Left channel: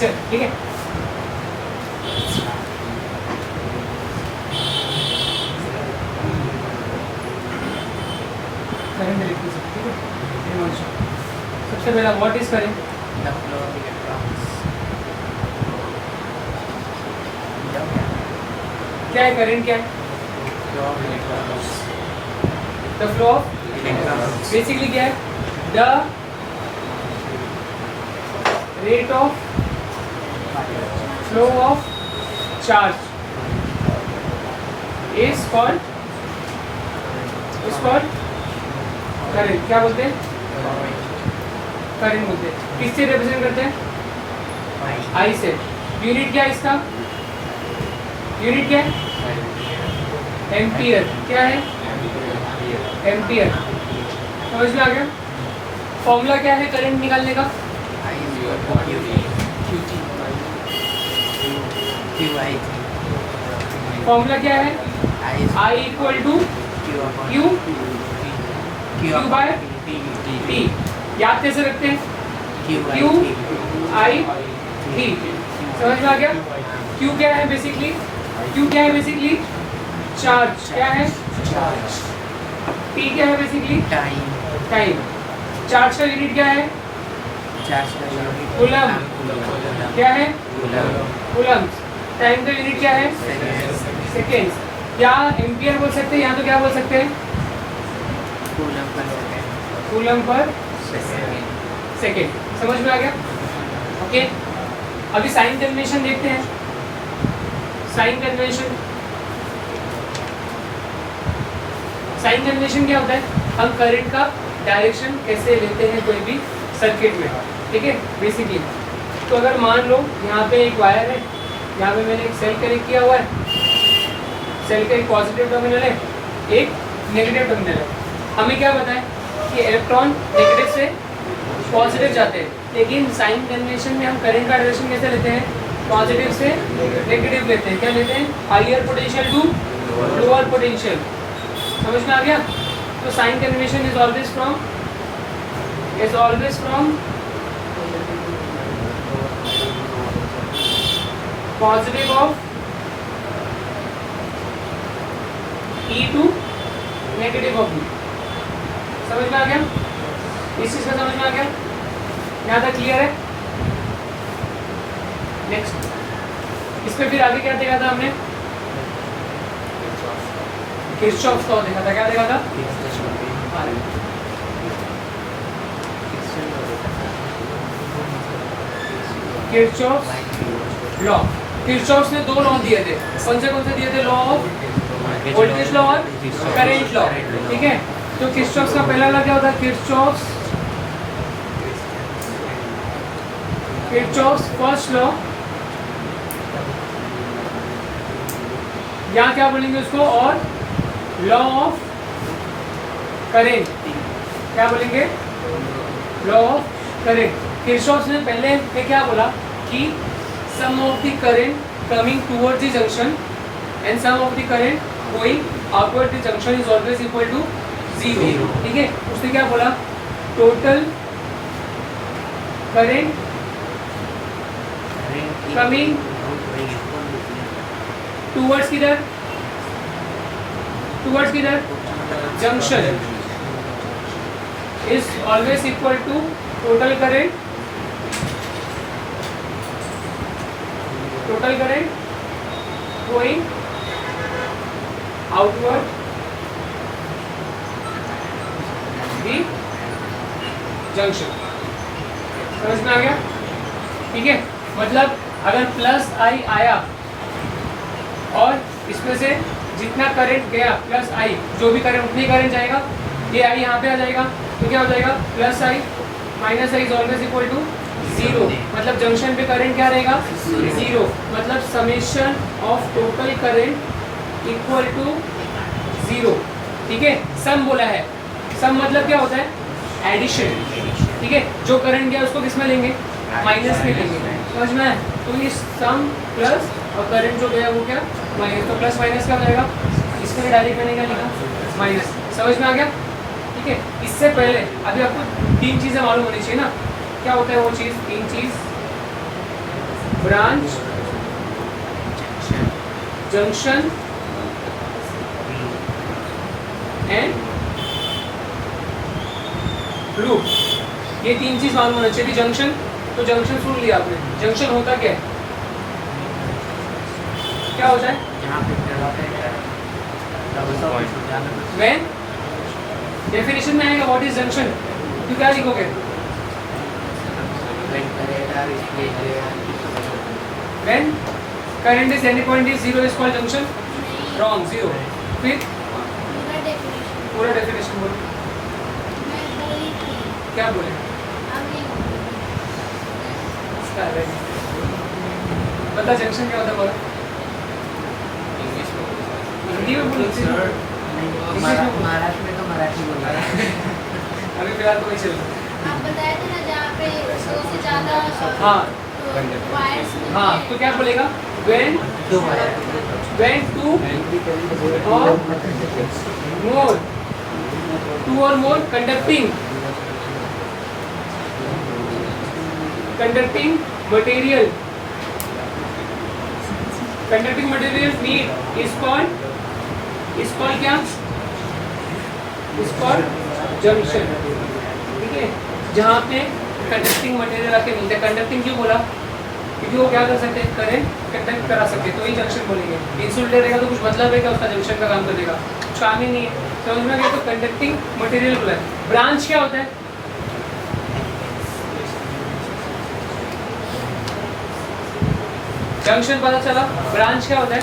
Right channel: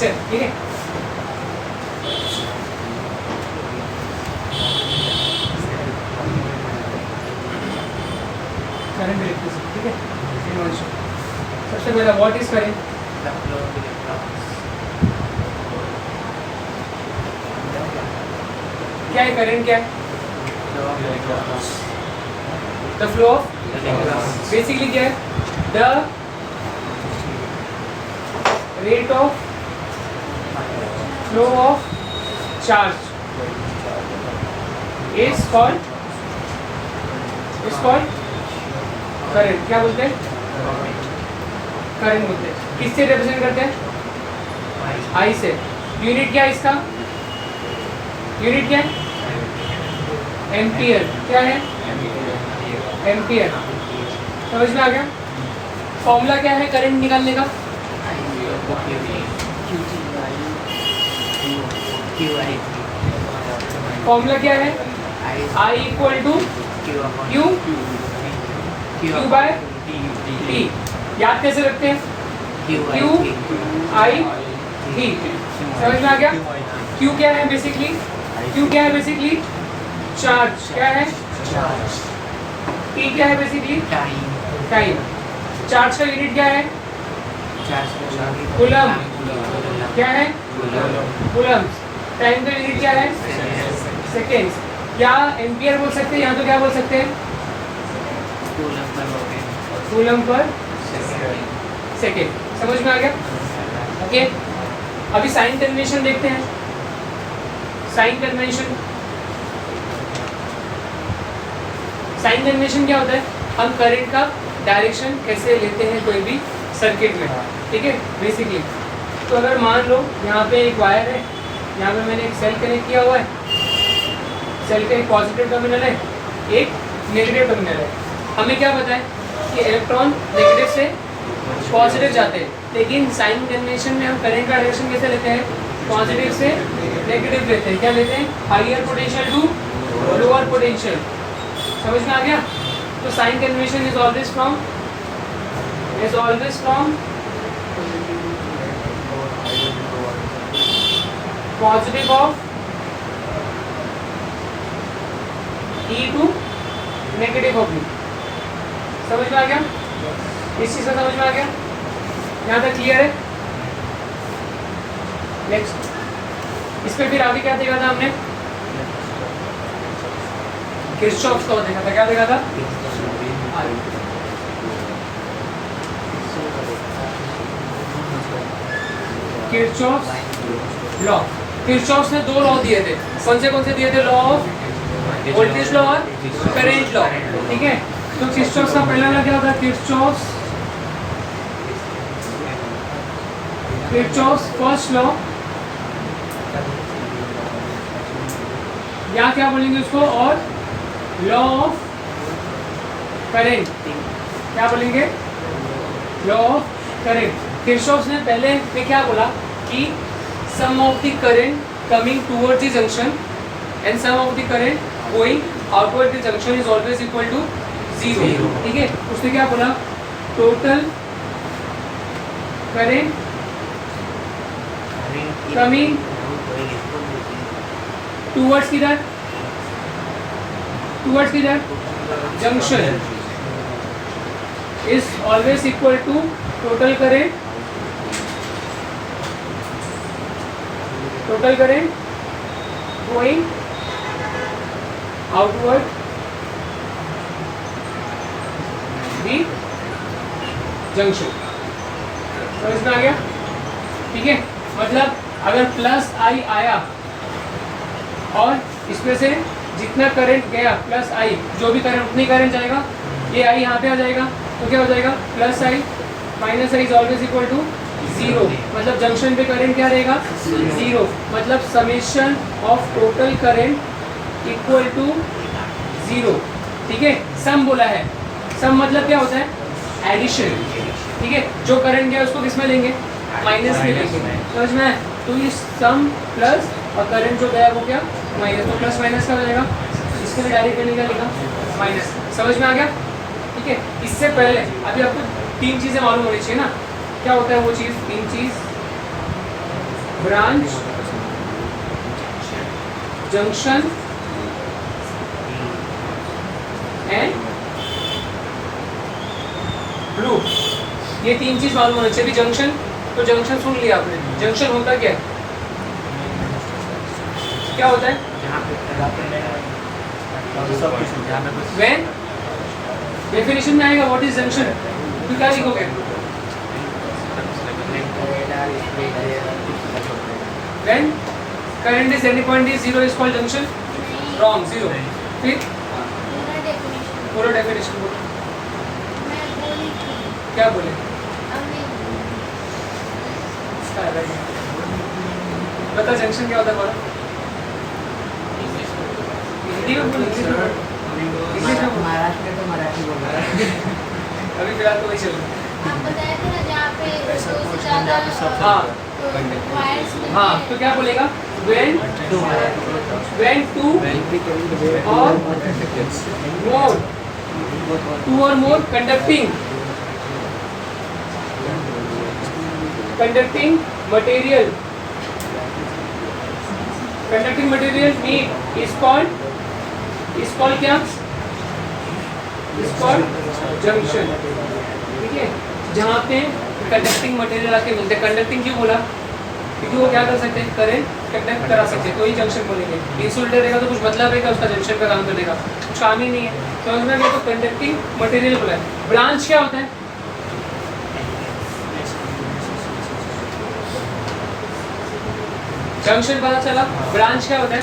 चल ठीक है। करंट इलेक्ट्रिसिटी ठीक है। सबसे पहला what is current? The flow of electrons. क्या है करंट? क्या है? Flow of electrons. The flow of Electrons. Basically क्या है? The rate of flow of charge is called current. क्या बोलते हैं? करंट बोलते हैं। किससे रिप्रेजेंट करते हैं? आई से। यूनिट क्या है इसका? यूनिट क्या है? एम्पियर। क्या है? एम्पियर। समझ में आ गया? फॉर्मूला क्या है करंट निकालने का? फॉर्मूला क्या है? I equal to Q by T. याद कैसे रखते हैं? Q I T. समझ में आ गया? क्यू क्या है बेसिकली? क्यू क्या है बेसिकली? चार्ज। क्या है? टी क्या है बेसिकली? टाइम। चार्ज का यूनिट क्या है? कूलम। क्या है? कूलम। टाइम का यूनिट क्या है? सेकेंड्स। क्या एम्पियर बोल सकते हैं? यहाँ तो क्या बोल सकते हैं? Coulomb per second. समझ में आ गया? ओके, अभी साइन कन्वेंशन देखते हैं। साइन कन्वेंशन क्या होता है? हम करंट का डायरेक्शन कैसे लेते हैं कोई भी सर्किट में, ठीक है बेसिकली। तो अगर मान लो यहाँ पे एक वायर है, यहाँ पे मैंने एक सेल कनेक्ट किया हुआ है। सेल का एक पॉजिटिव टर्मिनल है, एक नेगेटिव टर्मिनल है। हमें क्या पता है कि इलेक्ट्रॉन नेगेटिव से पॉजिटिव जाते हैं, लेकिन साइन कन्वेंशन में हम करंट का डायरेक्शन कैसे लेते हैं? पॉजिटिव से नेगेटिव लेते हैं। क्या लेते हैं? Higher potential to lower potential. समझ में आ गया? तो sign convention is always from positive of E to negative of B. समझ में आ गया? इस चीज का समझ में आ गया? यहाँ तक क्लियर है? नेक्स्ट, इस पे फिर आगे क्या देखा था हमने? किरचॉफ लॉ देखा था। क्या देखा था? Kirchhoff law. किरचॉफ ने दो लॉ दिए थे। कौन से दिए थे? लॉ ऑफ वोल्टेज लॉ और करंट लॉ, ठीक है। तो किरचॉफ का पहला लॉ क्या होता है? किरचॉफ फर्स्ट लॉ, या क्या बोलेंगे उसको? और लॉ ऑफ करंट। क्या बोलेंगे? Law of current. किरचॉफ ने पहले में क्या बोला कि sum of the current coming towards the junction and sum of the current going outward the junction is always equal to zero, ठीक है। उसने क्या बोला? टोटल करंट कमिंग टुवर्ड्स किधर? Junction is always equal to total current going outward the junction. समझ में आ गया? ठीक है। मतलब अगर प्लस आई आया और इसमें से जितना करंट गया प्लस आई, जो भी करंट उतनी करंट जाएगा, ये आई यहाँ पे आ जाएगा, तो क्या हो जाएगा? Plus I minus I is always equal to zero. मतलब जंक्शन पे करंट क्या रहेगा? जीरो। मतलब summation of total current equal to zero, ठीक है। सम बोला है। सम मतलब क्या होता है? एडिशन, ठीक है। जो करंट गया उसको किस में लेंगे? माइनस में लेंगे। समझ में? तो ये सम प्लस और करंट जो गया वो क्या? माइनस। तो प्लस माइनस का हो जाएगा। इसके लिए डायरेक्ट मैंने क्या लिखा? माइनस। समझ में आ गया? ठीक है। इससे पहले अभी आपको तीन चीज़ें मालूम होनी चाहिए ना। क्या होता है वो चीज़? तीन चीज़ ब्रांच, जंक्शन एंड लूप। ये तीन चीज मालूम होना चाहिए। जंक्शन, तो जंक्शन सुन लिया आपने। जंक्शन होता क्या है? क्या होता है? व्हेन डेफिनेशन में आएगा व्हाट इज जंक्शन, तो क्या लिखोगे? When current is any point is zero is called junction. Wrong, zero. फिर पूरा डेफिनेशन बोलो। क्या बोले? बता जंक्शन क्या होता है? हिंदी में बोल, इंग्लिश में। महाराष्ट्र में तो मराठी बोल रहा है। अभी फिलहाल तो वही चल रहा है। आप बताया था ना जहाँ पे दो से ज़्यादा हाँ वायर्स में हाँ, तो क्या बोलेगा? when दो wire, two or more, two or more conducting material meet is called क्या? is called junction। ठीक है, जहाँ पे कंडक्टिंग मटेरियल आके मिलते हैं। कंडक्टिंग क्यों बोला? क्योंकि वो क्या कर सकते हैं? करंट कंडक्ट करा सकते हैं, तो ही जंक्शन बोलेंगे। इंसुलेटर रहेगा तो कुछ मतलब है क्या उसका जंक्शन का काम करने का? काम ही नहीं है। समझ में गया? तो कंडक्टिंग मटेरियल बोला है। ब्रांच क्या होता है? जंक्शन पता चला, ब्रांच क्या होता है?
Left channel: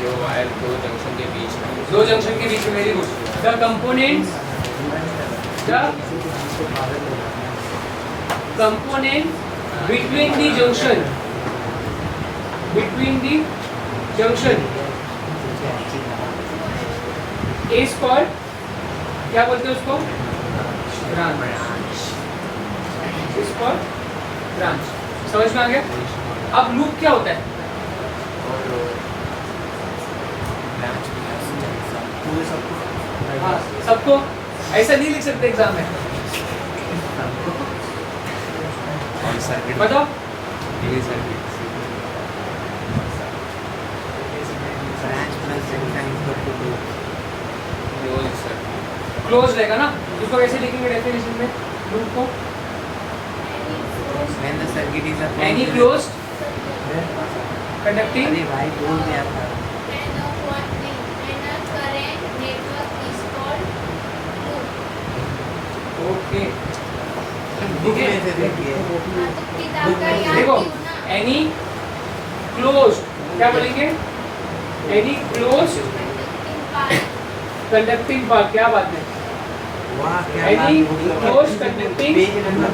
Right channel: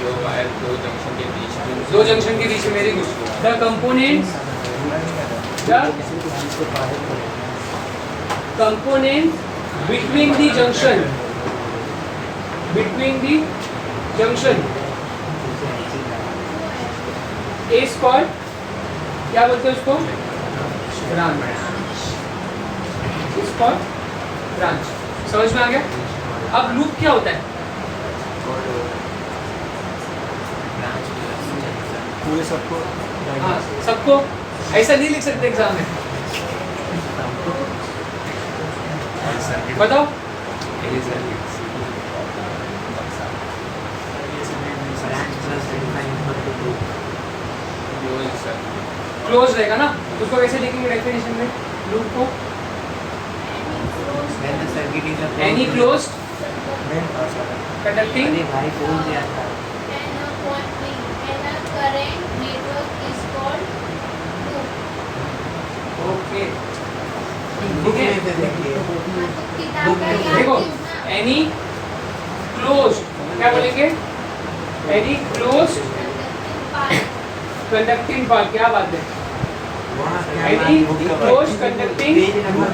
जो वायर दो जंक्शन के बीच में, दो जंक्शन के बीच में। Very good. The components between the junction is called, क्या बोलते हैं उसको? is called branch। समझ में आ गया? अब लूप क्या होता है? हाँ, सबको ऐसा नहीं लिख सकते एग्जाम में। बताओ। क्लोज रहेगा ना, उसको कैसे लिखेंगे डेफिनेशन में लूप को? Any close conducting. अरे भाई बोल दिया था। ओके, बुक में से देखिए। देखो एनी क्लोज, क्या बोलेंगे? Any close conducting part. क्या बात है? वहाँ क्या एनी बात होगी? क्लोज कंडक्टिंग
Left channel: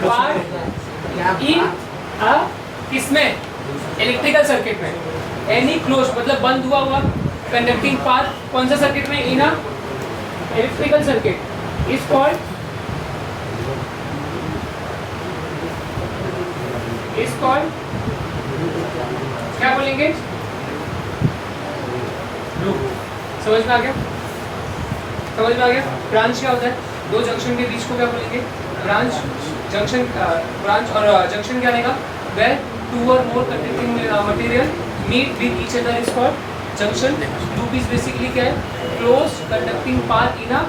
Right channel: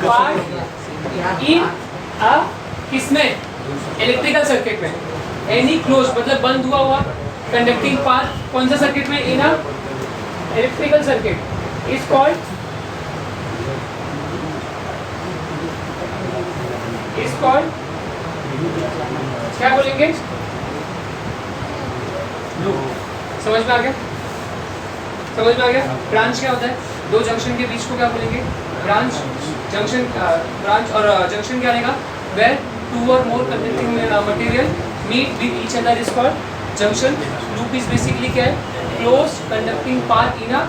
पार्ट इन अ किसमें? इलेक्ट्रिकल सर्किट में। एनी क्लोज मतलब बंद हुआ हुआ कंडक्टिंग पार्ट कौन सा सर्किट में? In a electrical circuit is called क्या बोलेंगे? लूप। समझ में आ गया? समझ में आ गया? ब्रांच क्या होता है? दो जंक्शन के बीच को क्या बोलेंगे? ब्रांच। जंक्शन ब्रांच और जंक्शन क्या रहेगा? where two or more conducting material meet with each other is called junction। loop is basically क्या है? closed conducting path in a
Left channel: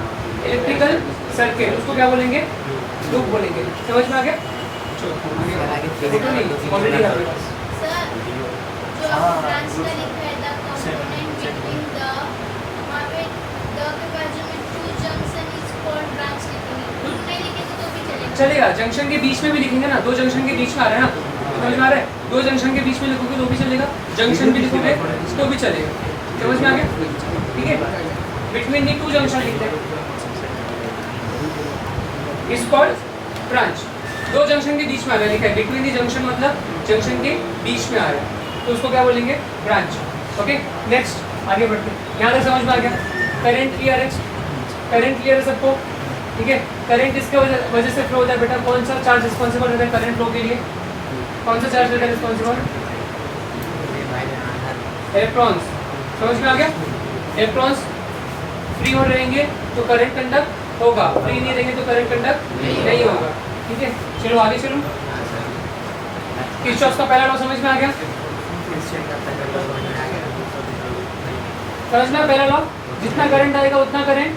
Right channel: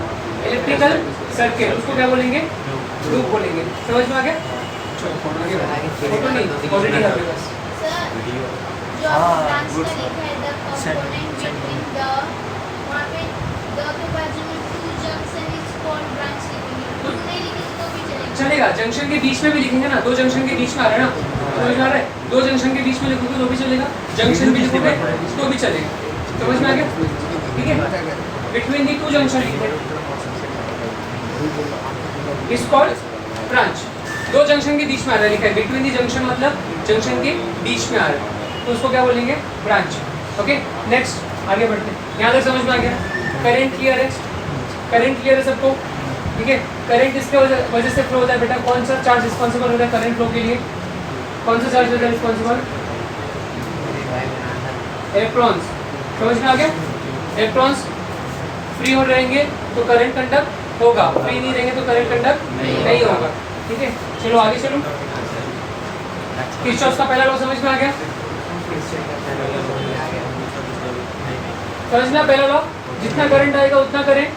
electrical circuit, उसको क्या बोलेंगे? लूप बोलेंगे। समझ में आ गया? फोटो नहीं, ऑलरेडी है मेरे पास। सर जो आपको ब्रांच का लिखा है द कंपोनेंट बिटवीन द, वहाँ पे द के बाजू में to junction is called branch लिखेंगे। टू नहीं लिखे तो भी चलेगा। चलेगा, जंक्शन के बीच में भी लिखेंगे ना। दो जंक्शन के बीच में आ रहा है ना, समझ में आ रहा है? दो जंक्शन के बीच में लिखोगे तो भी चलेगा, जंक्शन भी लिखोगे तो भी चलेगा। समझ में आ गया? ठीक है, बिटवीन दी टू जंक्शन लिखते हैं इज कॉल्ड ब्रांच। दो जंक्शन के बीच में आ रहा है, लिखा है बिटवीन दी जंक्शन मतलब जंक्शन के बीच में आ रहा है, तो उसको क्या बोलेंगे? ब्रांच। ओके, नेक्स्ट आगे बढ़ते हैं। यहाँ तक समझ में आ गया? करंट क्लियर है? करंट क्लियर है सबको? ठीक है, करंट किसके वजह से फ्लो होता है बेटा? कौन सा चार्ज रिस्पॉन्सिबल होता है करंट फ्लो के लिए? कौन सा चार्ज होता है रिस्पॉन्सिबल? इलेक्ट्रॉन्स। समझ में आ गया? इलेक्ट्रॉन्स फ्री हो रहेंगे तो करंट कंडक्ट होगा, फ्री नहीं रहेंगे तो करंट कंडक्ट नहीं होगा। ठीक है, चलो आगे चलो। किरचॉफ का पहला लॉ समझ में आ गया? किरचॉफ का पहला लॉ समझ में आ गया? समझ में पहला लॉ, जितना करंट आएगा उतना करंट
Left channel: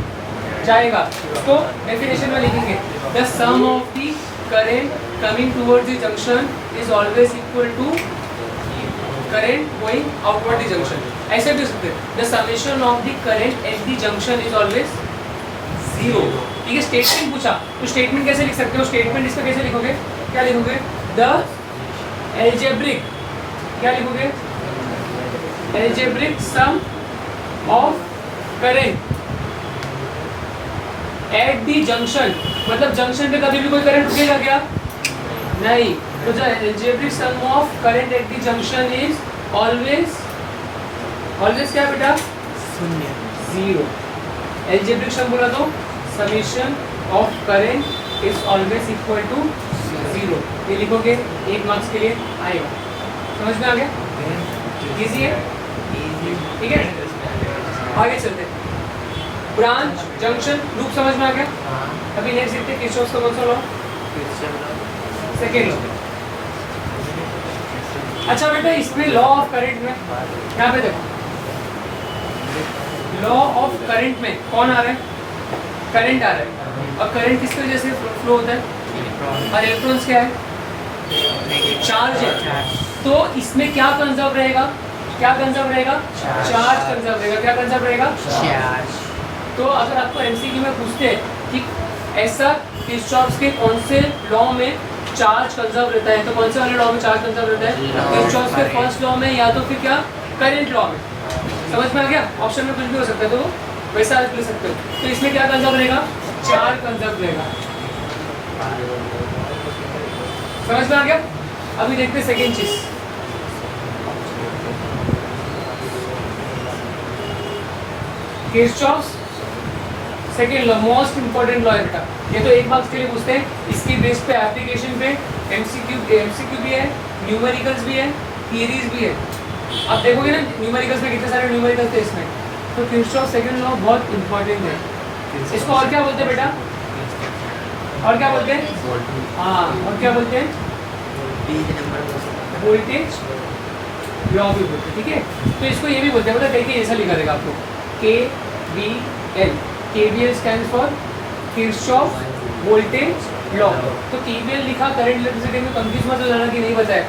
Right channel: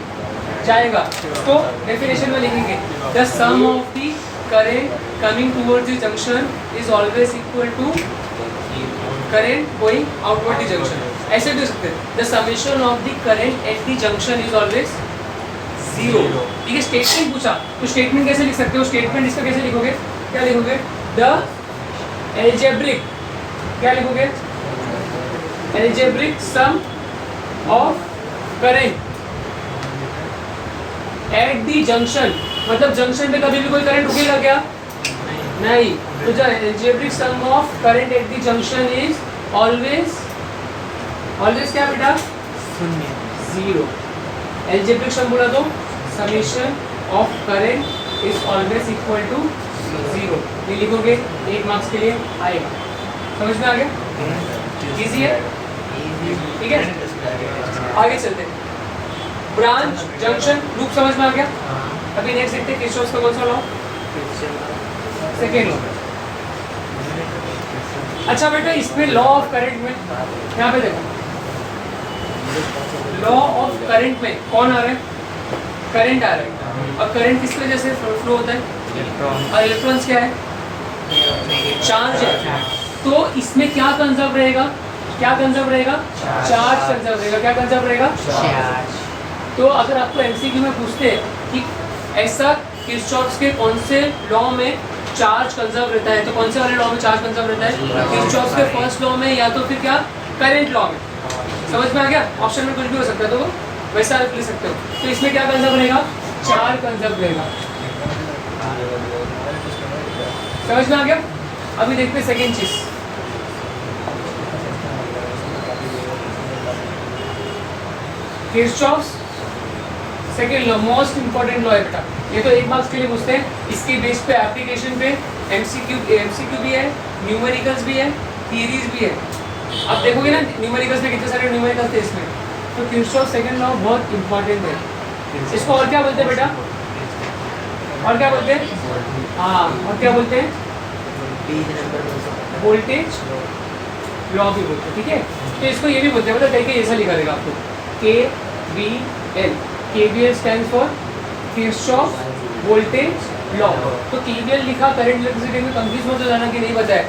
जाएगा। उसको डेफिनेशन में लिखेंगे, the sum of the current coming towards the junction is always equal to current going outward the junction. ऐसे भी सकते हैं, the summation of the current at the junction is always zero. ठीक है, स्टेटमेंट पूछा तो स्टेटमेंट कैसे लिख सकते हो? स्टेटमेंट इसका कैसे लिखोगे? क्या लिखोगे? द एल्जेब्रिक, क्या लिखोगे? Algebraic sum of current at the junction, मतलब जंक्शन पे कभी भी कोई करंट रुकेगा क्या? नहीं। तो the algebraic sum of current at the junction is always क्या बेटा? शून्य। जीरो। एल्जेब्रिक सम बोला तो summation of current is always equal to zero. ये लिखोगे, 1 मार्क्स के लिए आएगा। समझ में आ गया? इजी है, ठीक है। आगे चलते हैं, ब्रांच जंक्शन लूप समझ में आ गया? अभी नेक्स्ट देखते हैं किरचॉफ का कौन सा लॉ? Second law. अच्छा बेटा, इसमें लॉ ऑफ करंट में यहाँ पे देखो, लॉ ऑफ करंट में कौन आ रहा है? करंट आ रहा है। और करंट किस वजह से फ्लो होता है? और इलेक्ट्रॉन्स क्या है? चार्ज है। तो इसमें क्या कंजर्व रहेगा? क्या कंजर्व रहेगा? चार्ज कंजर्व रहेगा। क्या कंजर्व रहेगा? चार्ज। तो अगर आपको एमसीक्यू में पूछते हैं कि ऐसा किरचॉफ के कौन से लॉ में चार्ज कंजर्व रहता है, तो कौन से वाले लॉ में चार्ज कंजर्व रहता है? किरचॉफ के फर्स्ट लॉ में, या तो फिर क्या करंट लॉ में। समझ में आ गया? ऑप्शन में कुछ भी हो सकता है, तो वैसा आप लिख सकते हो। तो इसमें क्या कंजर्व रहेगा? चार्ज कंजर्व रहेगा। समझ में आ गया? अभी देखते हैं सेकेंड चीज, Kirchhoff second law, most important law है बेटा। ये तो 1 मार्क्स के लिए पूछते हैं। इसके बेस पे एप्लीकेशन पे एमसीक्यू भी है, न्यूमेरिकल्स भी है, थियरीज भी है। आप देखोगे ना न्यूमेरिकल्स में कितने सारे न्यूमेरिकल्स थे इसमें। तो किरचॉफ सेकेंड लॉ बहुत इंपॉर्टेंट है। इसको और क्या बोलते हैं बेटा? और क्या बोलते हैं? हाँ, और क्या बोलते हैं? वोल्टेज लॉ भी बोलते हैं। ठीक है, तो इसको ये भी बोलते हैं, मतलब कहीं ऐसा लिखा रहेगा आपको, KVL। KVL stands for Kirchhoff voltage law. तो KVL लिखा, करंट इलेक्ट्रिसिटी में कंफ्यूज मत हो जाना कि नहीं पता है।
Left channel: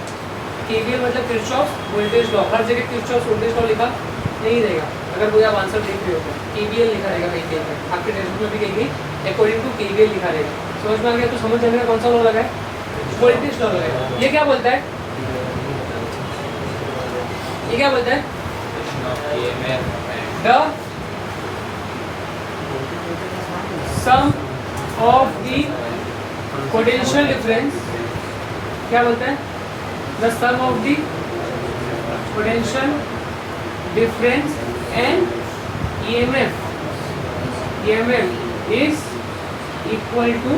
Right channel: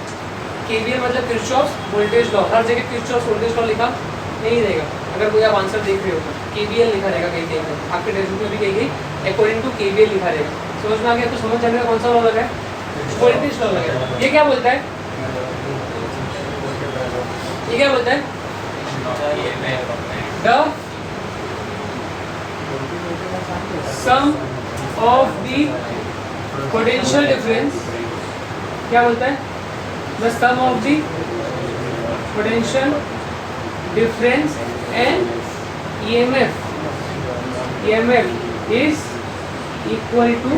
KVL मतलब किरचॉफ वोल्टेज लॉ। हर जगह किरचॉफ वोल्टेज लॉ लिखा नहीं रहेगा। अगर कोई आप आंसर देख रहे हो तो KVL लिखा रहेगा कहीं कहीं पर, आपके टेक्स्ट में भी कहीं अकॉर्डिंग टू KVL लिखा रहेगा। समझ में आ गया? तो समझ जाने का कौन सा लॉ लगा है? वोल्टेज लॉ लगा है। ये क्या बोलता है? ये क्या बोलता है? The sum of the potential difference, क्या बोलता है? The sum of the potential difference and EMF is equal to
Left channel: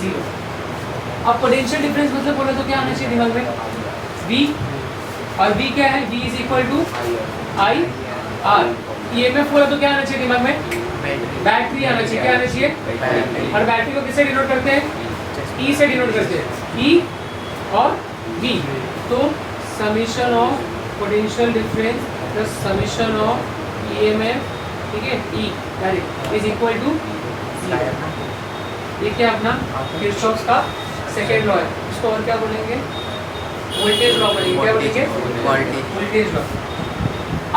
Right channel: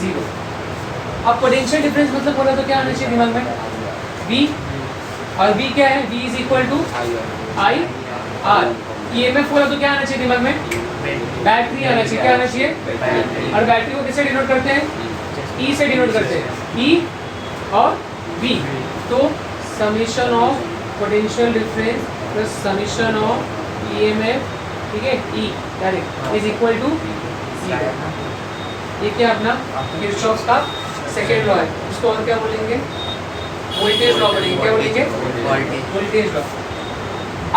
0। अब पोटेंशियल डिफरेंस मतलब बोला तो क्या आना चाहिए दिमाग में? V, और V क्या है? V is equal to I R। EMF बोला तो क्या आना चाहिए दिमाग में? बैटरी आना चाहिए। क्या आना चाहिए? और बैटरी को किससे डिनोट करते हैं? E से डिनोट करते हैं, E और V। तो summation of potential difference plus summation of EMF, ठीक है, E direct is equal to 0। ये क्या अपना किरचॉफ का सेकेंड लॉ है। उसको और क्या बोलेंगे? वोल्टेज लॉ बोलेंगे। क्या बोलेंगे? Voltage law.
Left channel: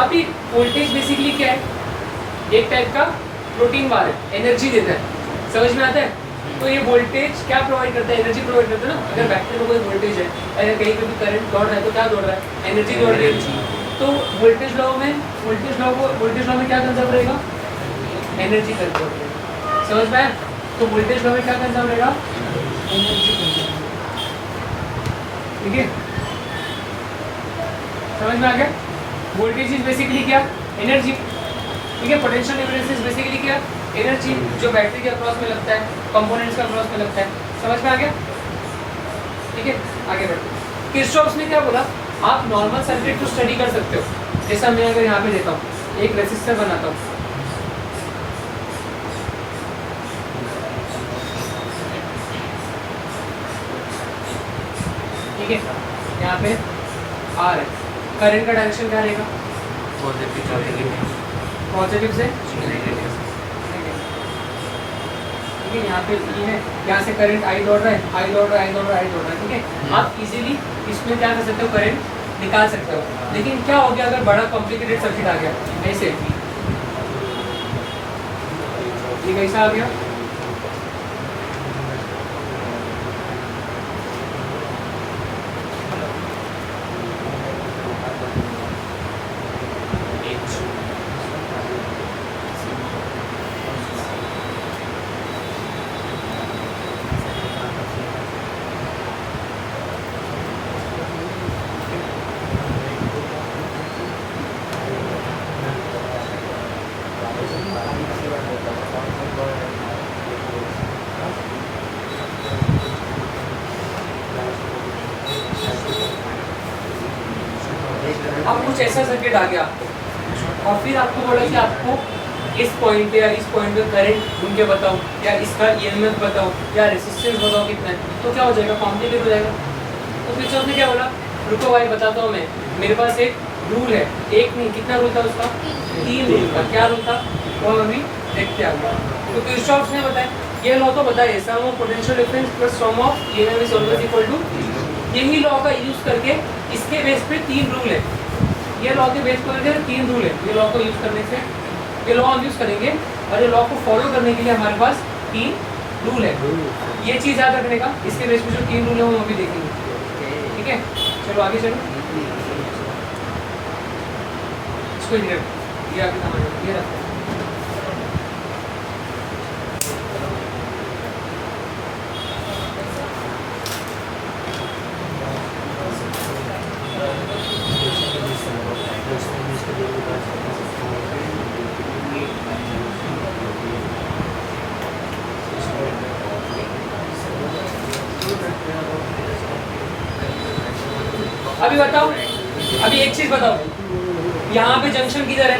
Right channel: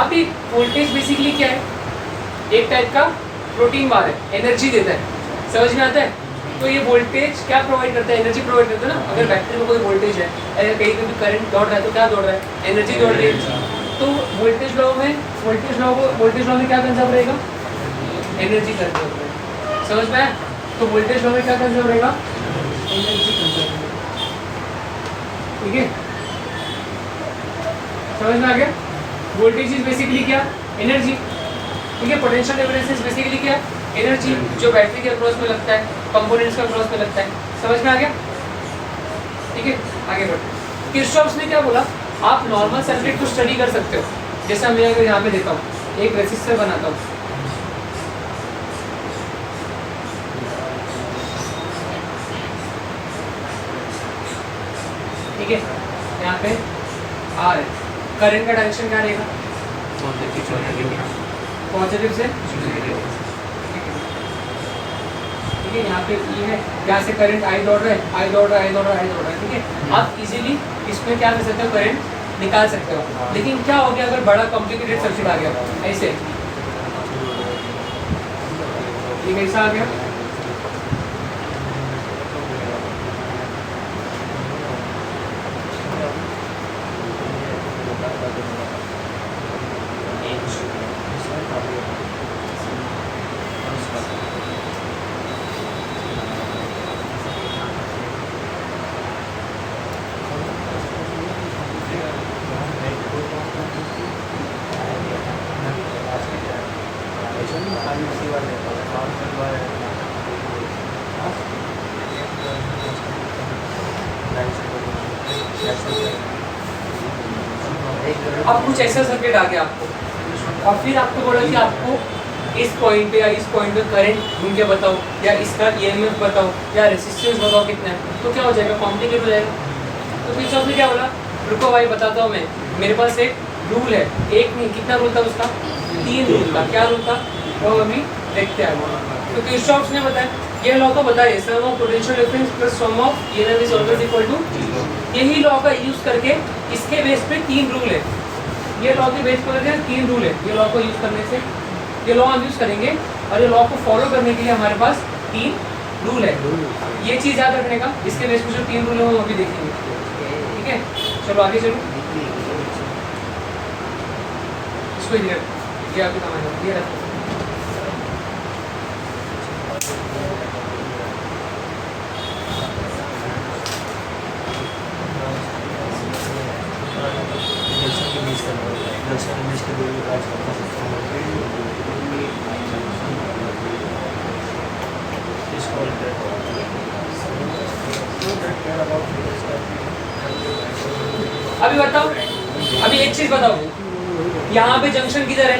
अभी वोल्टेज बेसिकली क्या है? एक टाइप का प्रोटीन बार है, एनर्जी देता है। समझ में आता है? तो ये वोल्टेज क्या प्रोवाइड करता है? एनर्जी प्रोवाइड करता है ना। अगर बैटरी में कोई वोल्टेज है, अगर कहीं पे भी करंट दौड़ रहा है तो क्या दौड़ रहा है? एनर्जी दौड़ रही है। तो वोल्टेज लॉ में क्या कंजर्व रहेगा? एनर्जी कंजर्व रहेगा। समझ में आया? तो वोल्टेज लॉ में क्या कंजर्व रहेगा? Energy conserve. ठीक है, समझ में आ गया? वोल्टेज इज बेसिकली क्या? एनर्जी। ठीक है, पोटेंशियल डिफरेंस इज बेसिकली क्या? एनर्जी, जो बैटरी के अक्रॉस में लगता है, कंपोनेंट्स के अक्रॉस में लगता है। समझ में आ गया? ठीक है, आगे बढ़ते। किरचॉफ ने क्या बोला? आप नॉर्मल सर्किट को स्टडी कर सकते हो। जैसा मैं अगर यहाँ पे देता हूँ, एक रेसिस्टर बनाता हूँ, ठीक है, यहाँ पे आर है, करंट का डायरेक्शन क्या रहेगा, पॉजिटिव से, ठीक है, यहाँ पे ई है, यहाँ से करंट आई दौड़ रहा है, आई दौड़ रहा है, आई दौड़ रहा है, आई दौड़ रहा है, ठीक है। आप इजीली इसमें क्या कर सकते हो, करंट निकाल सकते हो। लेकिन क्या हो गया अगर बड़ा कॉम्प्लिकेटेड सर्किट आ गया, ऐसे ये कैसा आ गया, अब कुछ ऐसा सर्किट आ गया आपको, और फिर आपको बोला कि आपको इस पॉइंट पे या इस पॉइंट पे करंट ढूंढ के बताओ, या इसका ईएमएफ बताओ, या रेजिस्टेंस बताओ कितना है, तो क्या हो जाएगा, कॉम्प्लिकेट हो जाएगा। तो फिर उसने क्या बोला, रुको भाई बताता हूँ मैं, मेरे पास एक रूल है, एक नहीं कितना रूल था उसका, 3 रूल था। क्या रूल था वो अभी देखते हैं। तो किरचॉफ ने बताया, ये लॉ तो बताइए, sum of potential difference plus sum of EMF is always equal to, यही लॉ का यूज करके इसके बेस पे 3 रूल है, ये लॉ के बेस पर 3 रूल है, ये लॉ को यूज करने से, ये लॉ हम यूज करेंगे, और ये लॉ को फॉलो करने के लिए हमारे पास 3 रूल है। ये चीज याद रखने का, इसके बेस पर जो 3 रूल है वो हम अभी देखेंगे, ठीक है। चलो आगे चलो, इसको इधर ये आगे काम है, ये रखो। अभी बताओ, अभी एक चीज बताओ, यहाँ पे जंक्शन किधर है,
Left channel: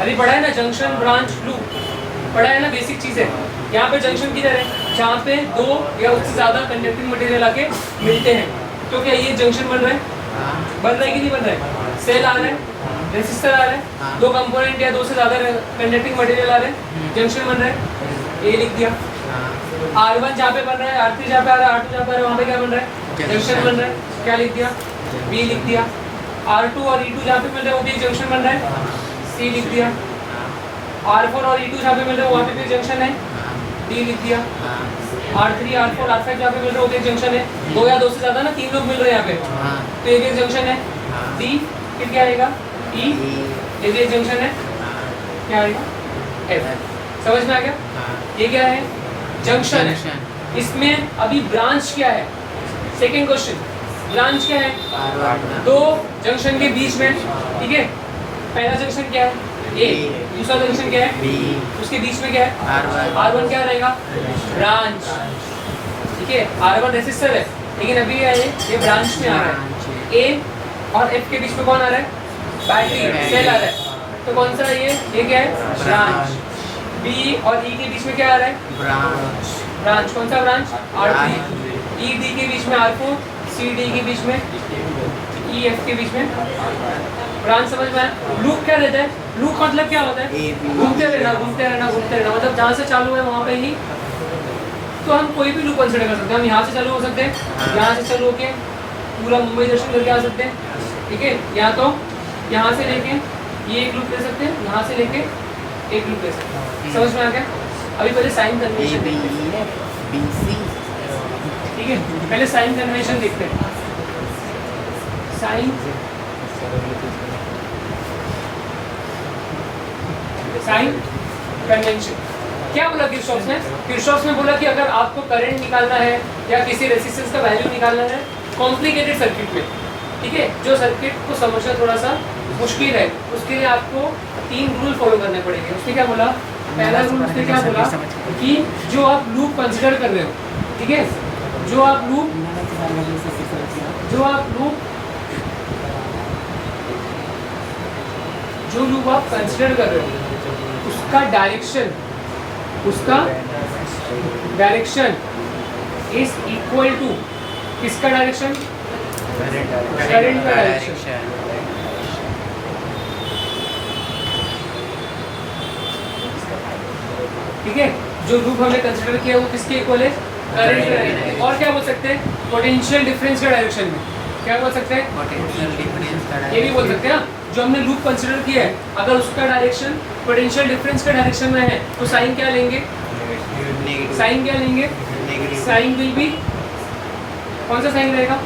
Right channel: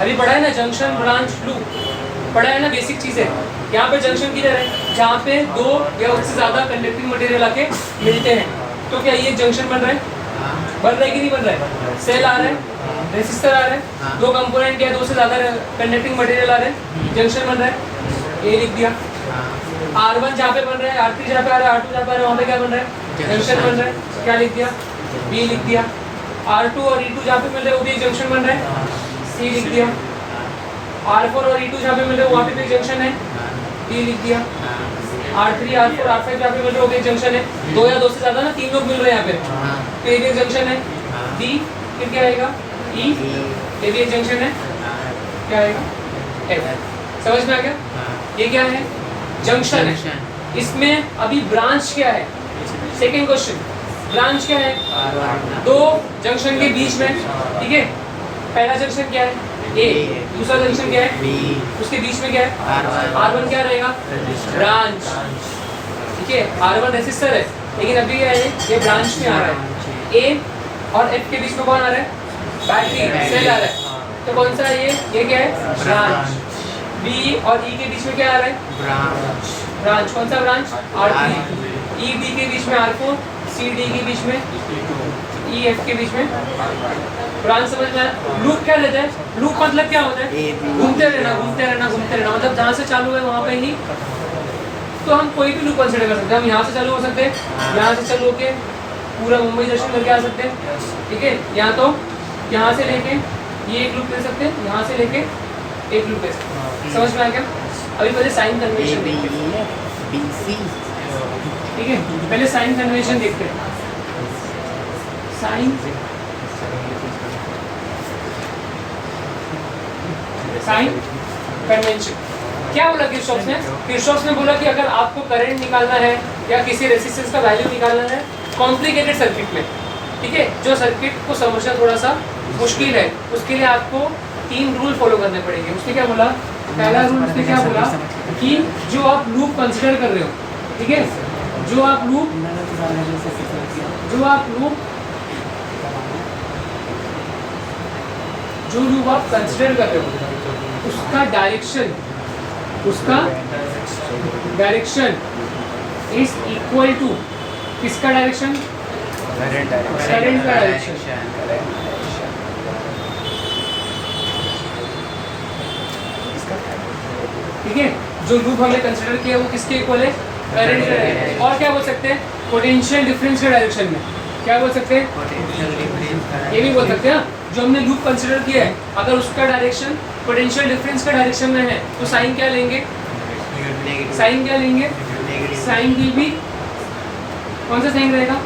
अभी पढ़ा है ना, जंक्शन ब्रांच लूप पढ़ा है ना, बेसिक चीज है। यहाँ पे जंक्शन किधर है, जहाँ पे 2 या उससे ज्यादा कंडक्टिंग मटेरियल आके मिलते हैं। तो क्या ये जंक्शन बन रहा है, बन रहा है कि नहीं बन रहा है, सेल आ रहा है, रेसिस्टर आ रहा है, 2 कंपोनेंट या 2 से ज्यादा कंडक्टिंग मटेरियल आ रहे हैं, जंक्शन बन रहा है, ये लिख दिया। R1 जहाँ पे बन रहा है, R3 जहाँ पे आ रहा है, R2 जहाँ पे आ रहा है, वहाँ पे क्या बन रहा है, जंक्शन बन रहा है, क्या लिख दिया, B लिख दिया। R2 और E2 जहाँ पे मिल रहा है वो भी एक जंक्शन बन रहा है, C लिख दिया। R4 और E2 जहाँ पे मिल रहा है वहाँ पे भी एक जंक्शन है, D लिख दिया। R3, R4, R5 जहाँ पे मिल रहा है वो भी एक जंक्शन है, 2 या 2 से ज्यादा ना 3 लोग मिल रहे हैं यहाँ पे, तो एक जंक्शन है। D फिर क्या आएगा, E, ये भी एक जंक्शन है, क्या आएगा, F। समझ में आ गया, ये क्या है, जंक्शन है। इसमें अभी ब्रांच क्या है, सेकेंड क्वेश्चन, ब्रांच क्या है, 2 जंक्शन के बीच में, ठीक है। पहला जंक्शन क्या है, A, दूसरा जंक्शन क्या है, B, उसके बीच में क्या है, R1 क्या रहेगा, ब्रांच, ठीक है। R1 रेसिस्टर है, लेकिन अभी ये ब्रांच में आ रहा है। A और F के बीच में कौन आ रहा है, बैटरी, सेल आ रहा है, तो कौन सा ये क्या है, ब्रांच। B और E के बीच में क्या आ रहा है, ब्रांच, ब्रांच, कौन सा ब्रांच, R3। E D के बीच में R4, C D के बीच में, E F के बीच में ब्रांच। समझ में आया। लूप क्या रहता है, लूप मतलब क्या होता है, घूमते रहना घूमते रहना घूमते रहना, मतलब जहाँ से चालू है वहाँ पे ही, तो हम कोई भी लूप कंसिडर कर सकते हैं। हम यहाँ से चालू हो सकते हैं, यहाँ से चालू होके पूरा मुंबई दर्शन करके आ सकते हैं, ठीक है। या तो यहाँ से लेके ये एक लूप ले सकते हैं, यहाँ से लेके एक लूप ले सकते हैं। समझ में आ गया। अभी पहले साइन कन्वेंशन देखते हैं, ठीक है। पहले साइन कन्वेंशन देखते हैं, साइन कन्वेंशन क्या बोला किरचॉफ ने, किरचॉफ ने बोला कि अगर आपको करंट निकालना है या किसी रेजिस्टेंस का वैल्यू निकालना है कॉम्प्लिकेटेड सर्किट में, ठीक है, जो सर्किट को समझना थोड़ा सा मुश्किल है, उसके लिए आपको 3 रूल फॉलो करने पड़ेंगे। उसने क्या बोला, पहला रूल उसने क्या बोला कि जो आप लूप कंसिडर कर रहे हो, ठीक है, जो आप लूप आप कंसिडर कर रहे हो उसका डायरेक्शन इज इक्वल टू किसका डायरेक्शन? करंट करंट का डायरेक्शन। ठीक है, जो लूप हमने कंसिडर किया वो किसके इक्वल है? करंट का डायरेक्शन। और क्या बोल सकते हैं? पोटेंशियल डिफरेंस के डायरेक्शन में। क्या बोल सकते हैं? पोटेंशियल डिफरेंस का ये भी बोल सकते हैं। जो हमने लूप कंसिडर किया है, अगर उसका डायरेक्शन पोटेंशियल डिफरेंस के डायरेक्शन में है तो साइन क्या लेंगे? साइन क्या लेंगे? साइन विल बी, कौन सा साइन रहेगा?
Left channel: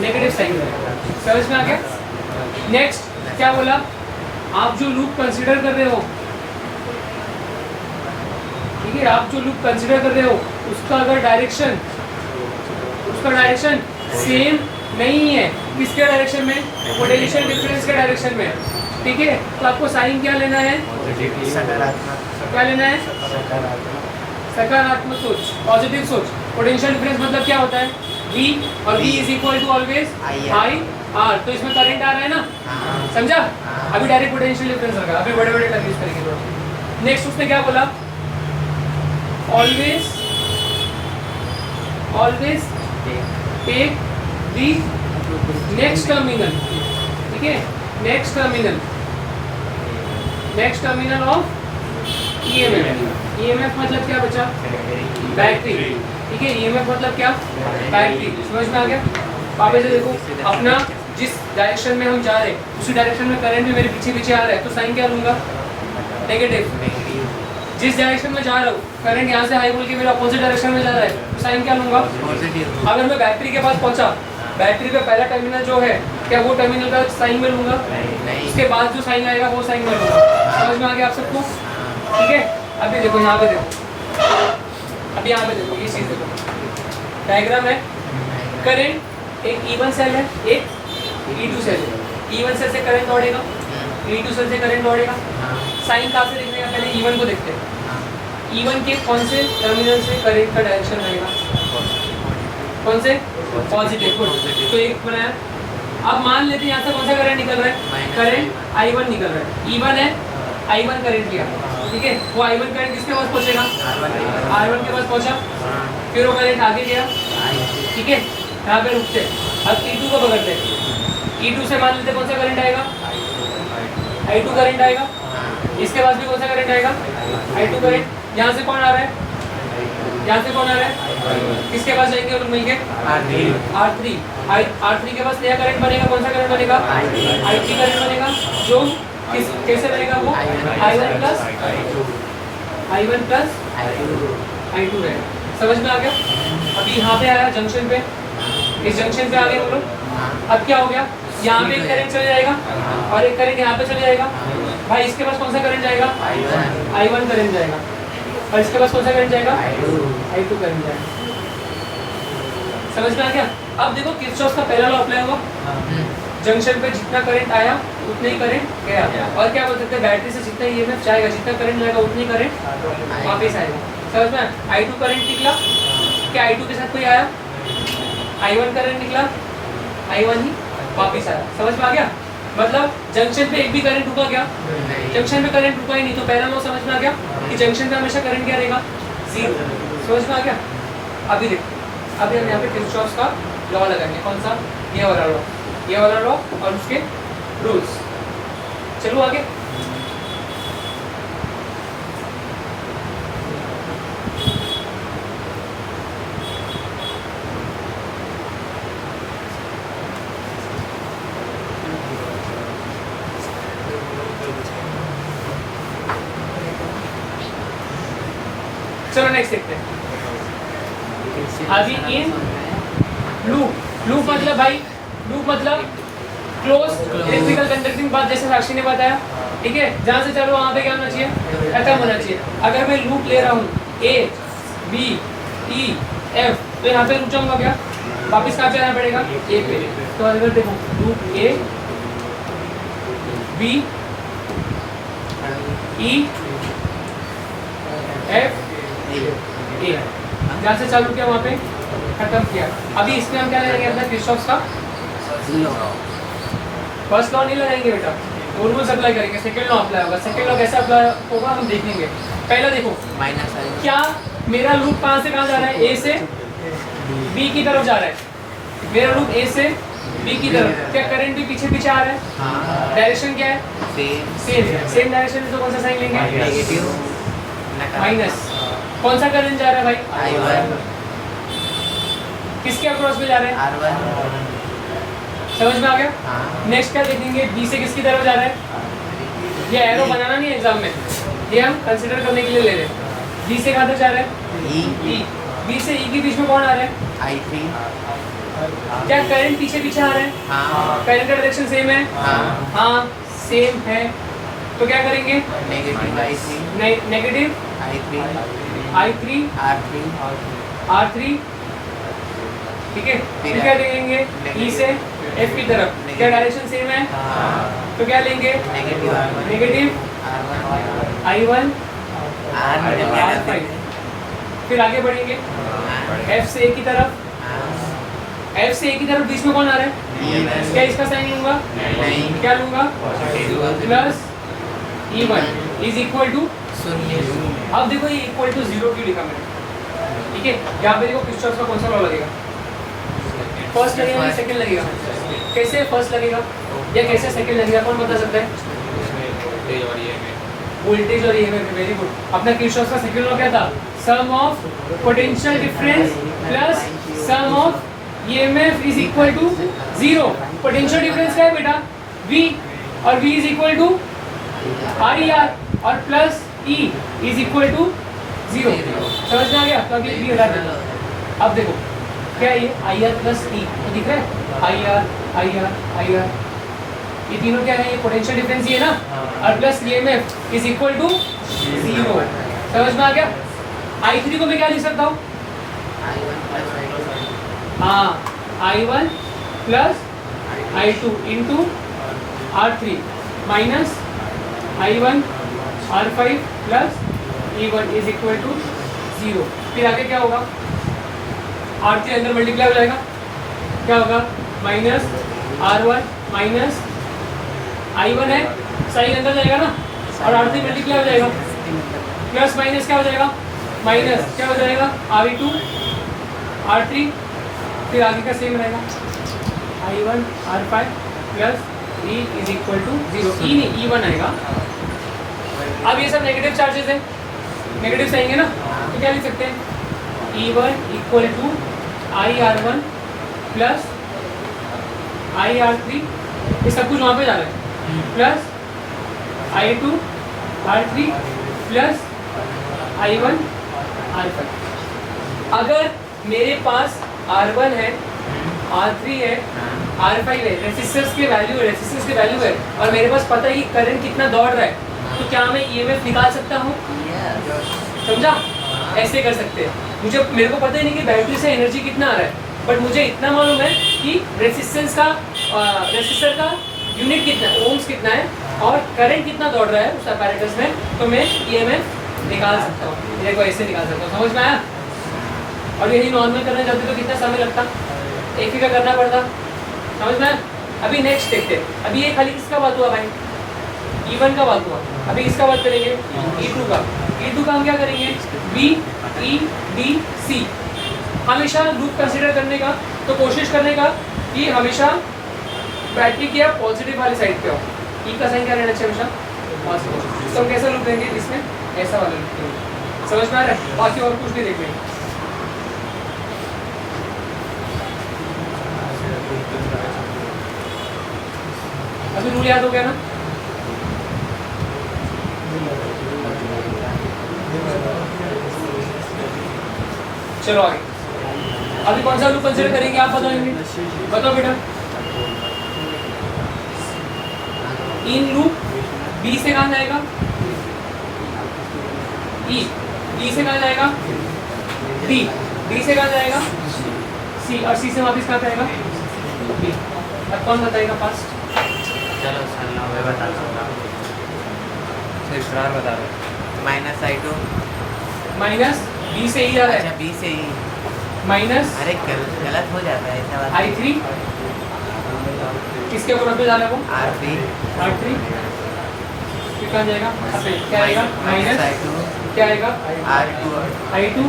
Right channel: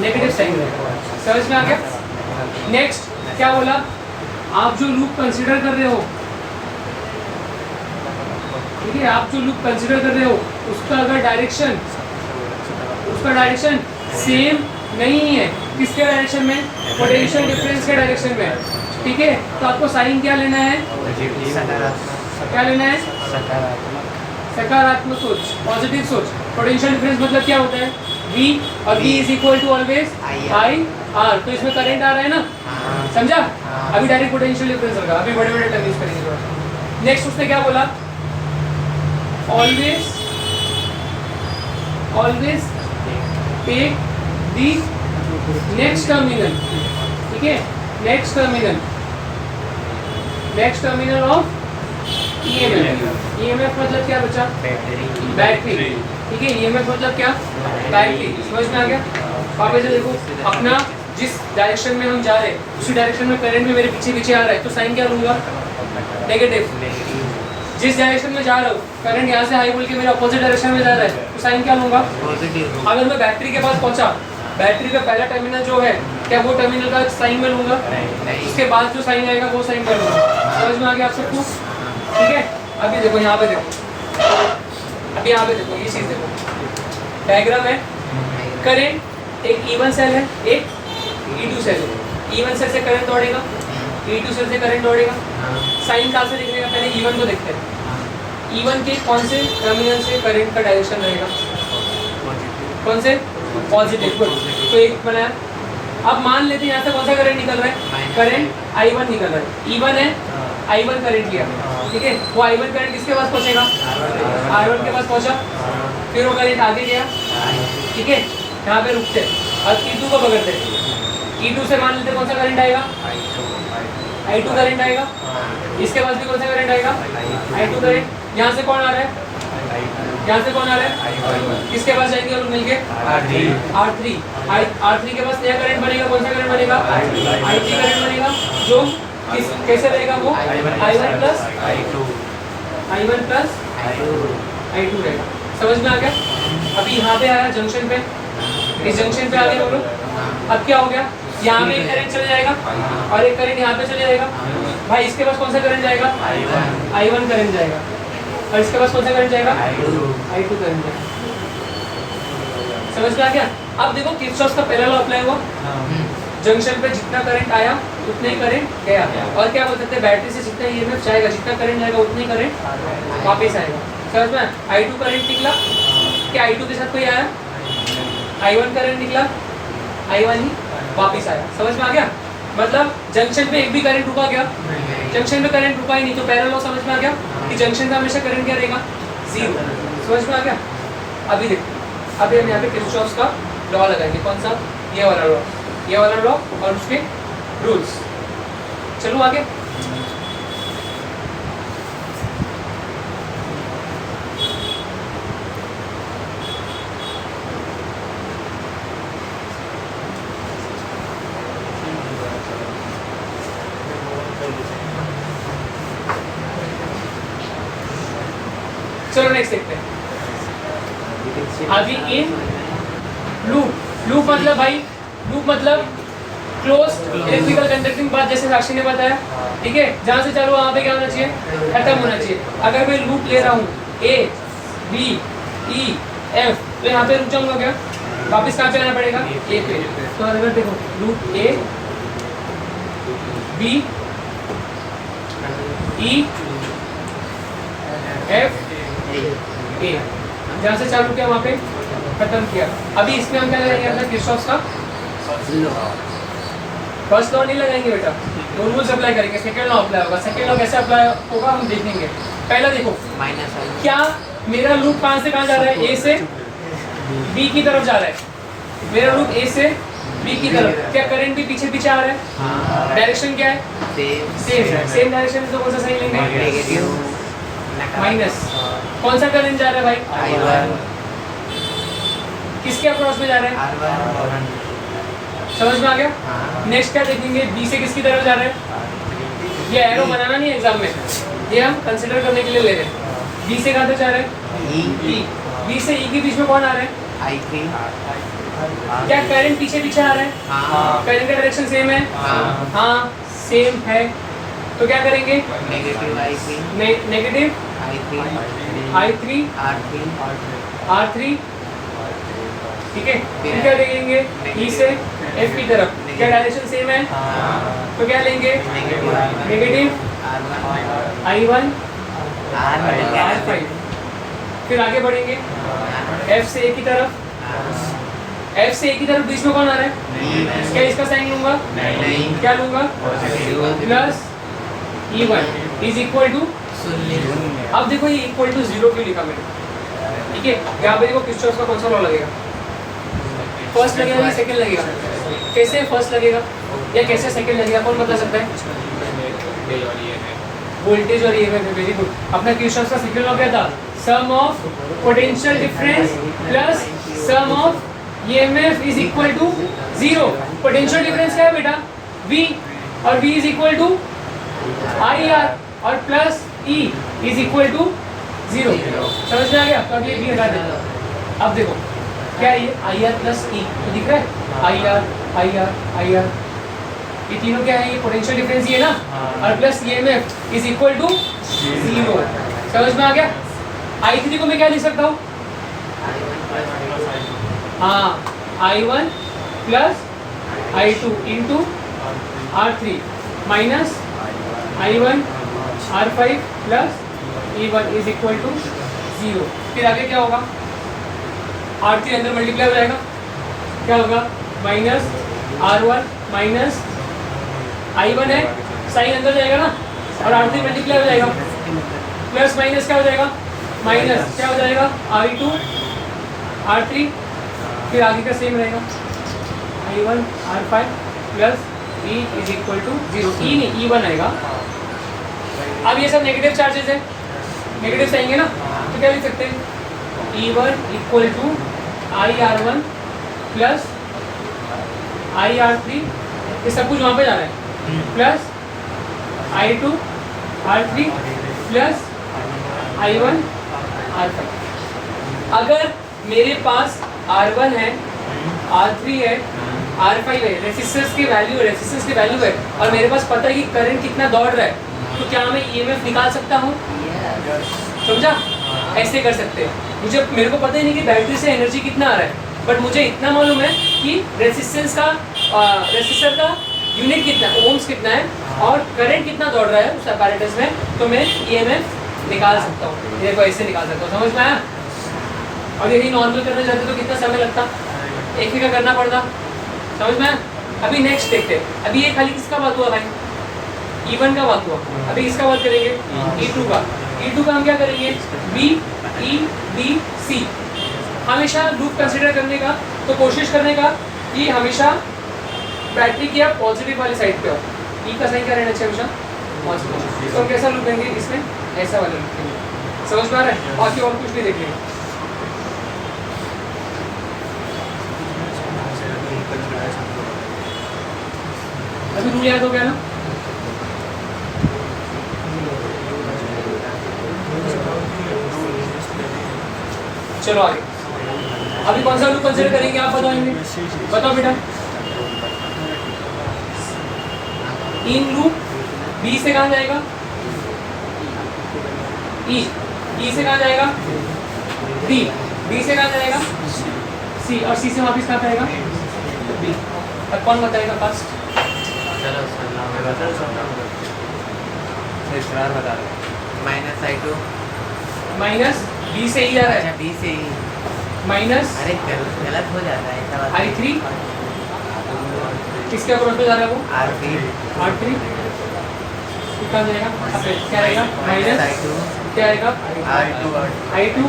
नेगेटिव साइन रहेगा। समझ में आ गया? नेक्स्ट क्या बोला? आप जो लूप कंसिडर कर रहे हो, ठीक है, आप जो लूप कंसिडर कर रहे हो उसका अगर डायरेक्शन सेम नहीं है, किसके डायरेक्शन में? पोटेंशियल डिफरेंस के डायरेक्शन में। ठीक है, तो आपको साइन क्या लेना है? सकारात्मक। क्या लेना है? सकारात्मक सोच, पॉजिटिव सोच। पोटेंशियल डिफरेंस मतलब क्या होता है? V, और V is equal to always I R. तो इसमें करंट आ रहा है ना, समझा? अभी डायरेक्ट पोटेंशियल डिफरेंस रखा, अभी बड़े बड़े टर्म यूज करेंगे। नेक्स्ट उसने क्या बोला? Always take the next terminal. ठीक है, नेक्स्ट टर्मिनल ऑफ EMF मतलब क्या बचा? बैटरी। ठीक है, EMF मतलब क्या? बैटरी। समझ में आ गया? वापस से देखो, अपना जिस डायरेक्शन में हम जा रहे हैं उसी डायरेक्शन में करंट भी मेरे पीछे पीछे आ रहा है, तो साइन क्या लूंगा? नेगेटिव। जिस डायरेक्शन में जा रहा हूँ, करंट यहाँ से हाई बोल के मेरा अपोजिट डायरेक्शन में जा रहा है, तो साइन क्या लूंगा? पॉजिटिव। अगर मैं बैटरी के पास पहुंचा, बैटरी का पहला टर्मिनल जो है, क्या वो टर्मिनल का साइन में लूंगा? उसके बाद जो साइन आएगा वो साइन में लूंगा। समझ में आ गया आप सबको? ठीक है, अभी देखो यहाँ पे देखो, अभी यहाँ पे देखो, ये चीज़ देखो, डायग्राम है। करंट एक E1 सेल है, एक E2 सेल है। E1 सेल से करंट दौड़ेगा, E2 सेल से करंट दौड़ेगा। साइन कहाँ से लिखने का? पहले E1 को देखते हैं। E1 के कौन से टर्मिनल से करंट का डायरेक्शन रहेगा? कौन से? पॉजिटिव। तो एक बनाया। अब मान लेते हैं यहाँ से कौन सा करंट निकल रहा है? करंट I1 निकल रहा है। E1 है, I1 करंट लिया, ठीक है, वो I1 करंट किसके पास पहुँचेगा? R1 के पास पहुँचा, फिर वो करंट आगे गया। ठीक है, यहाँ पे रुकते हैं। अब E2 को पकड़ते हैं। E2 से मान लेते कौन सा करंट आएगा? I2 करंट आएगा। इसके पास भी कौन सा करंट आएगा? I2 current. यहाँ से कौन आ रहा है? यहाँ से कौन आ रहा है? किसके पास जाएंगे और मिलके? R3। R3 के पास नया करंट बनेगा, कौन सा करंट बनेगा? I3 करंट बनेगा, जो कैसे बनेगा? वो I1 प्लस I2 रहेगा। समझ में आ गया? अभी यहाँ पे आया जंक्शन पे, इस जंक्शन पे आ गए हम लोग। अब क्या हो गया? यहाँ पे एक करंट चले जाएगा और एक करंट यहाँ पे चले जाएगा। भाई इसके पास कौन सा करंट जाएगा? I1 करंट जाएगा। और इसके पास कौन सा करंट जाएगा? I2 करंट जाएगा। समझ में आ गया? अब देखो किरचॉफ का पहला लॉ अप्लाई हुआ। जंक्शन पे जितना करंट आया उतना ही करंट गया। और क्या बोल सकते हैं? बैटरी से जितना EMF जाएगा, जितना करंट जाएगा उतना ही करंट वापस आएगा। समझ में? I2 करंट निकला, क्या I2 के साथ कोई आया? I1 करंट निकला, I1 ही वापस आया। समझ में आ गया? मतलब जंक्शन पे एक भी करंट रुका क्या? जंक्शन पे करंट रुका ही नहीं। तो पहला लॉ समझ में आ गया कि जंक्शन पे हमेशा करंट क्या रहेगा? 0। समझ में आ गया? अभी देखो, अभी हम यहाँ पे किरचॉफ का लॉ लगाएंगे। कौन सा? ये वाला लॉ, ये वाला लॉ और उसके रूल्स। चलो आगे। चलो नेक्स्ट देखते हैं। अभी ये लूप मतलब भाई, लूप मतलब क्लोज इलेक्ट्रिकल कंडक्टिंग पाथ, जैसे साक्षी ने बताया। ठीक है, जहाँ से चलो वहाँ पे क्या होना चाहिए? खत्म होना चाहिए। अगर मैं लूप ले रहा हूँ A B E F, तो यहाँ पे रुक जाऊँगा क्या? वापस कहाँ पे आना पड़ेगा? A पे। तो अगर देखो loop A B E F A, जहाँ से चालू किया वहाँ पे खत्म किया। अभी इसमें हम क्या लगाएंगे? अपना किरचॉफ का फर्स्ट लॉ नहीं लगाएंगे बेटा, रूल्स अप्लाई करेंगे। सेकंड लॉ अप्लाई होगा। सेकंड लॉ कैसे अप्लाई होगा हम देखेंगे। पहला देखो, क्या मेरा लूप कहाँ से कहाँ जा रहा है? A से बी की तरफ जा रहा है, मेरा लूप ए से बी की तरफ, क्या करंट भी पीछे पीछे आ रहा है? डायरेक्शन क्या है? सेम डायरेक्शन, तो कौन सा साइन लेंगे? माइनस। कौन सा करंट जा रहा है भाई? किसके अक्रॉस में जा रहा है? समझ में आ गया? नेक्स्ट क्या देखेंगे, बी से किसकी तरफ जा रहा है? ये एरो बनाना नहीं एग्जाम में, ये हम कंसीडर करने के लिए ले रहे हैं। बी से कहाँ तक जा रहा है? ई। बी से ई के बीच में कौन आ रहा है? I3। क्या करंट पीछे पीछे आ रहा है? करंट का डायरेक्शन सेम है? हाँ सेम है। तो क्या करेंगे? Negative I3 negative I3 R3, ठीक है। फिर क्या देखेंगे? ई से एफ की तरफ, क्या डायरेक्शन सेम है? तो क्या लेंगे? Negative I1 R5। फिर आगे बढ़ेंगे, एफ से ए की तरफ, एफ से ए की तरफ बीच में कौन आ रहा है? क्या इसका साइन लूंगा? क्या लूंगा? Plus E1 is equal to, अब देखो ये इक्वल टू 0 क्यों लिखा मैंने, ठीक है। यहाँ पे देखो किरचॉफ का कौन सा लॉ लगेगा? फर्स्ट लगेगा कि सेकंड लगेगा? कैसे फर्स्ट लगेगा या कैसे सेकंड लगेगा, कौन बता सकता है? वोल्टेज और ईएमएफ। Very good. अपना किरचॉफ का सेकंड लॉ क्या था? Sum of potential difference plus sum of EMF is equal to 0। Potential difference क्या है बेटा? V, और V is equal to IR, और plus E is equal to 0। समझ में आ गया? तो अभी ये हटा देना। अब देखो क्या ये IR प्लस E दिख रहा है? IR ये तीनों क्या है? ये पोटेंशियल डिफरेंस ये ना, और plus EMF is equal to 0। समझ में आ गया? I3 को मैं क्या लिख सकता हूँ? हाँ, I1 plus I2 into R3 minus I1 R5 plus E1 is equal to 0। फिर आगे क्या होगा? R3 अंदर मल्टीप्लाई हो जाएगा, क्या होगा? माइनस R1 माइनस I1 है, साइन अंदर जाएगा ना, और R3 मल्टीप्लाई हो जाएगा, प्लस माइनस क्या हो जाएगा? माइनस क्या हो जाएगा? R2 R3, फिर आगे का सेम रहेगा, I1 R5 plus E is equal to 0। E नहीं, E1 आएगा। अब ये सब नेगेटिव चार्जेस है, नेगेटिव आएंगे ना, तो क्या लिख सकते हैं? E1 equal to IR1 plus IR3, ये सब कुछ वहाँ पे जा रहा है, plus I2 R3 plus I1 R5। अगर मेरे पास R1 है, R3 है, R5 है, रेसिस्टेंस के वैल्यू है, और मेरे पास पता है कि करंट कितना दौड़ रहा है, तो क्या मैं EMF निकाल सकता हूँ? समझा? ऐसे कर सकते हैं। मेरे को पता ही नहीं कि बैटरी से एनर्जी कितना आ रहा है, बट मुझे इतना मालूम है कि रेसिस्टर का यूनिट कितना है, ओम्स कितना है, और करंट कितना दौड़ रहा है उस apparatus में, तो मैं EMF निकाल सकता हूँ। देखो ऐसे निकाल सकता हूँ। समझ में आया? और यही नॉर्मल करना चाहते तो कितना समय लगता? एक का करना पड़ता। समझ में आया? अभी नेक्स्ट देखते हैं। अभी ये खाली किसका बात हुआ भाई? E1 का बात हुआ। अभी किसका बात करेंगे? E2 का। E2 का हम क्या करेंगे? B, E, B, C। हमेशा लूप कंसीडर करने का, तो कोशिश करने का कि हमेशा बैटरी की आप पॉजिटिव वाली साइड पे हो। E का साइन क्या रहना चाहिए? हमेशा पॉजिटिव। तो हम कैसा लूप देंगे इसमें? ऐसा वाला लूप देंगे। समझ में आ रहा है? बाकी और कुछ भी देखेंगे। अभी रूल याद हो गया ना? चलो आगे। अभी कौन सा लूप कंसीडर करेंगे आप बताएंगे? बताओ बेटा। इन लूप बी से कहाँ जाएगा? ई से कहाँ जाएगा? डी से कहाँ जाएगा? सी, और सी से वापस कहाँ जाएगा? बी। अब कौन बताएगा फास्ट? चलो मैं बता सकता हूँ। तो इस्तेमाल बता रहे माइनस I2 माइनस बी से ई आ रहा है, B से E। माइनस अरे गलत हो जाता है ऐसा बात। I3 किसके क्रॉस पे जा रहा है वो? R3 R3 फिर कहाँ जाएगा? क्या आएगा? माइनस I2 क्या आएगा? R2 I2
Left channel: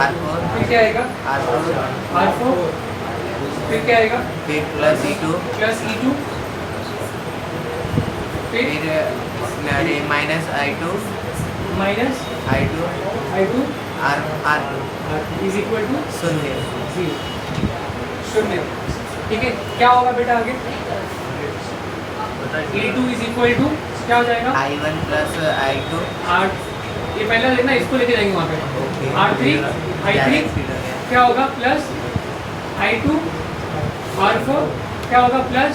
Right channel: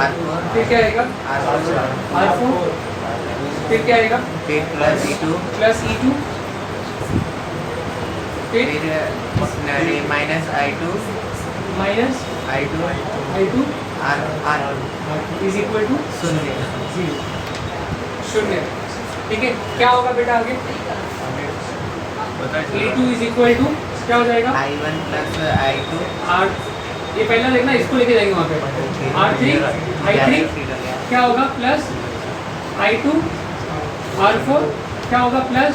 R4 फिर क्या आएगा? R4 R4 फिर क्या आएगा? फिर प्लस E2 प्लस E2 फिर फिर minus I2 minus I2 I2 R2 is equal to 0 शून्य। ठीक है, क्या होगा बेटा आगे? E2 इज इक्वल टू क्या हो जाएगा? I1 प्लस I2 R ये पहला देखना, इसको लेके जाएंगे वहाँ पे। R3 I3 क्या होगा? प्लस I2 R4 क्या होगा? प्लस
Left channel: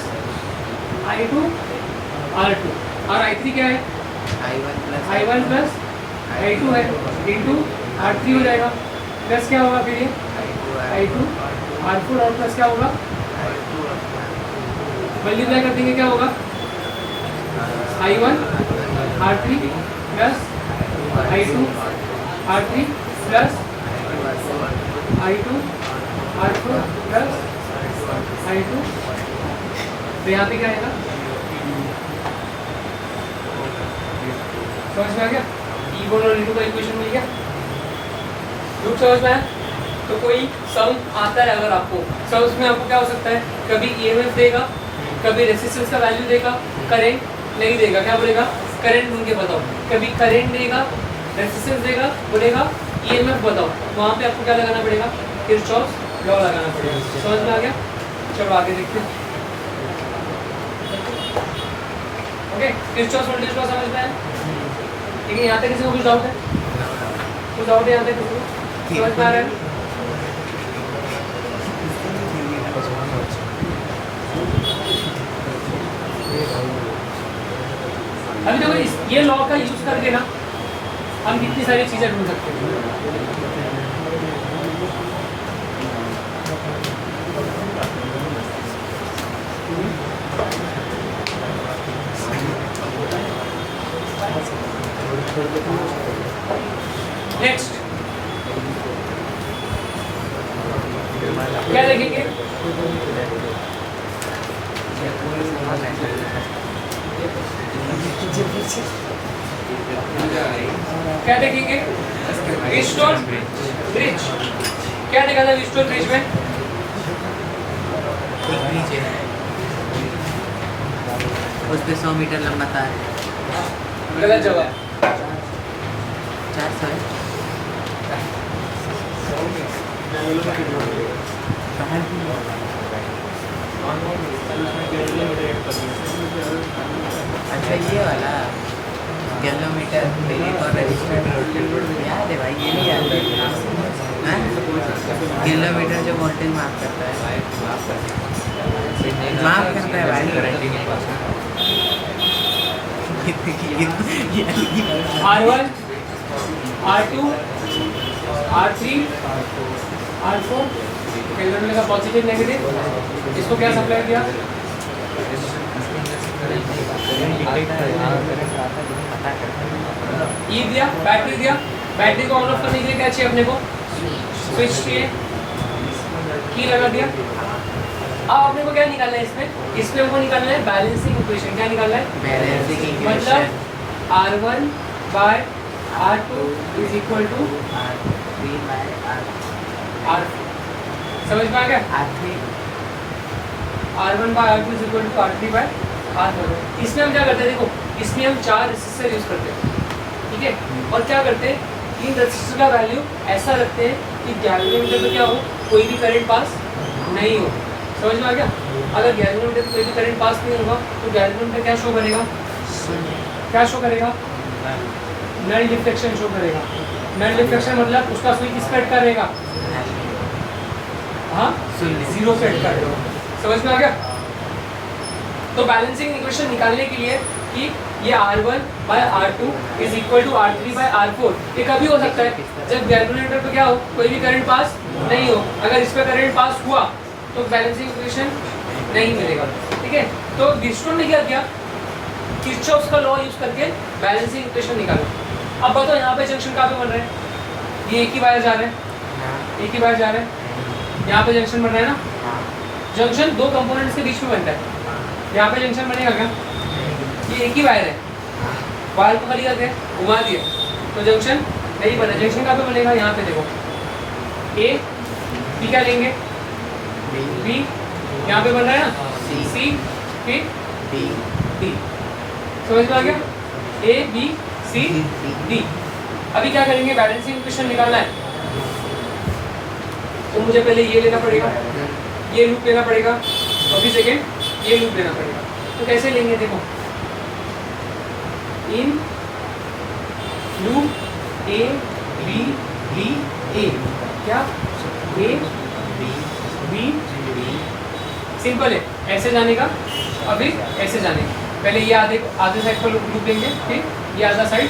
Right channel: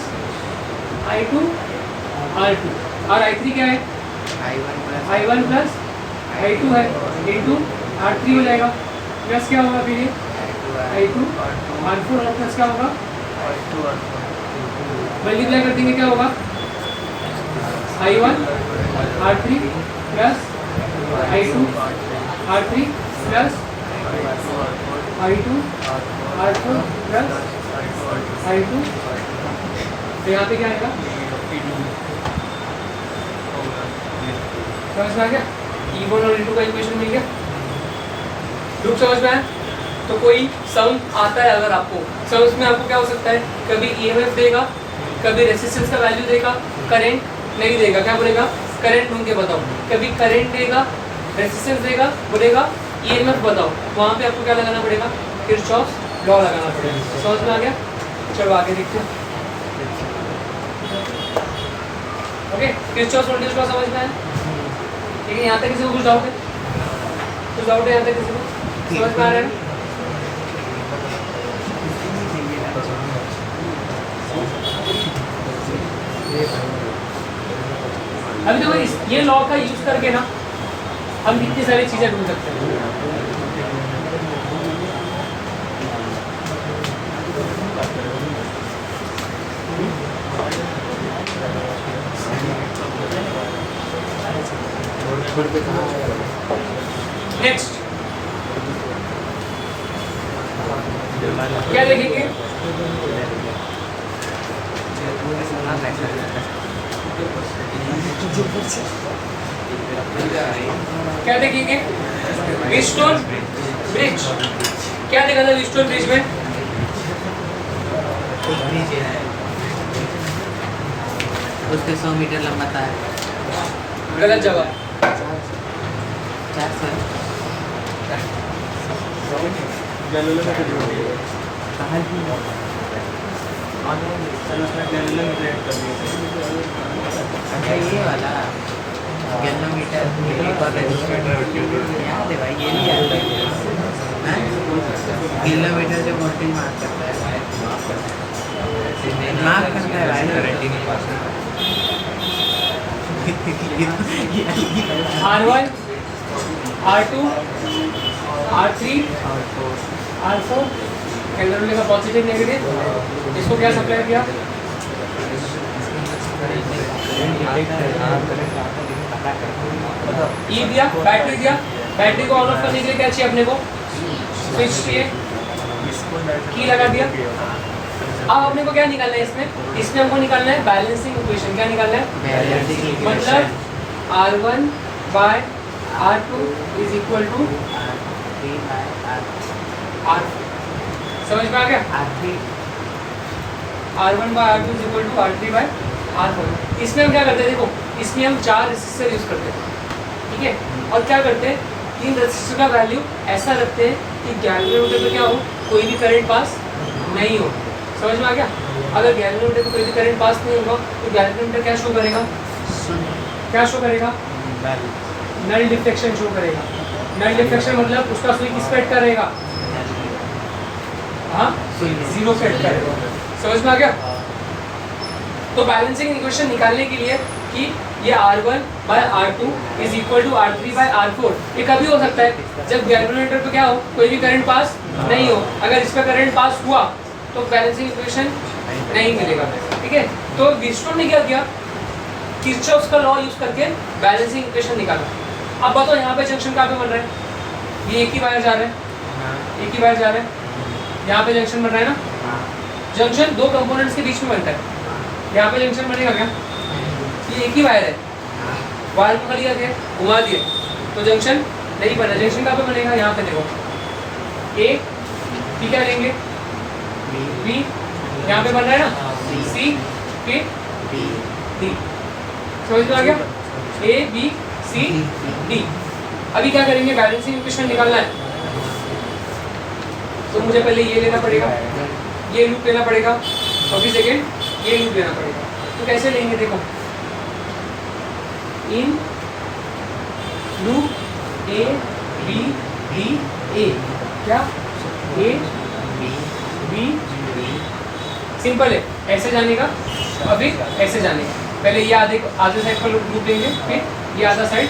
I2 R2 और I3 क्या है? I1 प्लस I2 है इंटू R3 हो जाएगा। प्लस क्या होगा फिर ये? I2 R4 और प्लस क्या होगा? मल्टीप्लाई कर देंगे क्या होगा? I1 R3 plus I2 R3 plus I2 R4 plus I2, तो यहाँ पे क्या आएगा? समझ में आ गया? E1 और E2 का इक्वेशन मिल गया। ग्रुप समझ में आया? तो कोई सम आता है अगर आपको, सम में आपको क्या हो सकता है? कभी EMF देगा, कभी रेजिस्टेंस का वैल्यू देगा, करंट नहीं देगा, क्या बोलेगा? करंट ढूंढ के बताओ। कभी करंट देगा, रेजिस्टेंस देगा, बोलेगा EMF बताओ। वहाँ पे आपको क्या लगाना पड़ेगा? किरचॉफ्स लॉ लगाना पड़ेगा। समझ में आ गया? चलो आगे देखते हैं। ओके, किरचॉफ्स वोल्टेज लॉ समझ में आया? लेकिन यहाँ तक किसी को कुछ डाउट है? कुछ डाउट है यहाँ तक किसी को? समझ में आ रहा है? अभी देखो ये लॉ का यूज करके ना हम कितनी सारी चीजें ढूंढ सकते हैं। नेक्स्ट क्या देखेंगे? क्या देखेंगे? Wheatstone bridge. क्या देखा था व्हीटस्टोन ब्रिज में? उसके 100 मीटर लंबा तार है। गलत जवाब। 400 है। अच्छा ये वाला गैलोमीटर याद है भाई, ये नहीं याद है? किलोमीटर जो वोल्टेज मार्क करता है, मार्क करता है भाई। R1 R2 R3 R4 calculator का पॉजिटिव नेगेटिव, इसको क्या सप्लाई किया? ई दिया, बैटरी दिया। बैटरी को ऑन ऑफ करने के लिए क्या चाहिए अपने को? स्विच चाहिए, की लगा दिया। अब अपने को क्या निकालना है इसमें? इसमें हमको निकालना है बैलेंसिंग इक्वेशन। क्या निकालना है? Balancing equation. मतलब R1 by R2 is equal to R3 by R। समझ में आ गया? R3 R1 by R2 is equal to R3 by R4। इसमें हम क्या करते हैं? देखो इसमें हम 4 रेसिस्टर यूज करते हैं, ठीक है? और क्या करते हैं? 3 रेसिस्टर का वैल्यू ऐसा रखते हैं कि गैल्वेनोमीटर पे क्या हो, कोई भी करंट पास नहीं हो। समझ में आ गया? अगर गैल्वेनोमीटर पे कोई भी करंट पास नहीं होगा तो गैल्वेनोमीटर क्या शो करेगा? क्या शो करेगा? नल डिफ्लेक्शन शो करेगा। नल डिफ्लेक्शन मतलब उसका सुई किस पे अटका रहेगा? हाँ, जीरो पे अटका रहेगा। समझ में आ गया? तो बैलेंसिंग इक्वेशन निकालने के लिए कि ये R1 by R2 is equal to R3 by R4, ये कभी हो सकता है जब गैल्वेनोमीटर पे क्या हो, कोई भी करंट पास नहीं हो। अगर इस पे करंट पास हुआ तो बैलेंसिंग इक्वेशन नहीं मिलेगा, ठीक है? तो व्हीटस्टोन ने क्या किया? किरचॉफ्स का लॉ यूज करके बैलेंसिंग इक्वेशन निकाला। अब बताओ यहाँ पे जंक्शन कहाँ पे बन रहा है? ये एक ही वायर जा रहा है, एक ही वायर जा रहा है। यहाँ पे जंक्शन बन रहा है ना? जंक्शन दो कंपोनेंट्स के बीच में बनता है। यहाँ पे जंक्शन बनेगा क्या? ये एक ही वायर है, वायर को लिया गया, घुमा दिया, तो जंक्शन नहीं बना। जंक्शन कहाँ पे बनेगा? यहाँ पे देखो, ए बी क्या लेंगे? बी यहाँ पे बन रहा है ना, सी फिर डी। समझ में आ गया? A B C D. अभी क्या करेंगे? बैलेंसिंग इक्वेशन निकालना है, तो मुझे पहले ये लेना पड़ेगा, ये लूप लेना पड़ेगा, और फिर सेकेंड ये लूप लेना पड़ेगा। तो कैसे लेंगे? देखो, in loop A B D A, क्या ए बी, सिंपल है, ऐसे जाने का और फिर ऐसे जाने का। पहले ये आधे साइड पर लूप लेंगे, फिर ये आधा साइड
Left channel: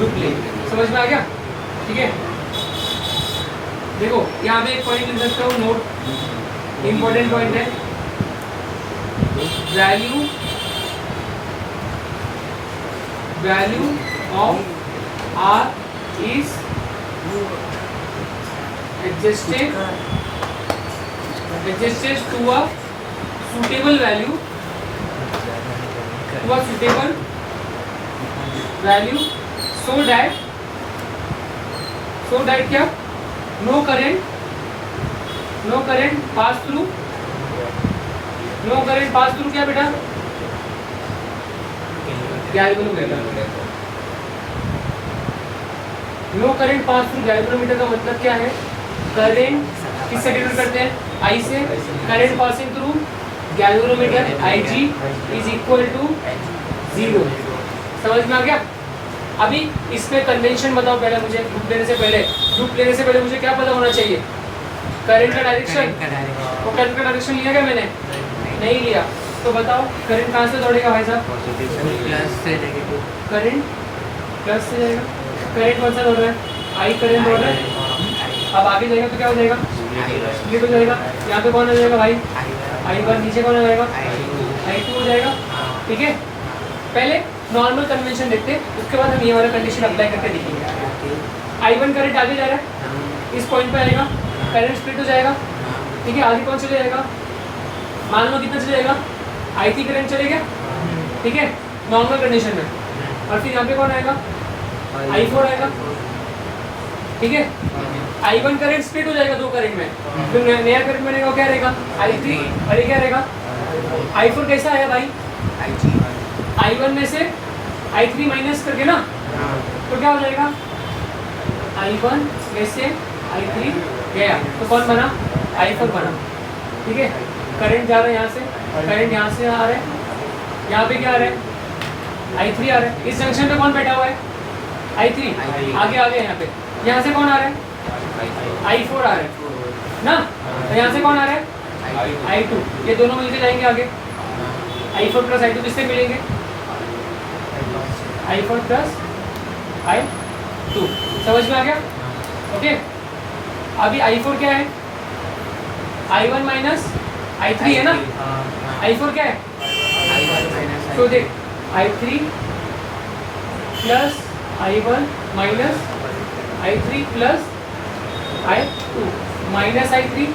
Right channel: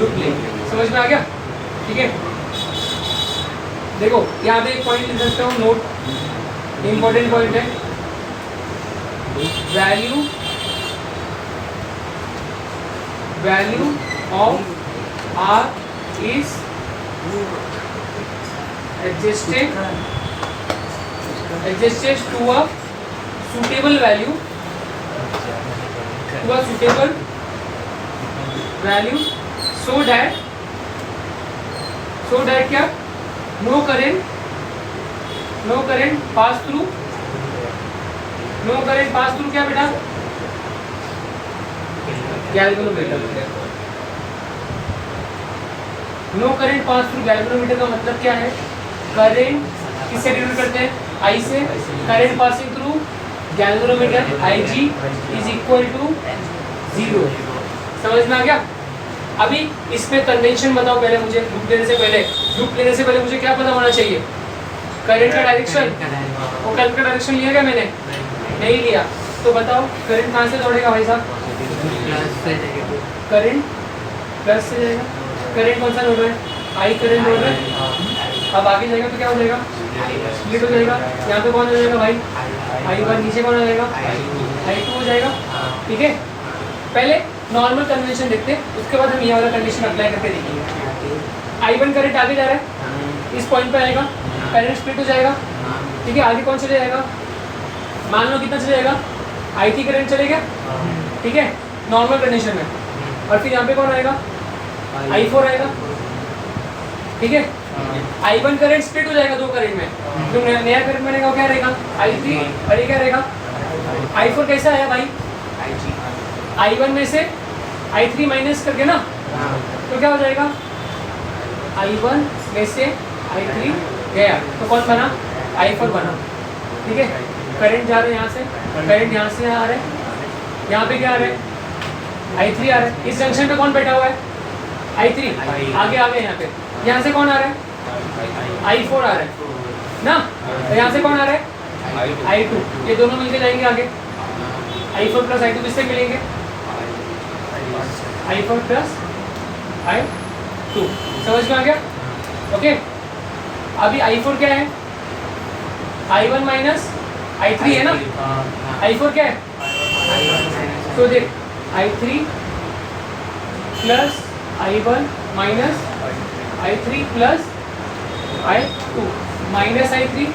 लूप लेंगे। समझ में आ गया? ठीक है, देखो यहाँ पे एक पॉइंट लिख सकते हो, नोट इंपॉर्टेंट पॉइंट है, value of R is adjusted to a suitable value, so that क्या? no current pass through क्या बेटा? Galvanometer. No current pass through galvanometer का मतलब क्या है? करंट किससे डिनोट करते हैं? आई से। Current passing through galvanometer Ig is equal to 0। समझ में आ गया? अभी इसमें कन्वेंशन बताओ पहले मुझे। लूप लेने से पहले मुझे क्या पता होना चाहिए? करंट का डायरेक्शन। और करंट का डायरेक्शन लिया क्या मैंने? नहीं लिया। तो बताओ करंट कहाँ से दौड़ेगा भाई साहब? करंट प्लस से जाएगा। करंट कौन सा दौड़ रहा है? आई करंट दौड़ रहा है। अब आगे जाएगा तो क्या हो जाएगा? स्प्लिट हो जाएगा। यहाँ पे कौन हो जाएगा भाई? I1। नीचे कौन हो जाएगा? I2 हो जाएगा। ठीक है, पहले नॉर्मल कन्वेंशन देखते हैं, उसके बाद हम ये वाला कंडीशन अप्लाई करके देखेंगे। I1 करंट आगे जा रहा है, इस पॉइंट पे आएगा, करंट स्प्लिट हो जाएगा। ठीक है, आगे कौन चले जाएगा? मान लो कितना चले जाएगा? I3 करंट चलेगा। ठीक है, नॉर्मल कंडीशन में। और फिर यहाँ पे कौन आएगा? I4 आएगा। ठीक है, I1 करंट स्प्लिट हो जाएगा दो करंट में, जो नया करंट बनेगा वो क्या रहेगा? I3। और ये क्या रहेगा? I4 कैसा आया भाई? I1 में से I3 माइनस करके ना, तो क्या हो जाएगा? I1 में से I3 गया, तो कौन बना? I4 बना। ठीक है, करंट जा रहा है यहाँ से, करंट यहाँ से आ रहा है, यहाँ पे क्या आ रहा है? I3 आ रहा है। इस जंक्शन पे कौन बैठा हुआ है? I3। आगे यहाँ पे, यहाँ से कौन आ रहा है? I4 आ रहा है ना, और यहाँ से कौन आ रहा है? I2। ये दोनों मिलके जाएंगे आगे। I4 प्लस I2 किससे मिलेंगे? I4 plus I2। समझ में आ गया? ओके, अभी I4 क्या है? I1 माइनस I3 है ना। I4 क्या है? तो देख, I3 plus I1 minus I3 plus I2 minus I3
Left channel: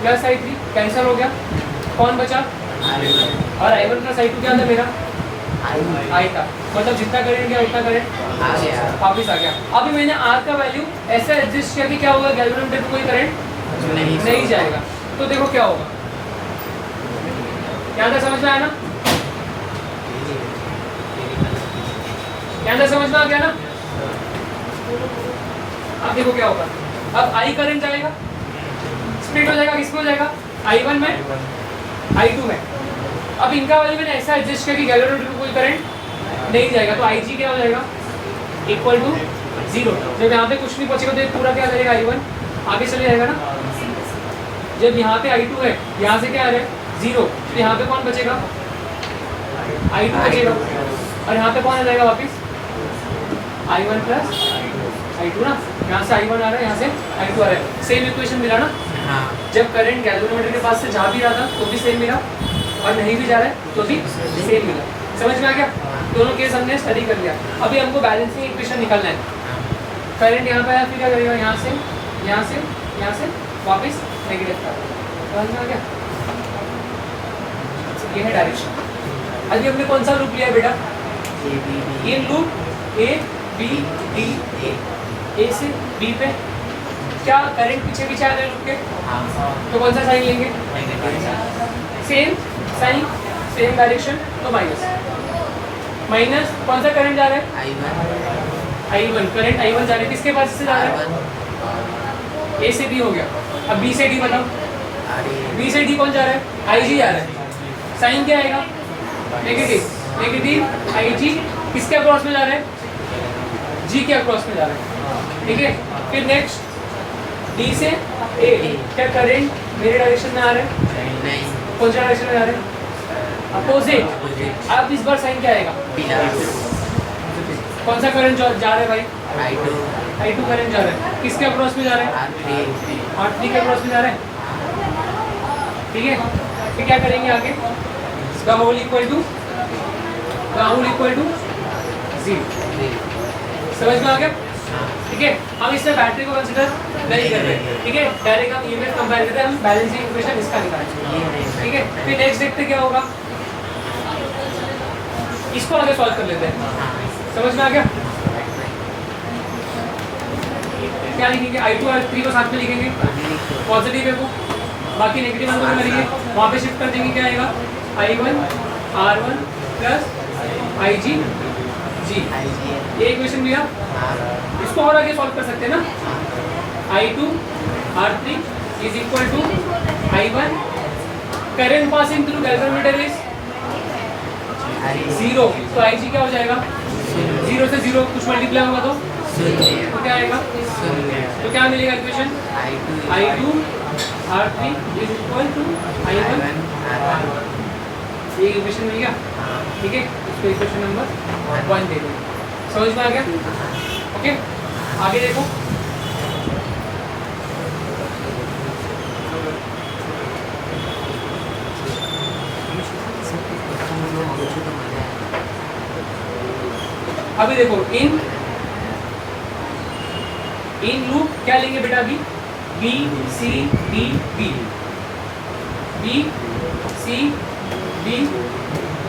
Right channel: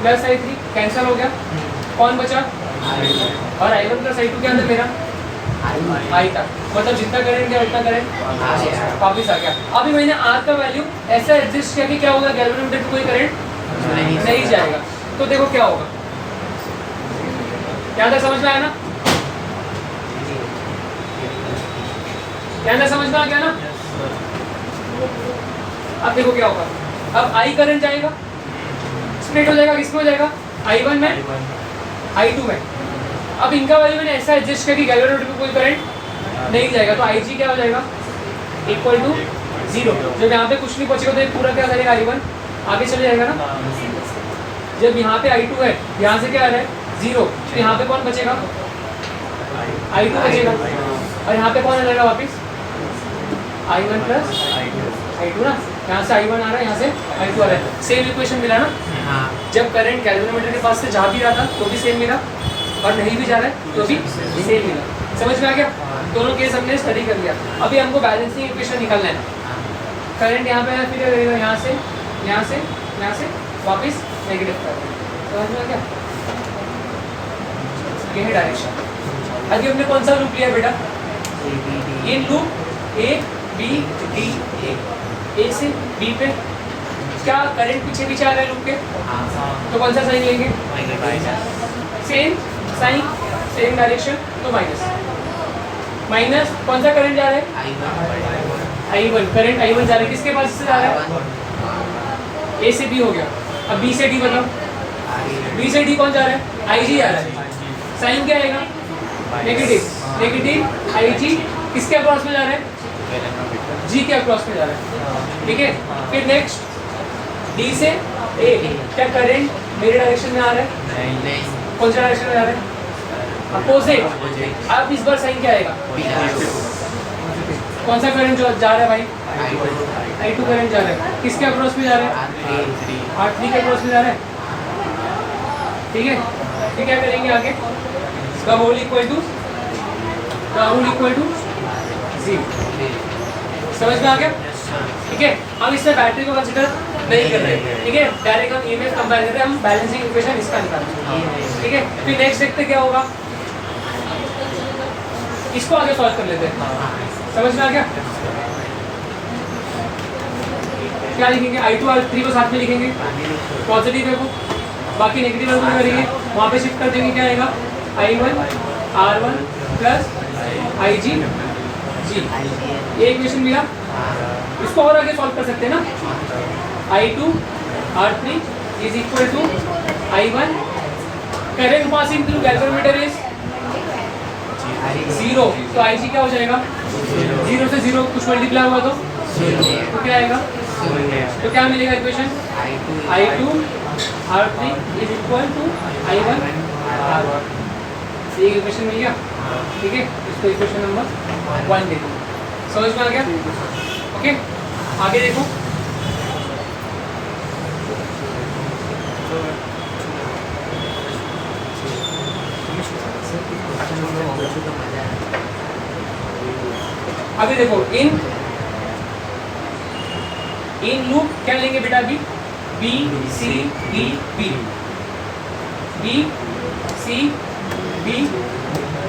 plus I3 cancel हो गया, कौन बचा? और I1 प्लस I2 क्या था मेरा? I था। मतलब जितना करंट गया उतना करंट वापिस आ गया। अभी मैंने R का वैल्यू ऐसा एडजस्ट किया कि क्या होगा? गैल्वेनोमीटर में कोई करंट नहीं जाएगा। तो देखो क्या होगा, क्या था? समझ में आया ना? क्या समझ में आ गया ना? अब देखो क्या होगा, अब I करंट जाएगा, स्प्लिट हो जाएगा, किसमें हो जाएगा? I1 में, I2 में। अब इनका वैल्यू मैंने ऐसा एडजस्ट किया कि गैल्वेनोमीटर में कोई करंट नहीं जाएगा, तो Ig क्या हो जाएगा? Equal to 0। जब यहाँ पे कुछ नहीं बचेगा तो ये पूरा क्या करेगा? I1 आगे चले जाएगा ना। जब यहाँ पे I2 है, यहाँ से क्या आ रहा है? 0, तो यहाँ पे कौन बचेगा? I2 बचेगा। और यहाँ पे कौन आ जाएगा वापिस? I1 प्लस I2 ना। यहाँ से I1 आ रहा है, यहाँ से I2 आ रहा है। सेम इक्वेशन मिला ना? हाँ। जब करंट गैल्वेनोमीटर के पास से जा भी रहा था तो भी सेम मिला, और नहीं भी जा रहा है तो भी सेम मिला। समझ में आ गया? दोनों केस हमने स्टडी कर लिया। अभी हमको बैलेंसिंग इक्वेशन निकालना है। करंट यहाँ पे आया, फिर क्या करेगा? यहाँ से यहाँ से यहाँ से वापस नेगेटिव कर देगा। समझ में आ गया? ये है डायरेक्शन। अभी हमने कौन सा लूप लिया बेटा? In loop A B D A से बी पे क्या करंट पीछे पीछे आ गए लूप के, तो कौन सा साइन लेंगे? सेम साइन सेम डायरेक्शन, तो माइनस माइनस कौन सा करंट जा रहा है? I1 करंट I1 जा रहा है, किसके पास से जा रहा है? ए से बी हो गया। अब बी से डी बताओ, बी से डी कौन जा रहा है? IG जा रहा है। साइन क्या आएगा? नेगेटिव नेगेटिव IG किसके अक्रॉस में जा रहा है? G के अक्रॉस में जा रहा है, ठीक है। फिर नेक्स्ट D से A, क्या करंट मेरे डायरेक्शन में आ रहा है? कौन सा डायरेक्शन में जा रहा है? अपोजिट। अब इस बार साइन क्या आएगा? कौन सा करंट जा रहा है भाई? I2 करंट जा रहा है, किसके अक्रॉस में जा रहा है? R3 के अक्रॉस में जा रहा है, ठीक है। फिर क्या करेंगे आगे? का होल इक्वल टू 0, समझ में आ गया, ठीक है। हम इसमें बैटरी को कंसीडर नहीं कर रहे, ठीक है। डायरेक्ट हम ईएमएफ कंपेयर करते हैं, हम बैलेंसिंग इक्वेशन इसका निकालेंगे, ठीक है। फिर नेक्स्ट देखते क्या होगा, इसको आगे सॉल्व कर लेते हैं, समझ में आ गया। क्या लिखेंगे? I2 R3 को साथ में लिखेंगे, पॉजिटिव है वो, बाकी नेगेटिव नंबर करेंगे, वहाँ पे शिफ्ट कर देंगे, क्या आएगा? I1 R1 plus IG G, ये इक्वेशन मिला। इसको और आगे सॉल्व कर सकते हैं ना। I2 R3 is equal to I1 current passing through galvanometer is 0, तो IG क्या हो जाएगा? 0 से 0 कुछ मल्टीप्लाई होगा तो क्या आएगा? तो क्या मिलेगा equation? I2 R3 is equal to I1 R1, ये इक्वेशन मिल गया, ठीक है। इसको इक्वेशन नंबर 1 दे दो, समझ में आ गया, ओके। आगे देखो, अभी देखो इन लूप क्या लेंगे बेटा? अभी B C D B, B C D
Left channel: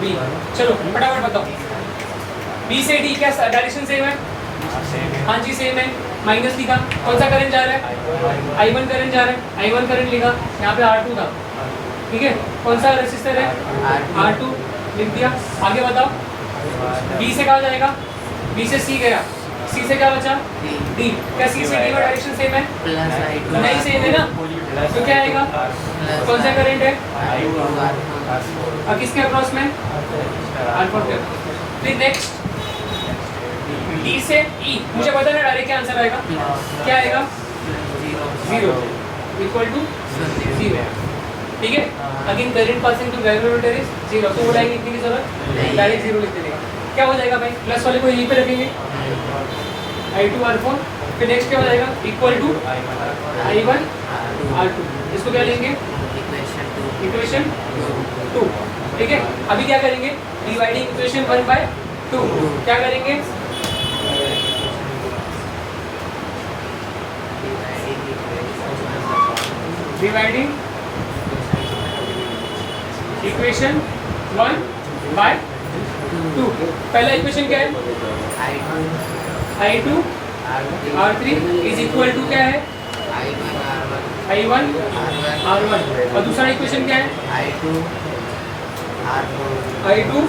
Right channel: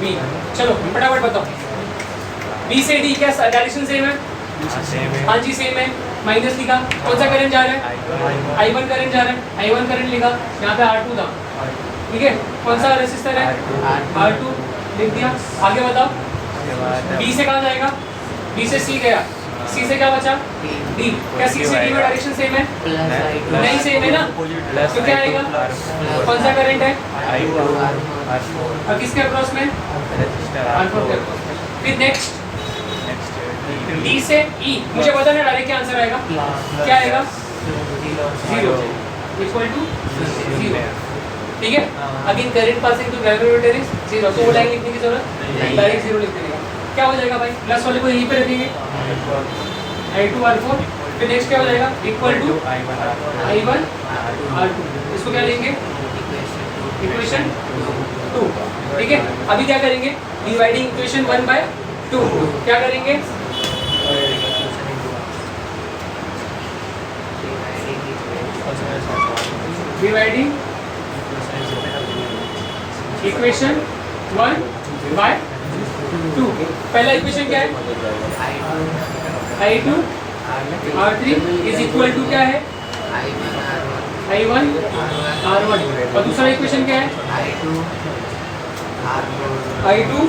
B, चलो फटाफट बताओ। B से D क्या डायरेक्शन सेम है? हाँ जी सेम है, माइनस लिखा। कौन सा करंट जा रहा है? I1 करंट जा रहा है, I1 करंट लिखा, यहाँ पे R2 था, ठीक है। कौन सा रेसिस्टर है? R2 लिख दिया। आगे बताओ, B से कहाँ जाएगा? B से C गया, C से क्या बचा? D, क्या C से D में डायरेक्शन सेम है? नहीं सेम है ना, तो क्या आएगा? कौन सा करंट है? अब किसके अक्रॉस में? R4 के। फिर नेक्स्ट D से E, मुझे पता है डायरेक्ट क्या आंसर आएगा, क्या आएगा? 0 इक्वल टू 0, ठीक है। Again current passing to galvanometer is 0, तो वो लाइन लिखने की जरूरत डायरेक्ट 0 लिख देने का। क्या हो जाएगा भाई? प्लस वाले को यहीं पे रखेंगे, I2 R4, फिर नेक्स्ट क्या हो जाएगा? इक्वल टू I1 R2, इसको क्या लेंगे? इक्वेशन 2, ठीक है। अभी क्या करेंगे? डिवाइडिंग इक्वेशन 1/2, क्या करेंगे? डिवाइडिंग इक्वेशन 1/2, पहला इक्वेशन क्या है? I2 R3 is equal to क्या है? I1 R1, और दूसरा इक्वेशन क्या है? I2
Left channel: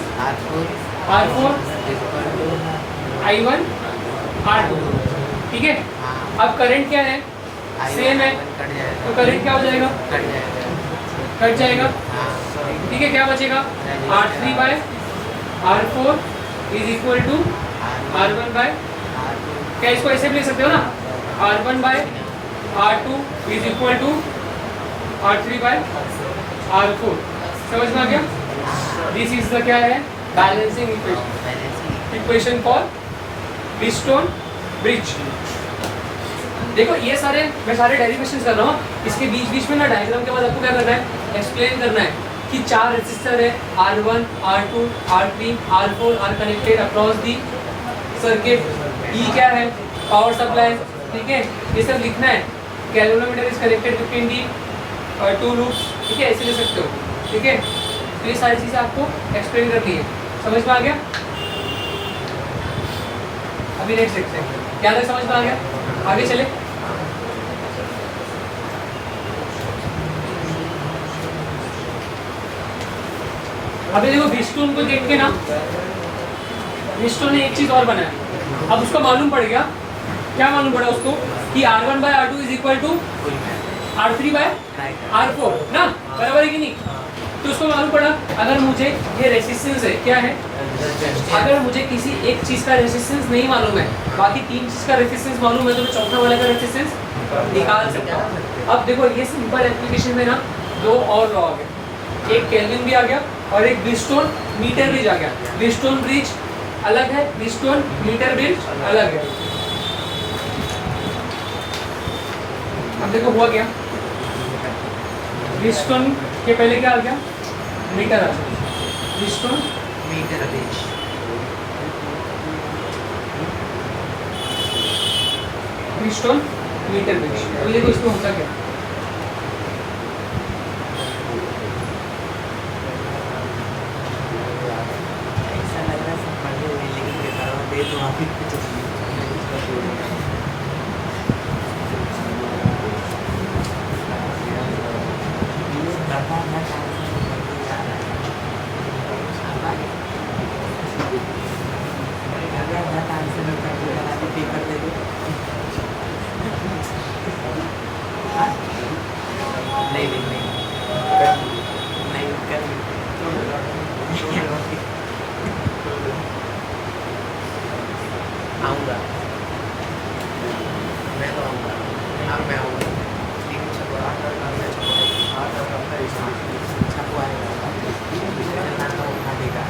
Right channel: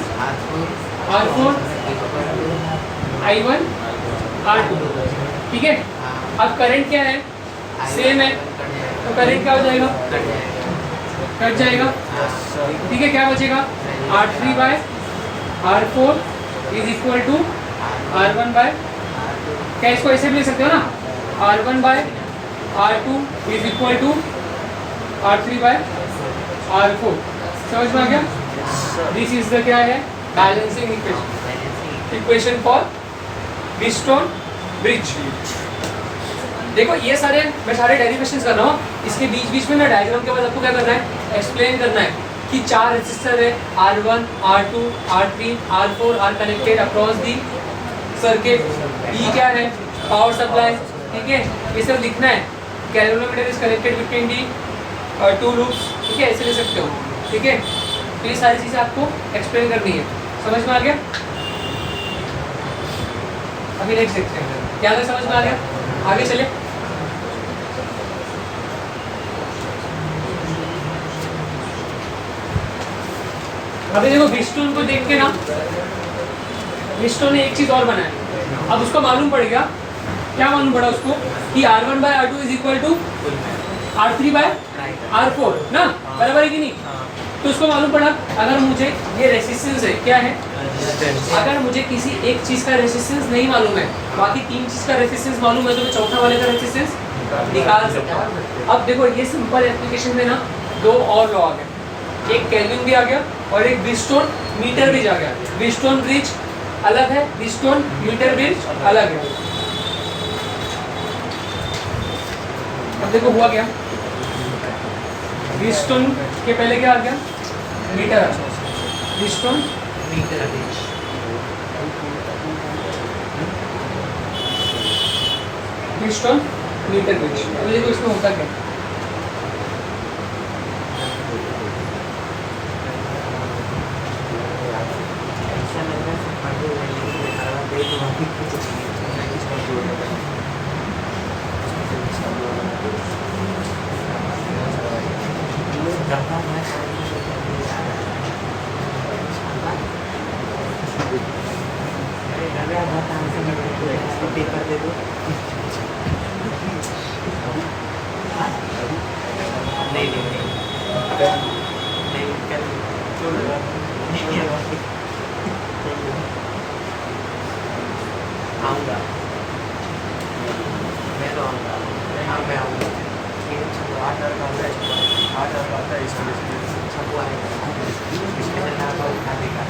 R4 I1 R2, ठीक है। अब करंट क्या है? सेम है, तो करंट क्या हो जाएगा? कट जाएगा, ठीक है। क्या बचेगा? R3/R4 is equal to R1/, क्या इसको ऐसे भी लिख सकते हो ना? R1/R2 is equal to R3/R4, समझ में आ गया? दिस इज द क्या है? Balancing equation for Wheatstone bridge. देखो ये सारे मैं सारे डेरिवेशंस कर रहा हूँ, इसके बीच बीच में ना डायग्राम के बाद आपको क्या करना है? एक्सप्लेन करना है कि 4 रेजिस्टर है, R1 R2 R3 R4 are connected across the circuit. E क्या है? पावर सप्लाई, ठीक है। ये सब लिखना है। Galvanometer is connected between the 2 loops, ठीक है, ऐसे ले सकते हो, ठीक है। तो ये सारी चीज़ें आपको एक्सप्लेन करनी है, समझ में आ गया? अभी नेक्स्ट देखते हैं। क्या समझ में आ गया? आगे चले। अभी देखो ब्रिजस्टोन को देख के ना, ब्रिजस्टोन ने एक चीज और बनाया। अब उसको मालूम पड़ गया, क्या मालूम पड़ा उसको कि R1 by R2 is equal to R3 by R4 ना, बराबर है कि नहीं? तो उसको मालूम पड़ा अगर मुझे ये रेसिस्टेंस है, क्या है, अगर मुझे किसी एक चीज का रेसिस्टेंस नहीं मालूम है, बाकी तीन चीज का रेसिस्टेंस मालूम है, तो मैं चौथा वाले का रेसिस्टेंस निकाल सकता हूँ। अब देखो ये सिंपल एप्लीकेशन में ना दो और लॉ आ गए, एक केल्विन भी आ गया और एक ब्रिजस्टोन मीटर ब्रिज आ गया। ब्रिजस्टोन ब्रिज अलग है, ब्रिजस्टोन मीटर ब्रिज अलग है। अब देखो हुआ क्या, ब्रिजस्टोन के पहले क्या आ गया, मीटर आ गया, Bridgestone meter bridge. Bridgestone meter bridge. अभी देखो इसमें होता क्या, ऐसा लग रहा है सब पढ़ रहे हैं, लेकिन ये करवा दे तो अभी कुछ पेपर दे दो। नहीं नहीं नहीं नहीं कर आऊँगा, मैं तो आऊँगा, हाँ मैं आऊँगा। छपवा आएगा, इसके बाद नाम उठा देगा।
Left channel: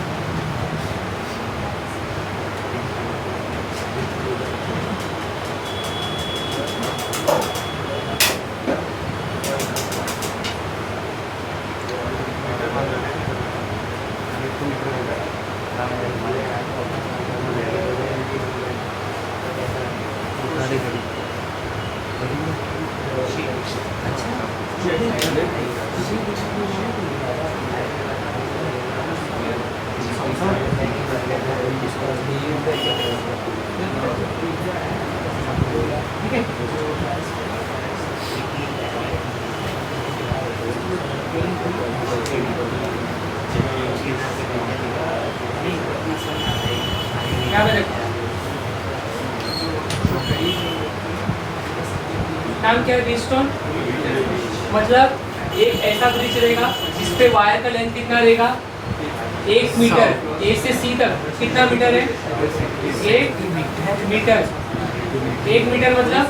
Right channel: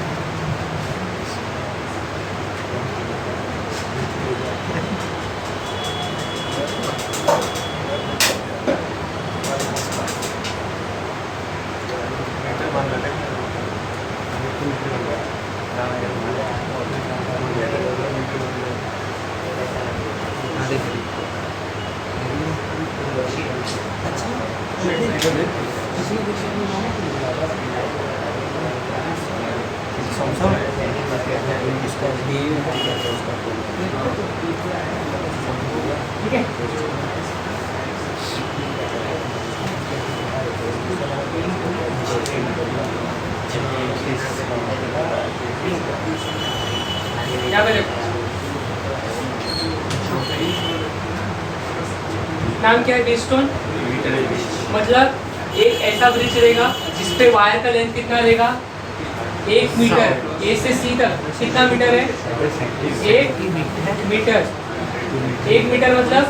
ठीक है। क्या बने नाम क्या है, ब्रिजस्टोन, मतलब एक ऐसा ब्रिज रहेगा जिसपे वायर का लेंथ कितना रहेगा, 1 मीटर, ए से सी तक कितना मीटर है, 1 मीटर। 1 मीटर मतलब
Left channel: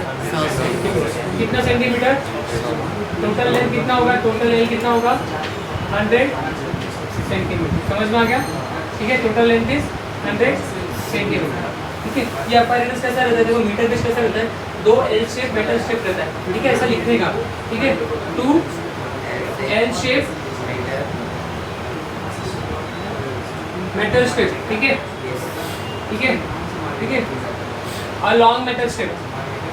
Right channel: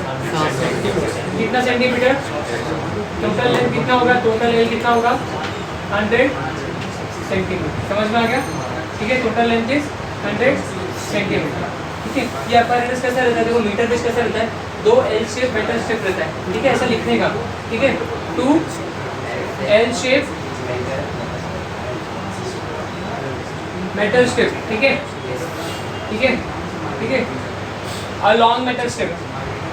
कितना सेंटीमीटर, टोटल लेंथ कितना होगा, टोटल एल कितना होगा, 100 सेंटीमीटर। समझ में आ गया? ठीक है, टोटल लेंथ इज 100 सेंटीमीटर। ठीक है, ये अपैरेटस कैसा रहता है, देखो मीटर बेस कैसा रहता है, 2 एल शेप मेटल शेप रहता है। ठीक है, ऐसा लिखने का, ठीक है, 2 एल शेप मेटल स्ट्रिप। ठीक है, ठीक है, ठीक है, और लॉन्ग मेटल स्ट्रिप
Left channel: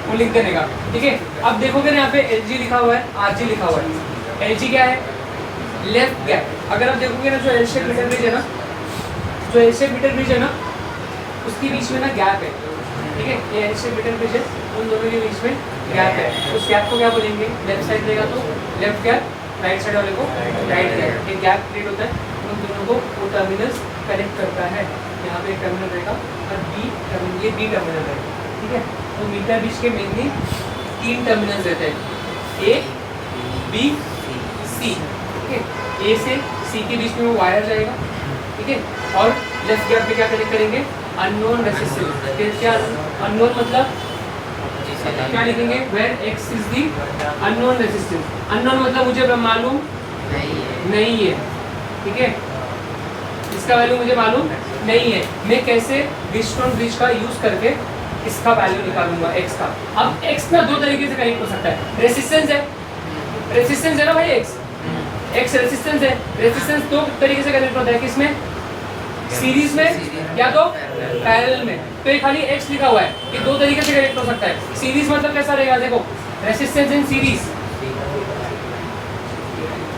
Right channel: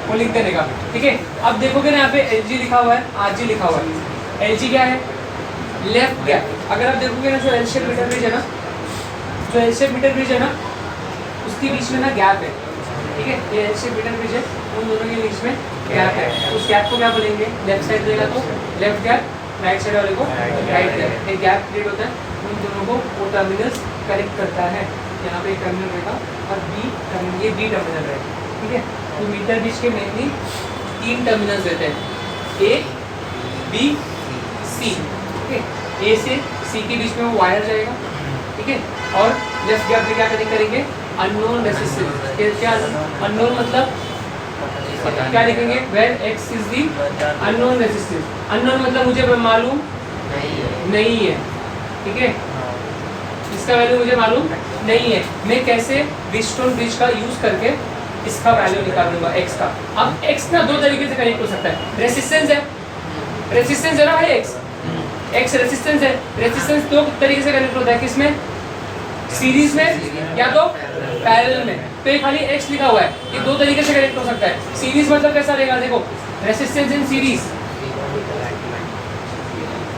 वो लिख देने का। ठीक है, अब देखोगे ना यहाँ पे LG लिखा हुआ है, RG लिखा हुआ है। LG क्या है, लेफ्ट गैप। अगर आप देखोगे ना, जो एल शेप मीटर ब्रिज है ना, जो एल शेप मीटर ब्रिज है ना, उसके बीच में ना गैप है। ठीक है, ये एल शेप मीटर ब्रिज है, उन दोनों के बीच में गैप है। उस गैप को क्या बोलेंगे, लेफ्ट साइड देगा तो लेफ्ट गैप, राइट साइड वाले को राइट गैप। ये गैप क्रिएट होता है, उन दोनों को वो टर्मिनल्स कनेक्ट करता है। यहाँ पे एक टर्मिनल रहेगा और बी टर्मिनल, ये बी टर्मिनल रहेगा। ठीक है, तो मीटर ब्रिज के मेनली 3 टर्मिनल्स रहते हैं, ए बी सी। ठीक है, ए से सी के बीच में वो वायर जाएगा। ठीक है, और लेफ्ट गैप में क्या कनेक्ट करेंगे, अननोन रेसिस्टेंस। क्या अननोन मतलब क्या लिखेंगे, where X is the unknown resistance. Unknown मतलब मुझे मालूम नहीं है। ठीक है, इसका वैल्यू मुझे मालूम नहीं है। मैं कैसे ब्रिजस्टोन ब्रिज का यूज करके इसका वैल्यू निकालूंगा, एक्स का। अब एक्स ना 2 तरीके से कनेक्ट हो सकता है, रेसिस्टेंस है, रेसिस्टेंस है ना भाई, एक्स रेसिस्टेंस है। रेसिस्टेंस 2 तरीके से कनेक्ट होता है, किसमें, सीरीज में या तो पैरेलल में। तो ये खाली एक्स लिखा हुआ है, ये 2 तरीके से कनेक्ट हो सकता है। सीरीज मतलब कैसा रहेगा, देखो रेसिस्टेंस इन सीरीज।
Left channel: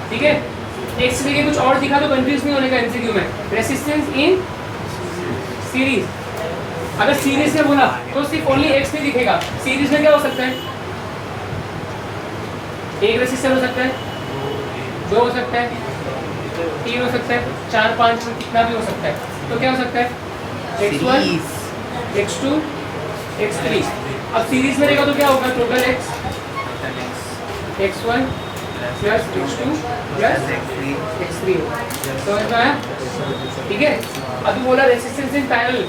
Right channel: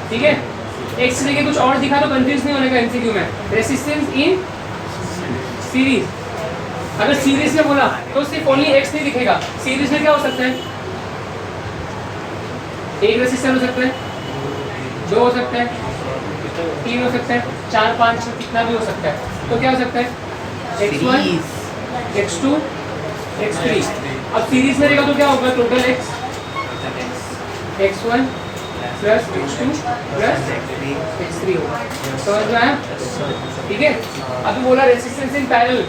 ठीक है, एक्स लिखे कुछ और दिखा तो कंफ्यूज नहीं होने का एमसीक्यू में। रेसिस्टेंस इन सीरीज, अगर सीरीज में बोला तो सिर्फ ओनली एक्स नहीं दिखेगा, सीरीज में क्या हो सकता है, एक रेसिस्टर हो सकता है, 2 हो सकता है, 3 हो सकता है, 4 5 कितना भी हो सकता है। तो क्या हो सकता है, x1 x2 x3। अब सीरीज में रहेगा तो क्या होगा, total x1 plus x2 plus x3 होगा। समझ में आया? ठीक है। अभी बोला रेसिस्टेंस इन पैरेलल,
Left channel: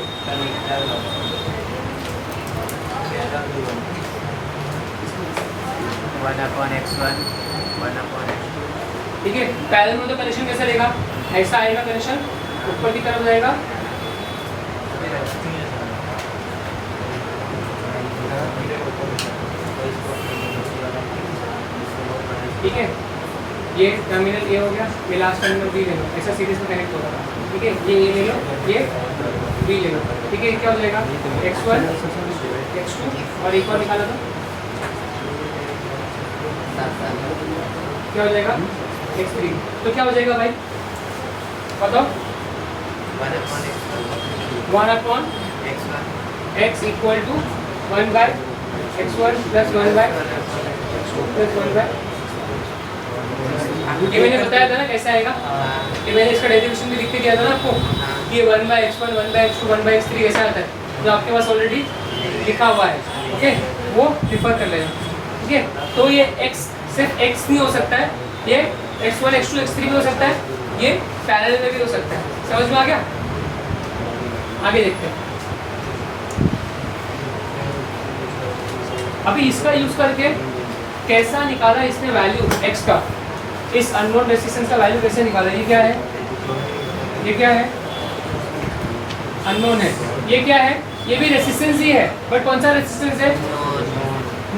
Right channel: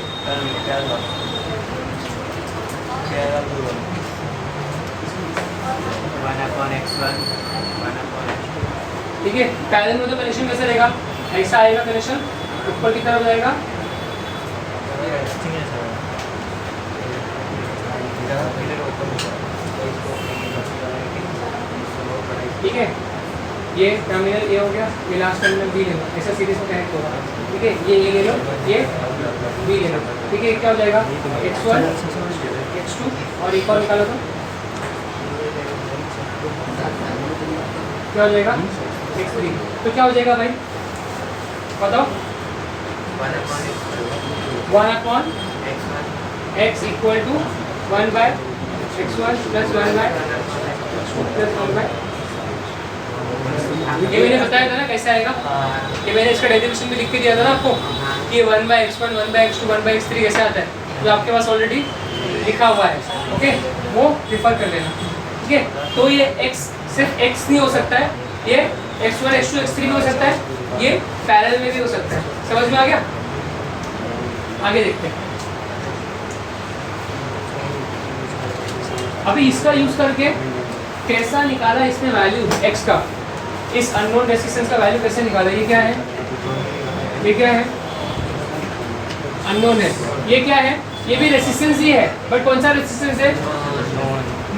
ठीक है। पैरेलल में तो कनेक्शन कैसा रहेगा, ऐसा आएगा कनेक्शन, ऊपर की तरफ रहेगा, ठीक है। ये टर्मिनल ए हो गया, ये लास्ट टर्मिनल बी ले लो, ऐसा सीरीज में कनेक्ट होगा, ठीक है। ये ले लो, ये बी ले लो, ठीक है। क्या हो जाएगा, x1 x2 और एक और निकालो तो क्या हो जाएगा, x3। तो क्या हो जाएगा भाई बताओ, 1/x equal to 1/x1 plus 1/x2 plus 1/। ये मैंने बताया था ना कैसे आएगा, ये मैंने इसका डेरिवेशन भी लिख के दिया था ना आपको कि 1/x1 1/x2 1/x3 ऐसा आता है, जो आपके पास ऑलरेडी लिखा हुआ है, ओके, वो रिफर कर लेना, ठीक है। तो ये x सिर्फ x नहीं हो सकता है, ये x1 x2 x3 भी हो सकता है, ये पैरेलल में भी हो सकता है। समझ में आ गया? आगे देखते हैं। अभी इसका यूज करके कैसा निकाला इसने वैल्यू x का, इस अननोन रेजिस्टेंस का वैल्यू कैसे निकाला, ये क्या है, ये क्या है, अननोन है, ये क्या है, ये भी रेजिस्टेंस ही है, बट कौन सा रेजिस्टेंस है,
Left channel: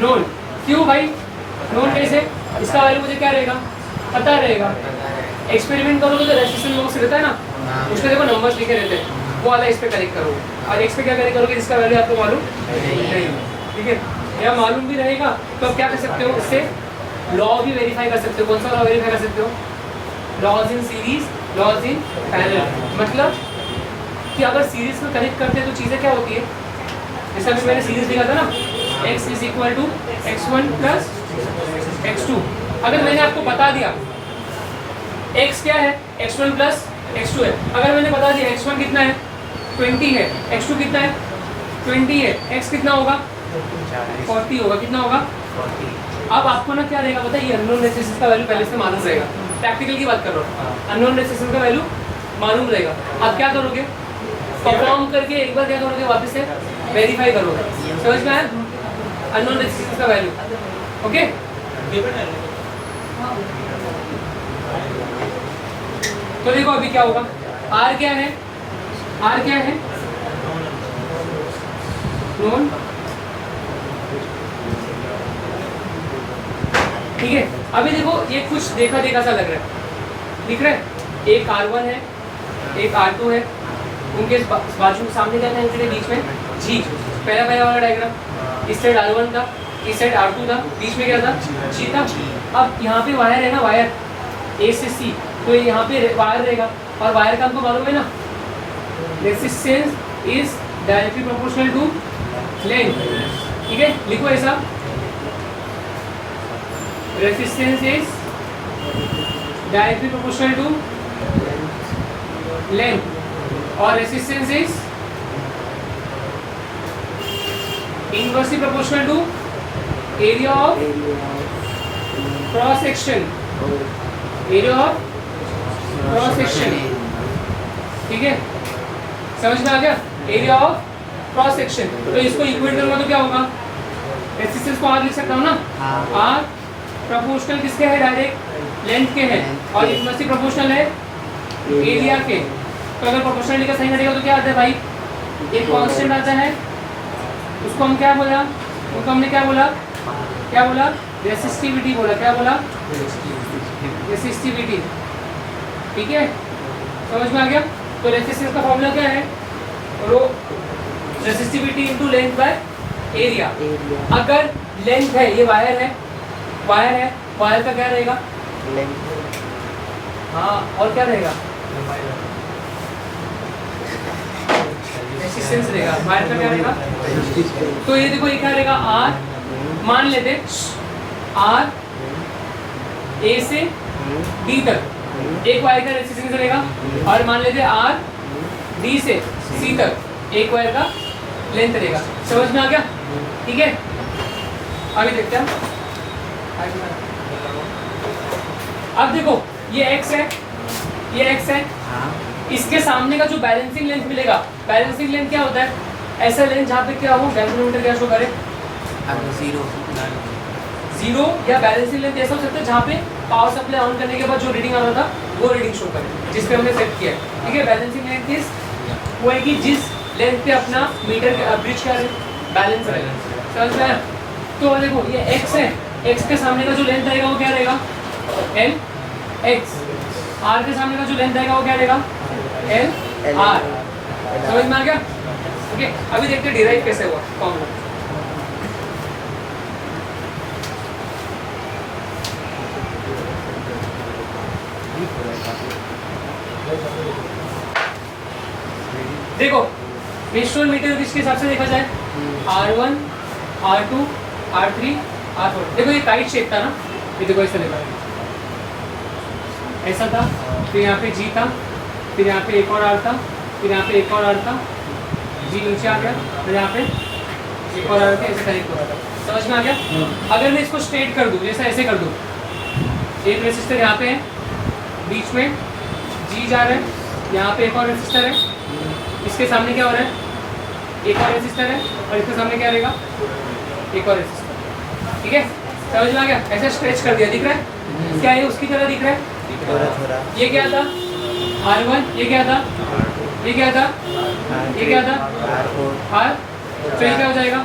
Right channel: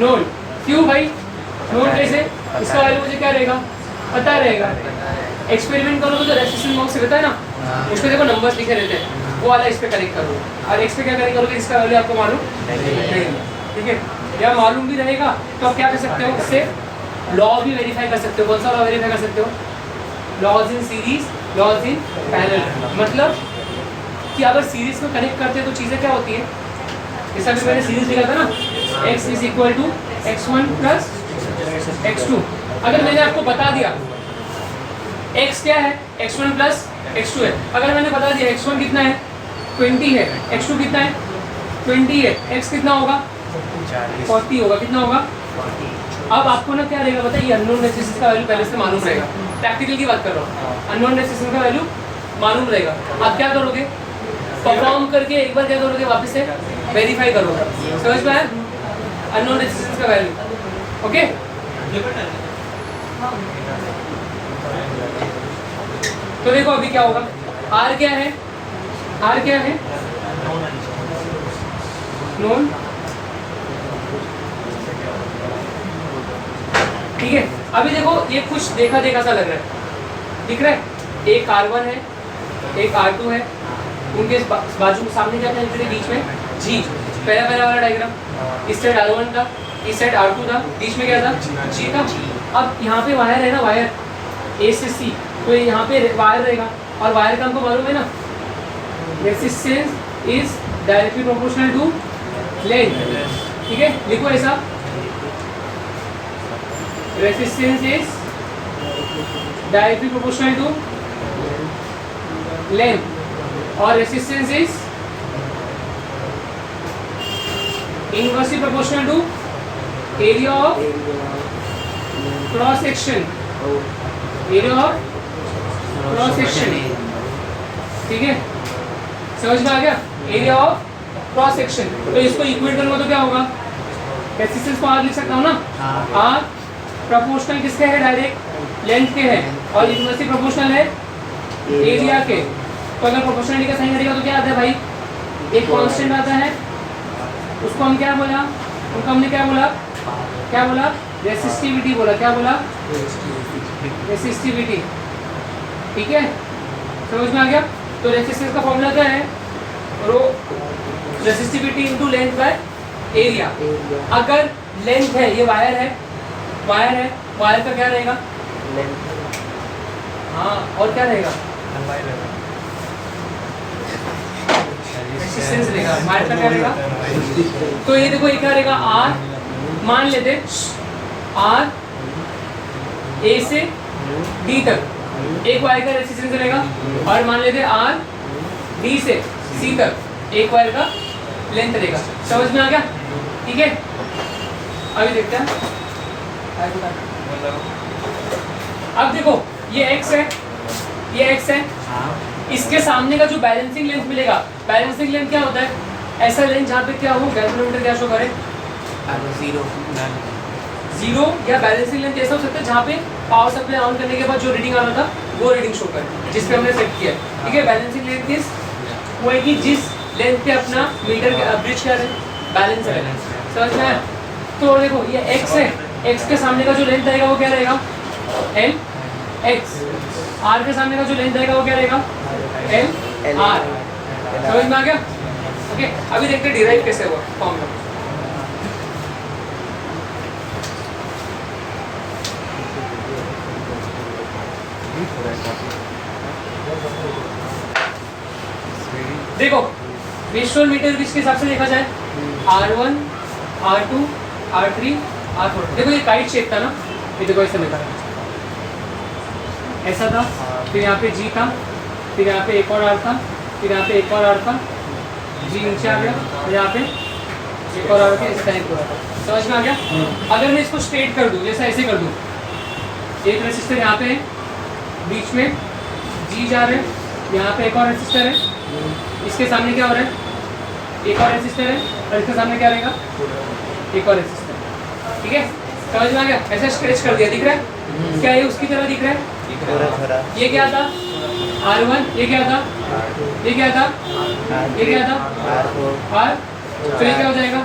नोन। क्यों भाई नोन कैसे, इसका वैल्यू मुझे क्या रहेगा, पता रहेगा। एक्सपेरिमेंट करोगे तो रेजिस्टेंस बॉक्स रहता है ना, उसमें देखो नंबर्स लिखे रहते हैं, वो वाला इस पे करेक्ट करोगे, और x पे क्या करेक्ट करोगे, इसका वैल्यू आपको मालूम नहीं, ठीक है। या मालूम भी रहेगा तो आप क्या कर सकते हो, इससे लॉ भी वेरीफाई कर सकते हो। कौन सा लॉ वेरीफाई कर सकते हो, laws in series, laws in parallel. मतलब कि अगर सीरीज में कनेक्ट करते हैं तो चीज़ें क्या होती है, जैसा कि मैंने सीरीज लिखा था ना, x is equal to x1 plus x2। अगर मैंने आपको बता दिया x क्या है, x1 प्लस x2 है, अगर मैंने बता दिया x1 कितना है 20 है, x2 कितना है 20 है, x कितना होगा 40 होगा, कितना होगा। अब आपको ना क्या रहेगा बताइए, अननोन रेजिस्टेंस का वैल्यू पहले से मालूम रहेगा, प्रैक्टिकल की बात कर रहा हूँ, अननोन रेजिस्टेंस का वैल्यू मालूम रहेगा। अब क्या करोगे, परफॉर्म करके एक बार क्या करोगे, वापस से वेरीफाई करोगे। समझ में आया, अननोन रेजिस्टेंस का वैल्यू, ओके। तो देखो अभी क्या होगा, R क्या है, R क्या है, नोन, ठीक है। अभी देखो ये कुछ देखा देखा सा लग रहा है, दिख रहा है, एक R1 है, एक R2 है, उनके बाजू में सामने जाता है, इनके बीच में G, पहला वाला डायग्राम, इस साइड R1 था, इस साइड R2 था, बीच में क्या था, G था। अब यहाँ पे वायर है ना, वायर A से C, तो यहाँ पे वायर रहेगा, और वायर का हमको मालूम है ना, resistance is directly proportional to length, ठीक है। लिखो ऐसा, resistance is directly proportional to length, और resistance is inversely proportional to area of cross section, area of cross section, ठीक है। समझ में आ गया, एरिया ऑफ क्रॉस सेक्शन। तो इसको इक्वेट करूंगा तो क्या होगा, रेजिस्टेंस को R लिख सकता हूँ ना, R प्रोपोर्शनल किसके है, डायरेक्ट लेंथ के है, और इनवर्सली प्रोपोर्शनल है एरिया के। तो अगर प्रोपोर्शनलिटी का साइन करेगा तो क्या आता है भाई, एक कांस्टेंट आता है, उसको हम क्या बोला, उनको हमने क्या बोला, क्या बोला, रेसिस्टिविटी बोला, क्या बोला, रेसिस्टिविटी, ठीक है। समझ में आ गया। तो रेजिस्टेंस का फॉर्मूला क्या है, rho resistivity into length by area. अगर लेंथ है, ये वायर है, वायर है, वायर का क्या रहेगा, हाँ, और क्या रहेगा, रेसिस्टेंस रहेगा, वायर का क्या रहेगा। तो ये देखो ये क्या रहेगा, आर मान लेते आर ए से डी तक एक वायर का रेसिस्टेंस रहेगा, और मान लेते आर डी से सी तक एक वायर का लेंथ रहेगा। समझ में आ गया? ठीक है, आगे देखते हैं। अब देखो ये x है, ये x है, इसके सामने का जो बैलेंसिंग लेंथ मिलेगा, बैलेंसिंग लेंथ क्या होता है, ऐसा लेंथ जहाँ पे क्या हो, गैल्वेनोमीटर क्या शो करे, जीरो, या बैलेंसिंग लेंथ ऐसा हो सकता है जहाँ पे पावर सप्लाई ऑन करने के बाद जो रीडिंग आ रहा था वो रीडिंग शो करे, जिस पे हमने सेट किया है। ठीक है, बैलेंसिंग लेंथ इज वो है कि जिस लेंथ पे अपना मीटर ब्रिज का बैलेंस है। समझ में आया? तो देखो ये x है, x के सामने का जो लेंथ आएगा वो क्या रहेगा, l x, r के सामने का जो लेंथ आएगा वो क्या रहेगा, l r। समझ में आ गया? ओके, अभी देखते हैं डिराइव कैसे हुआ फॉर्मूला। देखो विजुअल मीटर किसके हिसाब से देखा जाए, R1, R2, R3, R4। देखो ये काइट शेप था ना, ये देखो ऐसा लिखा है, ऐसा था, फिर यहाँ पे G था, फिर यहाँ पे एक और R था, फिर यहाँ पे एक और R था, G नीचे आ गया, और यहाँ पे एक और R के ऐसे कनेक्ट हो रहा था। समझ में आ गया? अगर मैं इसको स्ट्रेट कर दूँ, जैसा ऐसे कर दूँ, एक रेसिस्टर यहाँ पे है, बीच में G जा रहा है, यहाँ पे एक और रेसिस्टर है, इसके सामने क्या हो रहा है, एक और रेसिस्टर है, और इसके सामने क्या रहेगा, एक और रेसिस्टर। ठीक है, समझ में आ गया? ऐसे स्ट्रेच कर दिया, दिख रहा है क्या, ये उसकी तरह दिख रहा है थोड़ा। ये क्या था, R1, ये क्या था, ये क्या था, ये क्या था, R। तो ये क्या हो जाएगा,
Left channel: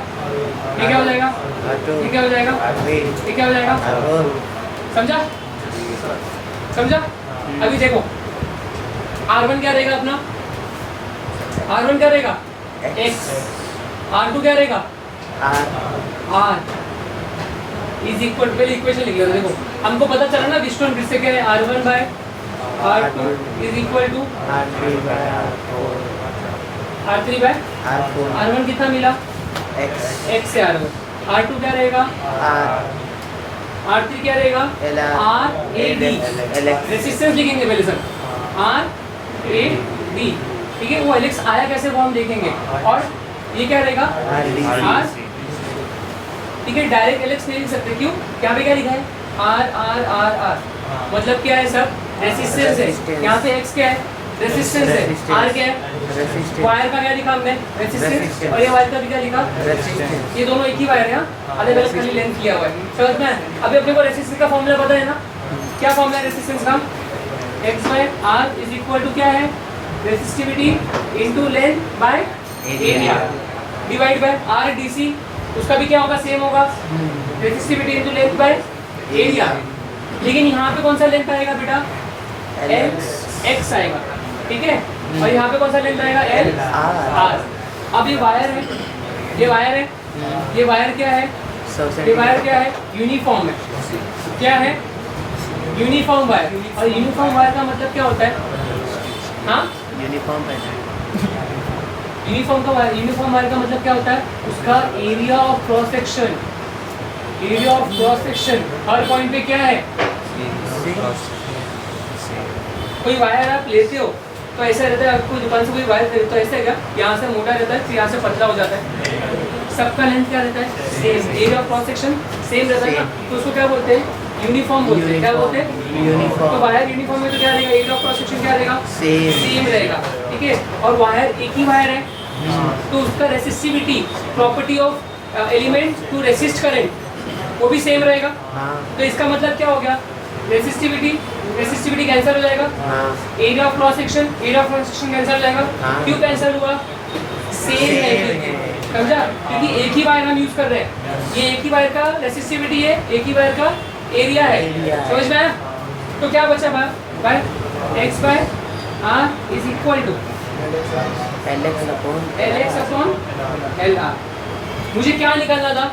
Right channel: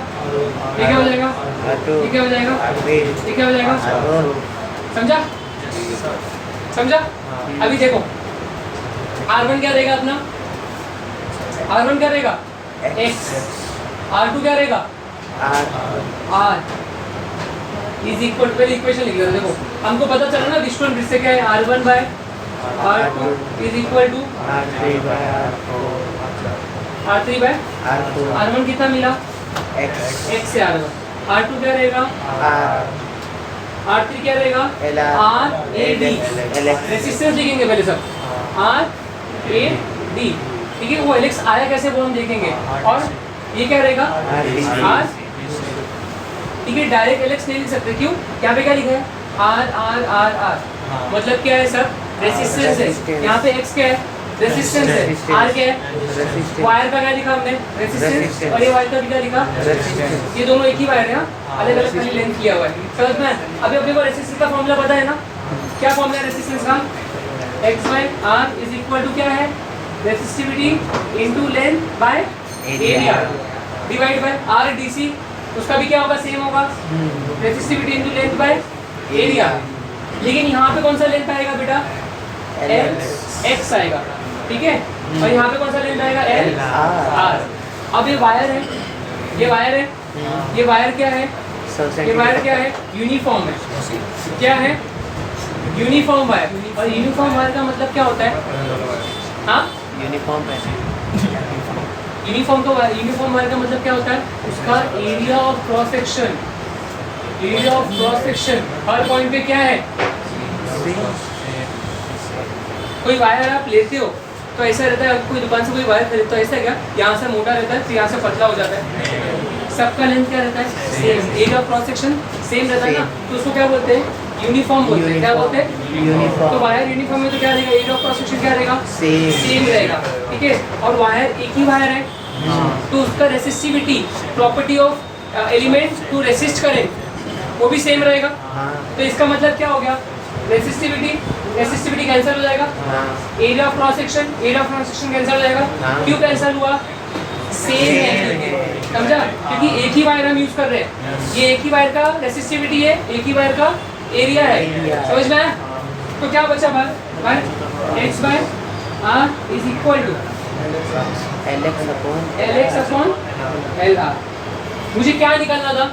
ये क्या हो जाएगा, ये क्या हो जाएगा, ये क्या हो जाएगा, समझा? समझा? अभी देखो R1 क्या रहेगा अपना, R1 क्या रहेगा x, R2 क्या रहेगा R इज इक्वल टू, पहले इक्वेशन लिख लो। देखो हमको पता चला ना डिस्टेंस किससे क्या है, R1 by R2 is equal to R3 by R4। R1 कितना मिला, x से R1, R2 क्या रहेगा R3 क्या रहेगा RAD, रेसिस्टेंस लिखेंगे पहले सब, RAD। ठीक है, वो एलेक्स आया कैसे वो हम देखेंगे, और ये क्या रहेगा R। ठीक है, डायरेक्ट एलेक्स नहीं लिख सकते, क्यों, यहाँ पे क्या लिखा है R, मतलब क्या है सर, रेसिस्टेंस है, यहाँ पे x क्या है, रेसिस्टेंस है, R क्या है, वायर का क्या लिखा हमने, रेसिस्टेंस, और ये वायर का भी क्या लिखा, ये दोनों एक ही वायर है, अलग अलग खाली लेंथ किया हुआ है। समझ में? अभी अपने को रेसिस्टेंस का फॉर्मूला पता है ना, क्या फॉर्मूला है रेसिस्टेंस का, x by r is equal to क्या है, resistivity into length by area divide by r dc, उसका भी क्या होगा, सेम होगा, resistivity into length by area. लेकिन यहाँ पे कौन सा लेंथ आएगा बेटा, x आएगा। ठीक है, और यहाँ पे कौन सा लेंथ आएगा, l r। अब ये वायर है, ये वायर है, ये वायर क्या है, ये वायर क्या है, यूनिफॉर्म है, क्या है, यूनिफॉर्म वायर। और यूनिफॉर्म वायर का मतलब क्या होता है, हाँ यूनिफॉर्म यूनिफॉर्म वायर का मतलब क्या होता है, उसका area of cross section, area of cross section her point पे क्या है, कोई वायर आप लेते हो तो ऐसा रहता है, कोई दुकान से कोई वायर खरीदते हो ऐसा है, यहाँ से मोटा रहता है, फिर यहाँ से पतला हो जाता है, सबका लेंथ क्या रहता है, same, area of cross section same रहता है ना, तो उसको क्या बोलते हैं, यूनिफॉर्म बोलते हैं। क्या बोलते हैं, यूनिफॉर्म। तो वायर यूनिफॉर्म में तो क्या रहेगा, एरिया ऑफ क्रॉस सेक्शन क्या रहेगा, सेम रहेगा। ठीक है, और वायर एक ही वायर है, तो उसका resistivity, property of element to resist current, वो भी सेम रहेगा। तो इसका मतलब क्या हो गया, रेसिस्टिविटी कैंसिल हो जाएगा, area of cross section cancel हो जाएगा। क्यों कैंसिल हुआ, सेम है, समझा, क्योंकि एक ही वायर हम यूज कर रहे हैं, ये एक ही वायर का रेसिस्टिविटी है, एक ही वायर का एरिया है, समझ में आया। तो क्या बचा भाई, x by r is equal to LX upon LR। मुझे क्या निकालना था,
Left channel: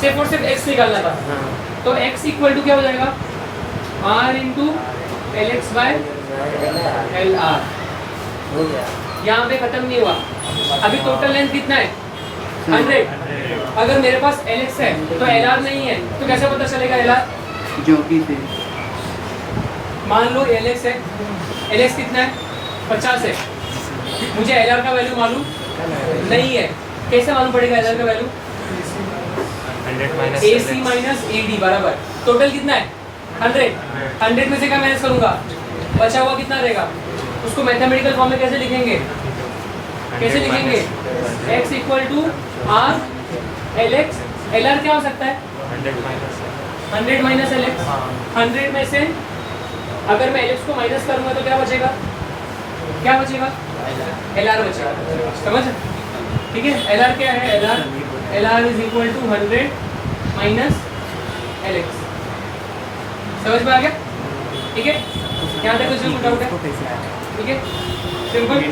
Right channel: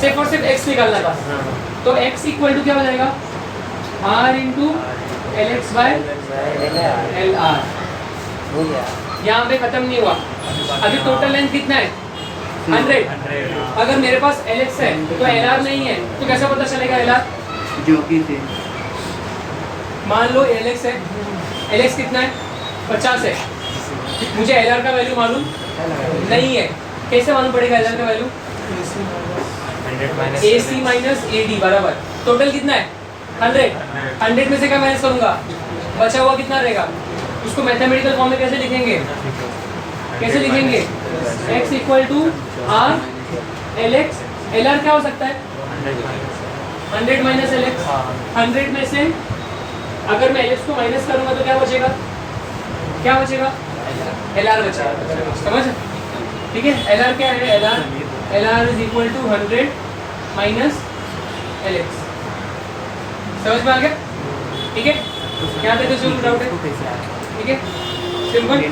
सिर्फ और सिर्फ x निकालना था, तो x इक्वल टू क्या हो जाएगा, r into LX by LR हो गया। यहाँ पे खत्म नहीं हुआ। अभी टोटल लेंथ कितना है 100। अगर मेरे पास LX है तो LR नहीं है, तो कैसे पता चलेगा LR? जो कि थे मान लो LX है, LX कितना है 50 है, मुझे LR का वैल्यू मालूम नहीं है, कैसे मालूम पड़ेगा LR का वैल्यू? 100 AC माइनस AD बराबर टोटल कितना है 100 में से क्या माइनस करूंगा, बचा हुआ कितना रहेगा? उसको मैथमेटिकल फॉर्म में कैसे लिखेंगे? x equal to R LX। LR क्या हो सकता है 100 माइनस LX। 100 में से अगर मैं LX को माइनस करूंगा तो क्या बचेगा? LR बचेगा। समझ? ठीक है, LR क्या है? LR is equal to 100 minus LX। समझ में आ गया? ठीक है, यहाँ तक कुछ डाउट है? कैसे आ रहा ठीक है, सिंपल। है?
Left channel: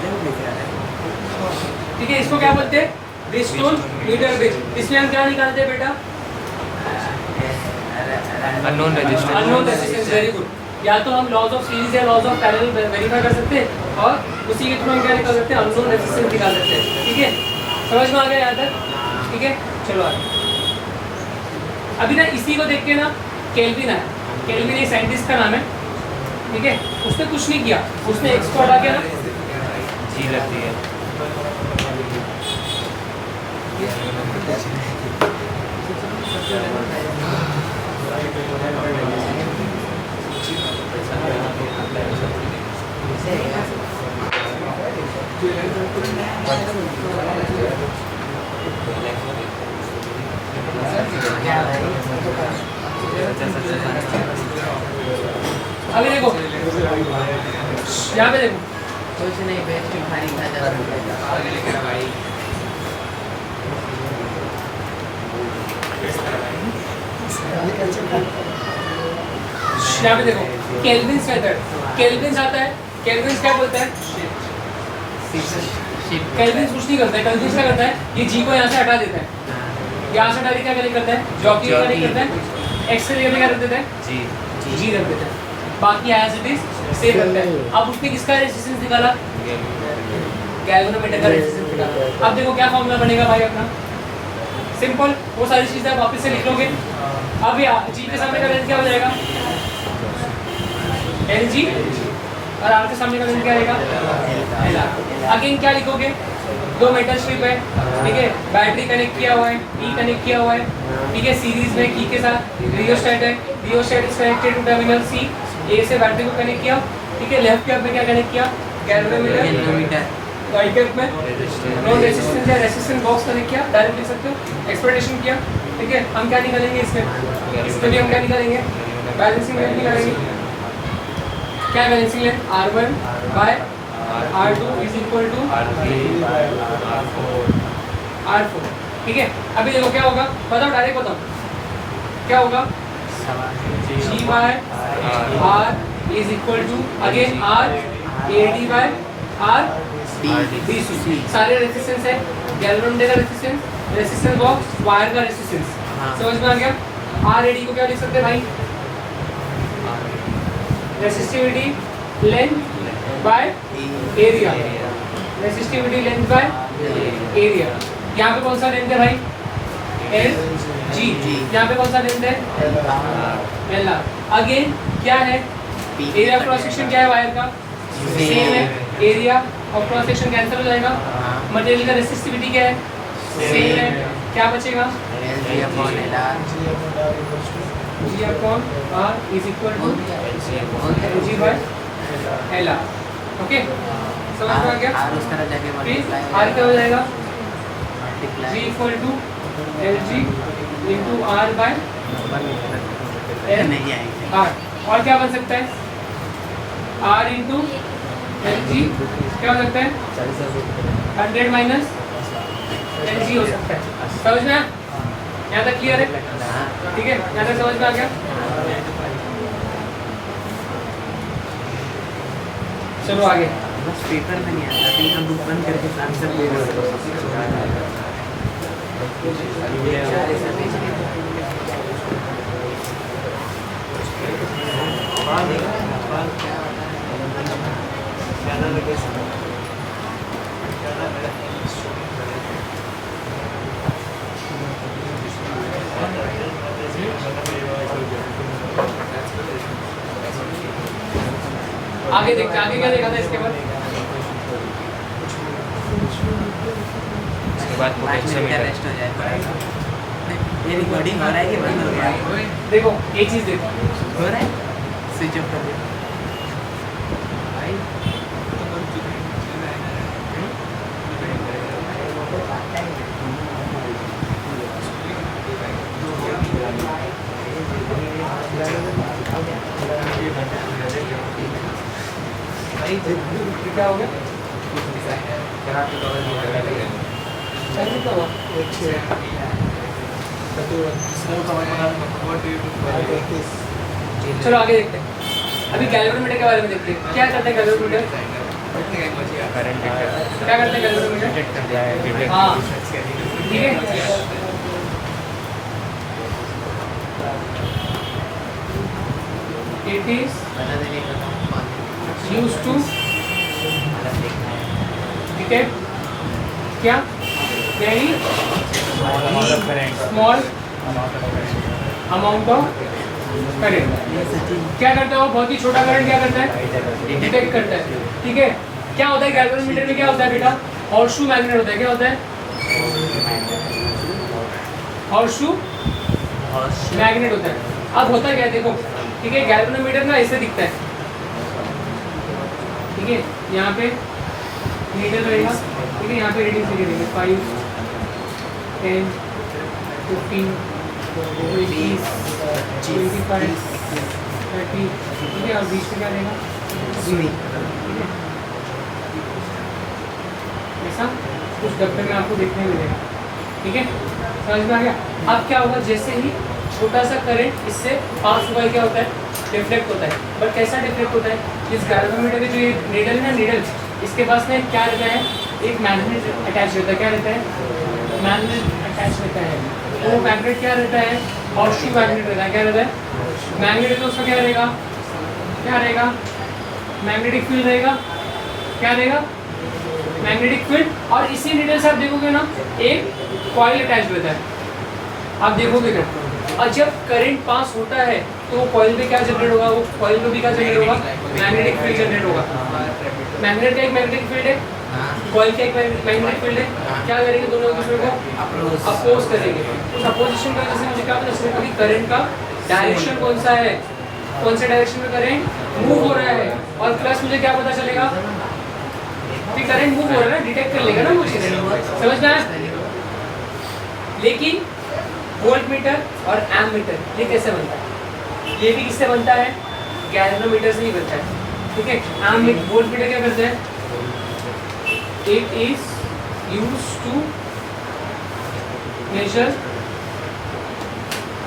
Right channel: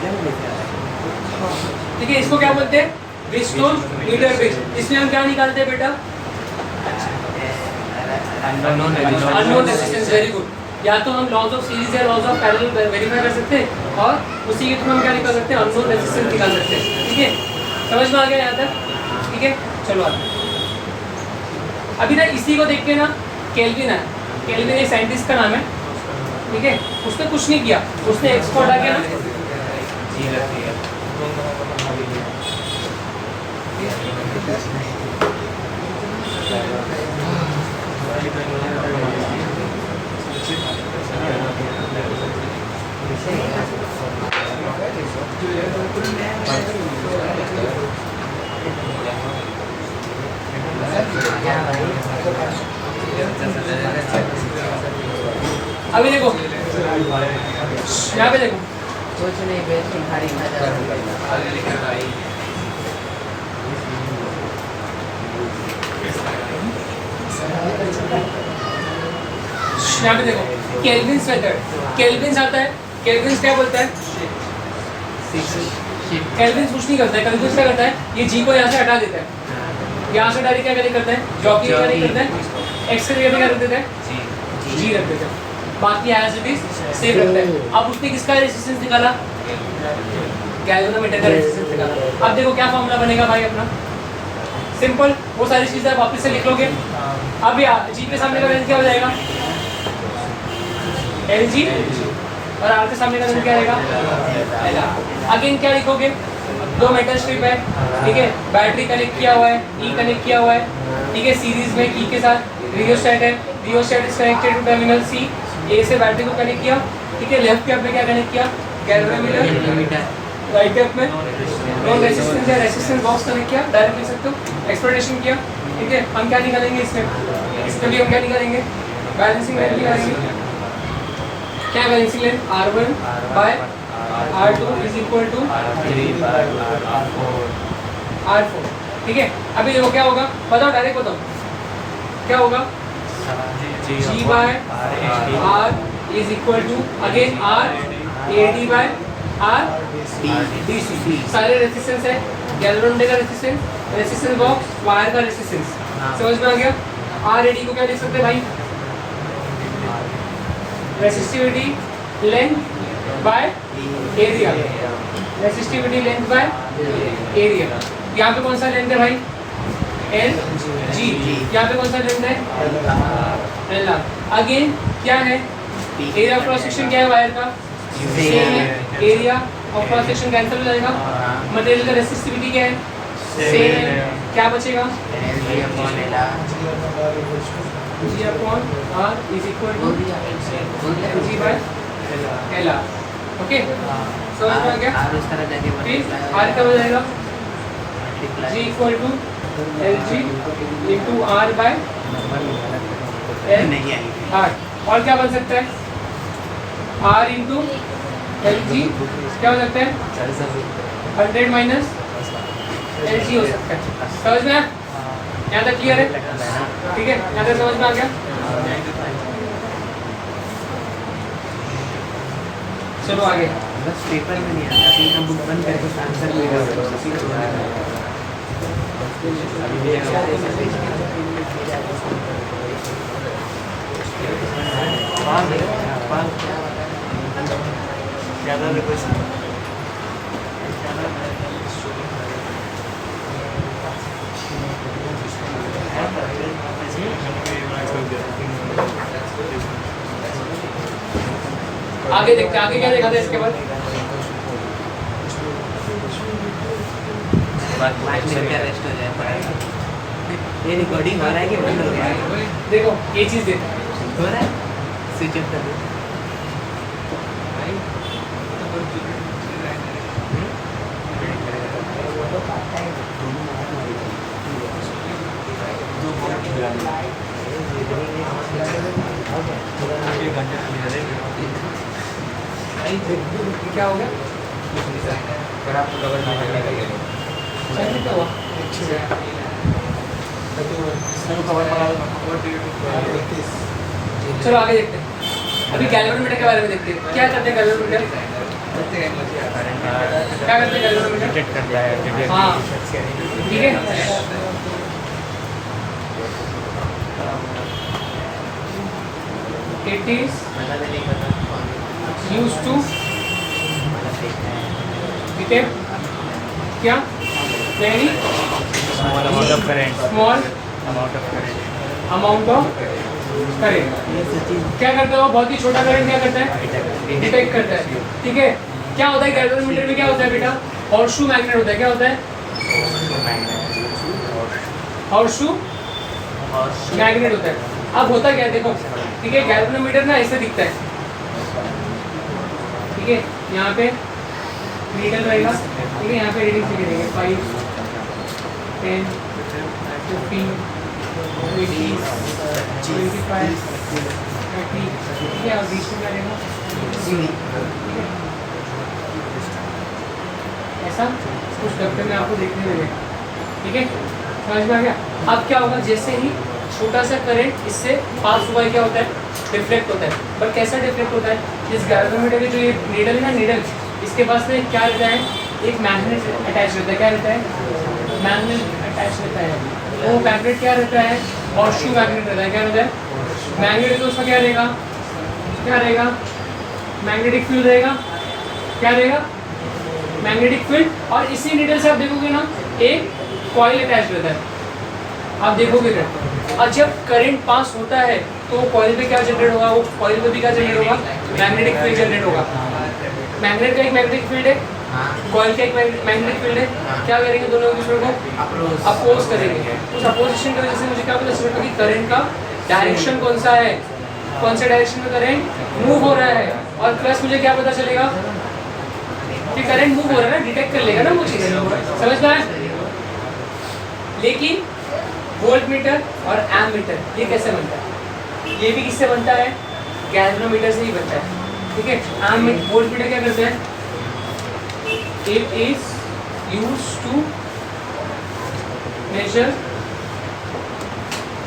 ठीक है, इसको क्या बोलते हैं? Bridgestone Newton bridge. इसमें हम क्या निकालते हैं बेटा? Unknown resistance. Very good. या तो हम लॉज ऑफ सीरीज या लॉज ऑफ पैरेलल वेरीफाई कर सकते हैं और उसी के थ्रू हम क्या निकाल सकते हैं? अननोन रेजिस्टेंस निकाल सकते हैं। ठीक है, समझ में आ गया यहाँ तक? ठीक है, चलो आगे। अभी ना इसी को देख के ना केल्विन है, केल्विन एक साइंटिस्ट का नाम है, ठीक है, उसने कुछ नहीं किया, उसने एक्स को हटा के ना जी लगती है। अभी देखो यहाँ पे देखो, कुछ नहीं बे, तुम्हारी नजर यहाँ पे देखो केल्विन्स मेथड। केल्विन्स आता है, केल्विन्स क्या बोलता है? केल्विन्स कुछ नहीं करता है, केल्विन्स क्या करता है? ये जी को यहाँ से हटा देता है, यहाँ से डायरेक्ट क्या करता है? जॉकी क्या नहीं करता है? एक्स से क्या कर देता है? जी रख देता है, बाकी एज इट इज सेम रखता है। अब उसने किसका रेजिस्टेंस निकाला? गैल्वेनोमीटर का रेजिस्टेंस निकाला। अब देखो क्या फॉर्मूला बनेगा भाई अपना, सिंपल, वो सारी चीजें आप वापस से लिख लोगे। अब जी के सामने का लेंथ क्या हो जाएगा? LG, और R के सामने का लेंथ क्या आएगा? LR। अगेन क्या लिखोगे? दो मेटल स्ट्रिप है, ठीक है, बैटरी कनेक्ट किया हुआ है, ई कनेक्ट किया हुआ है, ठीक है, सीरीज में की के साथ रियोस्टेट है, rheostat is connected to terminal C। A से बैटरी को कनेक्ट किया, ठीक है, लेफ्ट कैप में क्या कनेक्ट किया? गैल्वेनोमीटर। राइट कैप में नॉन रेजिस्टेंस या रेजिस्टेंस बॉक्स कनेक्ट किया, डायरेक्ट लिख सकते हो, एक्सपेक्टेशन किया। ठीक है, हम क्या निकालेंगे इसमें भी हम क्या निकालेंगे? बैलेंसिंग लेंथ निकालेंगे। क्या balancing length? R1 by R2 is equal to R4। ठीक है, अभी देखो क्या होगा, बताओ, डायरेक्ट बताओ क्या होगा? G by R is equal to again R AD by R DC। सारे रेजिस्टेंस है, गैल्वेनोमीटर का रेजिस्टेंस बॉक्स, वायर का रेजिस्टेंस। समझ में आ गया? RAD को क्या लिख सकते हैं भाई? Resistivity length by area. Resistivity length by area. यहाँ पे कौन सा लेंथ है भाई? LG। यहाँ पे कौन सा लेंथ है? LR। अगेन क्या है? एरिया क्रॉस सेक्शन क्या है वायर का? सेम है, एरिया और क्रॉस सेक्शन कैंसिल हो जाएगा। मटेरियल का रेसिस्टिविटी क्या है? सेम है, क्या बचेगा? G upon R is equal to LG by LR। Okay, समझ में आ गया? उस तरह जाके फिर R क्या हो जाएगा? G equal to LG into R by नहीं आएंगे। R। और क्या बन सकता है? R into LG क्या हो सकता है? 100 माइनस LG हो सकता है। समझ में आया? यहाँ तक क्लियर है? ठीक है, यहाँ तक समझ में आ गया? चलो आगे। बस पेपर में नहीं आता, अभी हम बुक बंद करके आंसर ले रहे आगे देखते हैं, आगे क्या देखा था इसके बाद? उसके बाद 5 मिनट का रेस्ट हो जाए थोड़ा सा। ये रिकॉर्डिंग हो रहा है कि बंद हो गया है? देखो ये चीज़ देखो, हो रहा है, स्विच ऑफ कर दे। क्या होगा? सही तो हुआ। चलो आगे देखते हैं। अभी गैल्वेनोमीटर के बारे में देखते हैं। क्या करते हैं गैल्वेनोमीटर? क्या करते हैं गैल्वेनोमीटर? डिटेक्ट कर दिया है, डिटेक्ट हाँ, ठीक है। It is used to detect क्या? Very amount of current, small amount of current, amount of current। क्या करता है वो? बहुत ही छोटा करंट क्या करता है? डिटेक्ट करता है, ठीक है। क्या होता है गैल्वेनोमीटर में? क्या होता है बेटा? हॉर्सशू मैग्नेट होता है। क्या होता है? हॉर्सशू मैग्नेट होता है। अब होता क्या है देखो, ठीक है। गैल्वेनोमीटर ना ऐसे दिखता है, ठीक है। यहाँ पे नीडल रहेगा, ठीक है। यहाँ पे रीडिंग लिखे देंगे 5, 10, 15, 20, 25, 30, ठीक है। और बीच में क्या रहेगा? ऐसा कुछ दफ्तर में आपको देखने मिलेगा, ठीक है। समझ में आ गया? अब क्या होगा, जैसे ही छोटा सा करंट इससे पास हुआ है, क्या होता है? डिफ्लेक्ट होता है। बट कैसा डिफ्लेक्ट होता है? इस गैल्वेनोमीटर के जो ये नीडल है ना, नीडल, इसके पास में क्या रहता है? एक मैग्नेट अटैच रहता है। क्या रहता है? मैग्नेट अटैच रहता है। तो वो मैग्नेट क्या रहता है? हॉर्सशू मैग्नेट रहता है। क्या रहता है? मैग्नेट। तो उसका क्या रहेगा? क्या रहेगा? मैग्नेटिक फील्ड रहेगा। क्या रहेगा? Magnetic field. और इसी नीडल से आप देखोगे ना, एक कॉइल अटैच रहता है। आप देखोगे ना, और जब करंट पास होता है तो कॉइल पे क्या जनरेट होगा? वो कॉइल पे भी क्या जनरेट होगा? मैग्नेटिक फील्ड जनरेट होगा। मैग्नेट का एक मैग्नेटिक फील्ड है, कॉइल का एक मैग्नेटिक फील्ड है। क्या करेंगे दोनों एक दूसरे को? अपोज करेंगे। उस अपोजिशन की वजह से मुझे क्या पता चलेगा कि करंट का डायरेक्शन कौन सा है, कौन से डायरेक्शन में करंट मूव हो रहा है। और प्लस मुझे क्या पता चलेगा कि करंट मूव हो रहा है ना, डिटेक्ट कर लेगा ना मुझे। समझ में आया? लेकिन वोल्टमीटर और एमीटर ये कैसे बनता है? ये भी किससे बनता है? गैल्वेनोमीटर से ही बनता है, ठीक है। वोल्टमीटर क्या करते हैं? It is used to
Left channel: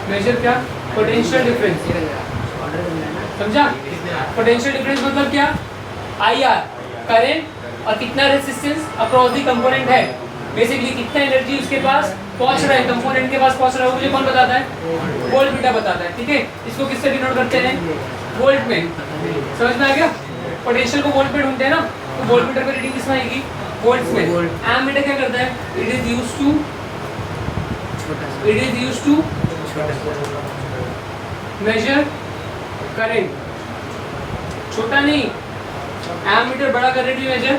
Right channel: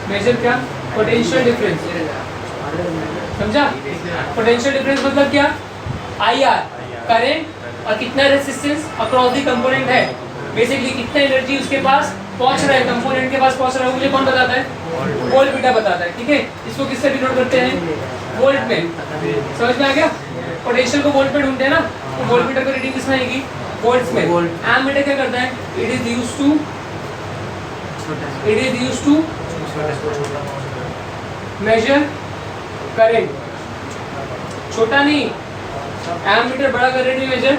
measure क्या? Potential difference. समझा? पोटेंशियल डिफरेंस मतलब क्या? IR, करंट, और कितना रेजिस्टेंस अक्रॉस दी कंपोनेंट है। बेसिकली कितना एनर्जी उसके पास पहुंच रहा है, कंपोनेंट के पास पहुंच रहा है, मुझे कौन बताता है? वोल्टमीटर बताता है, ठीक है। इसको किससे डिनोट करते हैं? वोल्ट में। समझ में आ गया? पोटेंशियल को वोल्ट में ढूंढते हैं ना, तो वोल्टमीटर की रीडिंग किसमें आएगी? वोल्ट्स में। एमीटर क्या करता है? It is used to measure current. छोटा नहीं, एमीटर बड़ा करंट भी मेजर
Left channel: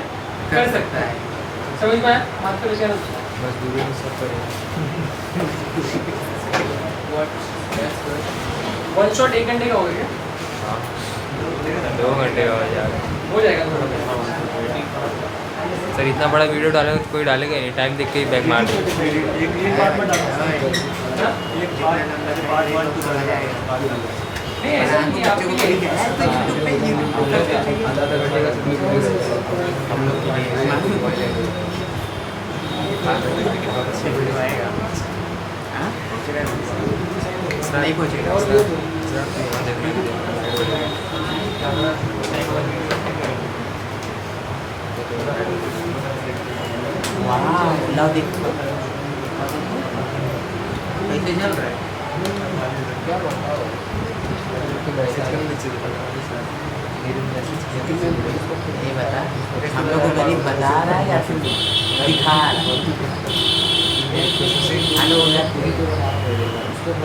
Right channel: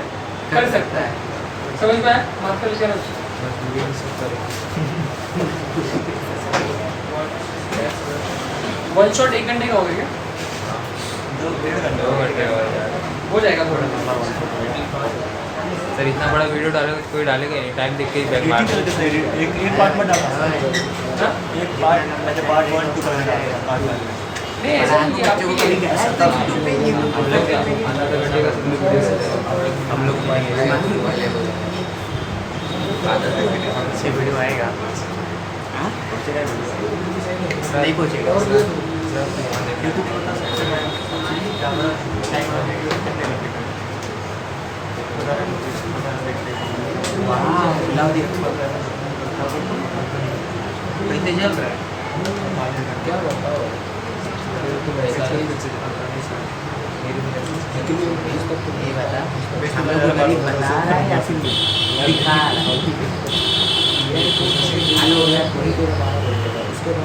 कर सकता है। समझ में आया? बात कर चलो। वन शॉट 1 घंटे का हो गया? 2 घंटे हो गए यार। हो जाएगा थोड़ा। सर इतना बड़ा वीडियो डालेगा तो कोई डालेगा नहीं, टाइम देख के ही बैक मार देगा। एक पार्ट में डालना है, हाँ? एक पार्ट 1 2 डालना है। नहीं ऐसा नहीं है, बच्चों को भी कहना है, तो यूट्यूब पे हम लोग हाँ? नहीं पहुँचेगा। वाह, लाओ देखो। कैसे चल रहा है? ये बता, हम लोग को गणित बता रहा है या फिर दिखा रहा है? हेलो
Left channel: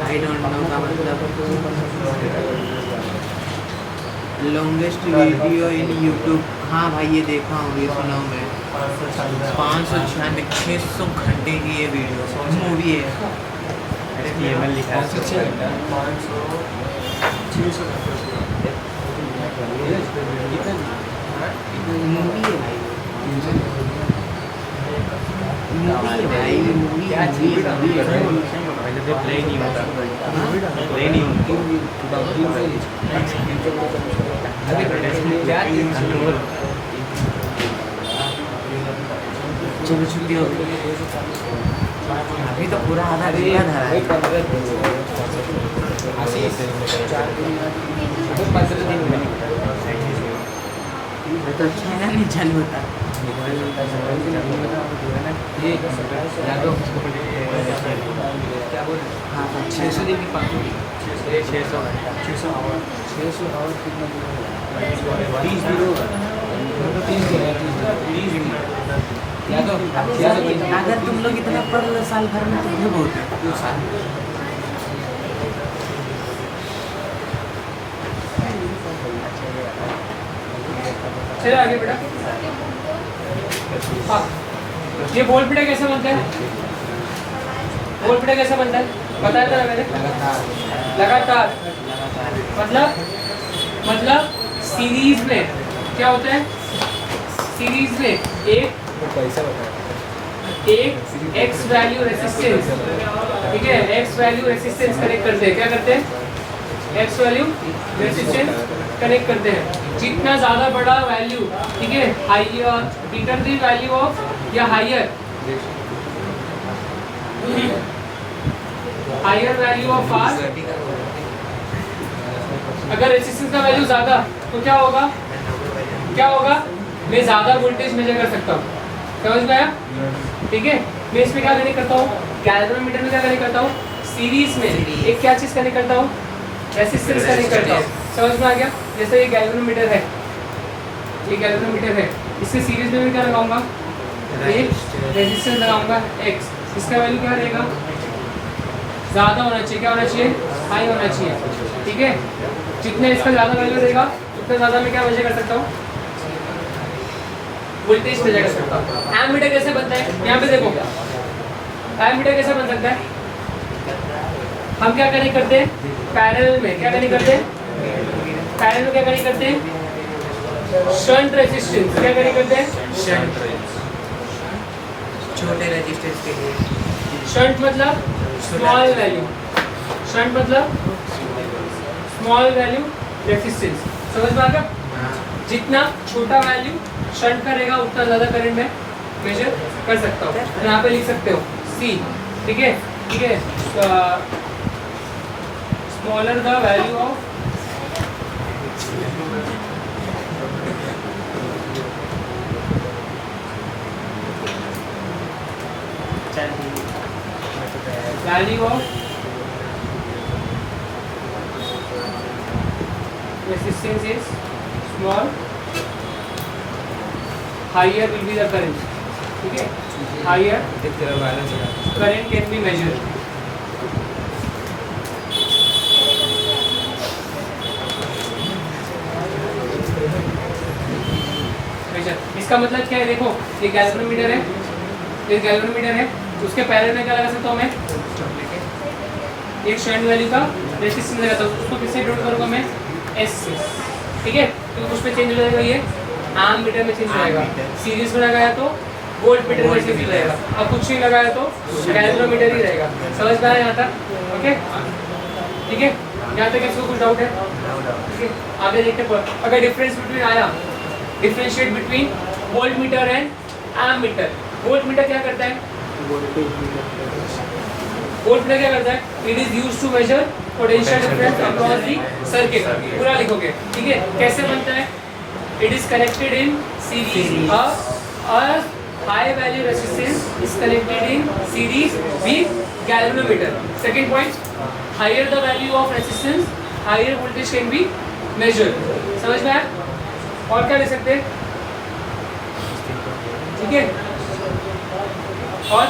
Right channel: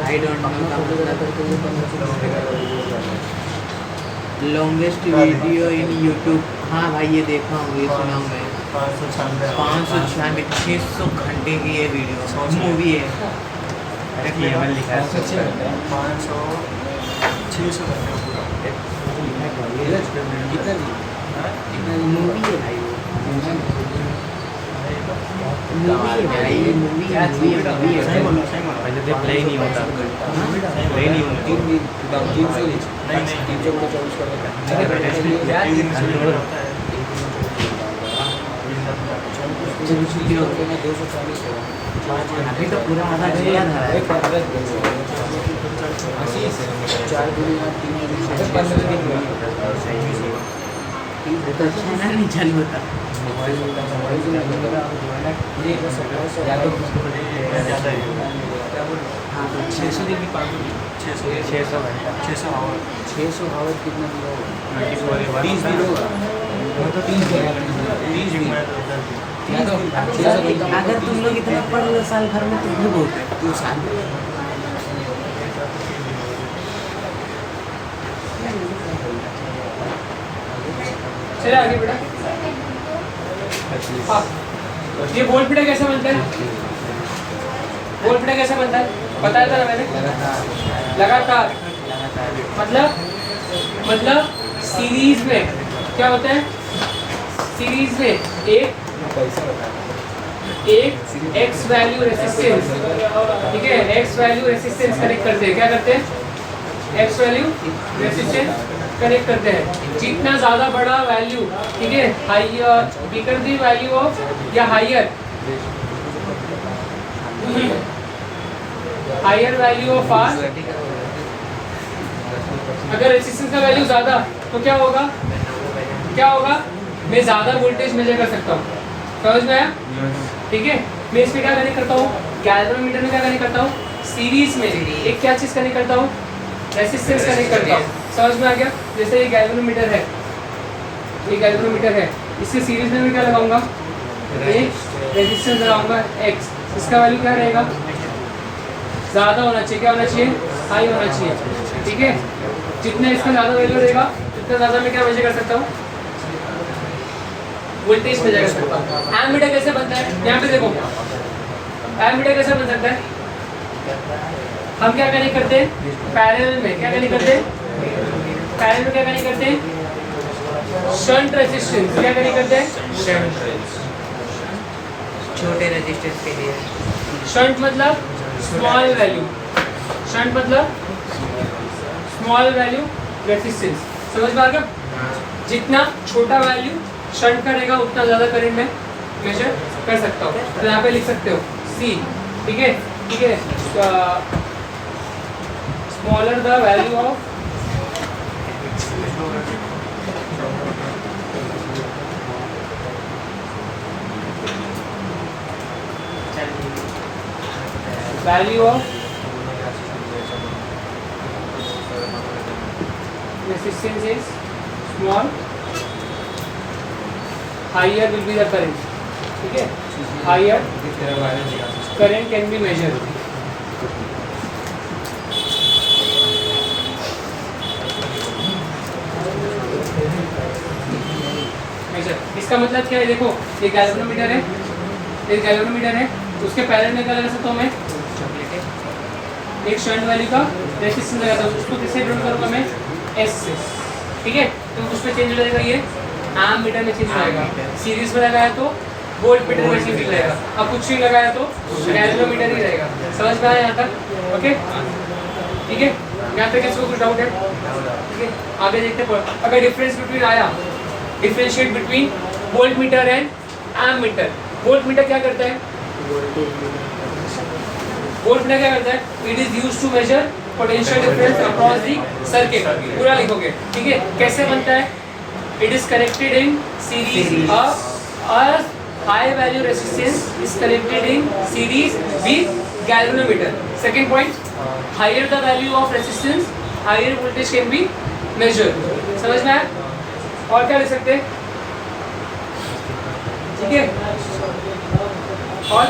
आई डोंट नो का मतलब लॉन्गेस्ट वीडियो इन यूट्यूब। हाँ भाई ये देखा हूँ, ये सुना हूँ मैं। 596 600 घंटे की ये वीडियो मूवी है। अरे केवल लिखा है 600 मूवी है भाई, मूवी है भाई, मूवी है, मूवी है। जो प्ले नहीं होता, प्ले नहीं होती। अभी तो पूरा आधा घंटा धरा है। तो अच्छा है ना, नहीं चालू होता। हाँ तो 600 अगर तुम लोग इतना पढ़ लो साल भर में तो भी बहुत है। चले आगे बेटा। हाँ, ये बोल पिटा कैसे बनता है? बोल पिटा कैसे बनता है बताया था ना मैंने। लगातार मतलब सीरीज में क्या होता है? सीरीज में एक एक्स वैल्यू रेसिस्टेंस, ठीक है, एक्स वैल्यू रेसिस्टेंस कनेक्ट करते हैं। क्या करते हैं? एक्स वैल्यू रेसिस्टेंस कनेक्ट करते हैं। जितना ज़्यादा बड़ा वैल्यू, ठीक है, higher greater the value of या हाइयर वैल्यू ऑफ आर, अगर रेसिस्टेंस का वैल्यू ज़्यादा तो क्या होगा? मैं ज़्यादा वोल्टेज मेजर कर सकता हूँ। समझ में आया? ठीक है, मैं इसमें क्या कनेक्ट करता हूँ? गैल्वेनोमीटर में क्या कनेक्ट करता हूँ? सीरीज में एक क्या चीज़ कनेक्ट करता हूँ? रेसिस्टेंस कनेक्ट करता हूँ। समझ में आ गया? जैसे ये गैल्वेनोमीटर है, इसके सीरीज में मैं क्या लगाऊंगा? एक रेजिस्टेंस लगाऊंगा x। इसका वैल्यू क्या रहेगा? ज़्यादा होना चाहिए। क्या होना चाहिए? हाई होना चाहिए। ठीक है, जितना इसका ज़्यादा वैल्यू रहेगा उतना ज़्यादा मैं क्या मेजर कर सकता हूँ? वोल्टेज मेजर कर सकता हूँ। एमीटर कैसे बनता है? यहाँ पे देखो, एमीटर कैसे बन सकता है? हम क्या कनेक्ट करते हैं? पैरेलल में क्या कनेक्ट करते हैं? पैरेलल में क्या कनेक्ट करते हैं? Shunt resistance. क्या कनेक्ट करते हैं? छोटे रेजिस्टेंस के लिए। शंट मतलब स्मॉल वैल्यू, शंट मतलब स्मॉल वैल्यू रेजिस्टेंस। समझ में आ गया? जितना छोटा वैल्यू शंट का रहेगा उतना ज़्यादा करंट में मेजर कर सकता हूँ। तो यहाँ पे लिख सकते हो सी। ठीक है, smaller the value of resistance is small, higher will be the current. ठीक है, higher current can be measured. इसका मतलब क्या है? देखो, ये गैल्वेनोमीटर है, उसके पैरेलल में क्या लगा सकता हूँ मैं? एक शंट वैल्यू का रेजिस्टेंस लगाता हूँ, उसको किससे डिनोट करूँगा मैं? एस से। ठीक है, तो उसमें चेंज हो जाएगा, ये एमीटर में चेंज हो जाएगा। सीरीज में लगाया तो वोल्ट मीटर में चेंज हो जाएगा, अब कुछ नहीं लगाया तो गैल्वेनोमीटर ही रहेगा। समझ में आया यहाँ तक? ओके, ठीक है, यहाँ पे किसी को कुछ डाउट है? ठीक है, आगे देखते हैं। अगर डिफरेंस बिटवीन आया, differentiate between voltmeter and ammeter. Voltmeter क्या करता है? वोल्ट मीटर क्या करता है? It is used to measure potential difference across the circuit. पूरा लिखोगे, ठीक है? कैसे बनता है? It is connected in series. A high value resistance is connected in series with galvanometer. Second point, higher the value of resistance, higher voltage can be measured. समझ में आया? और क्या लिख सकते हैं? ठीक है, और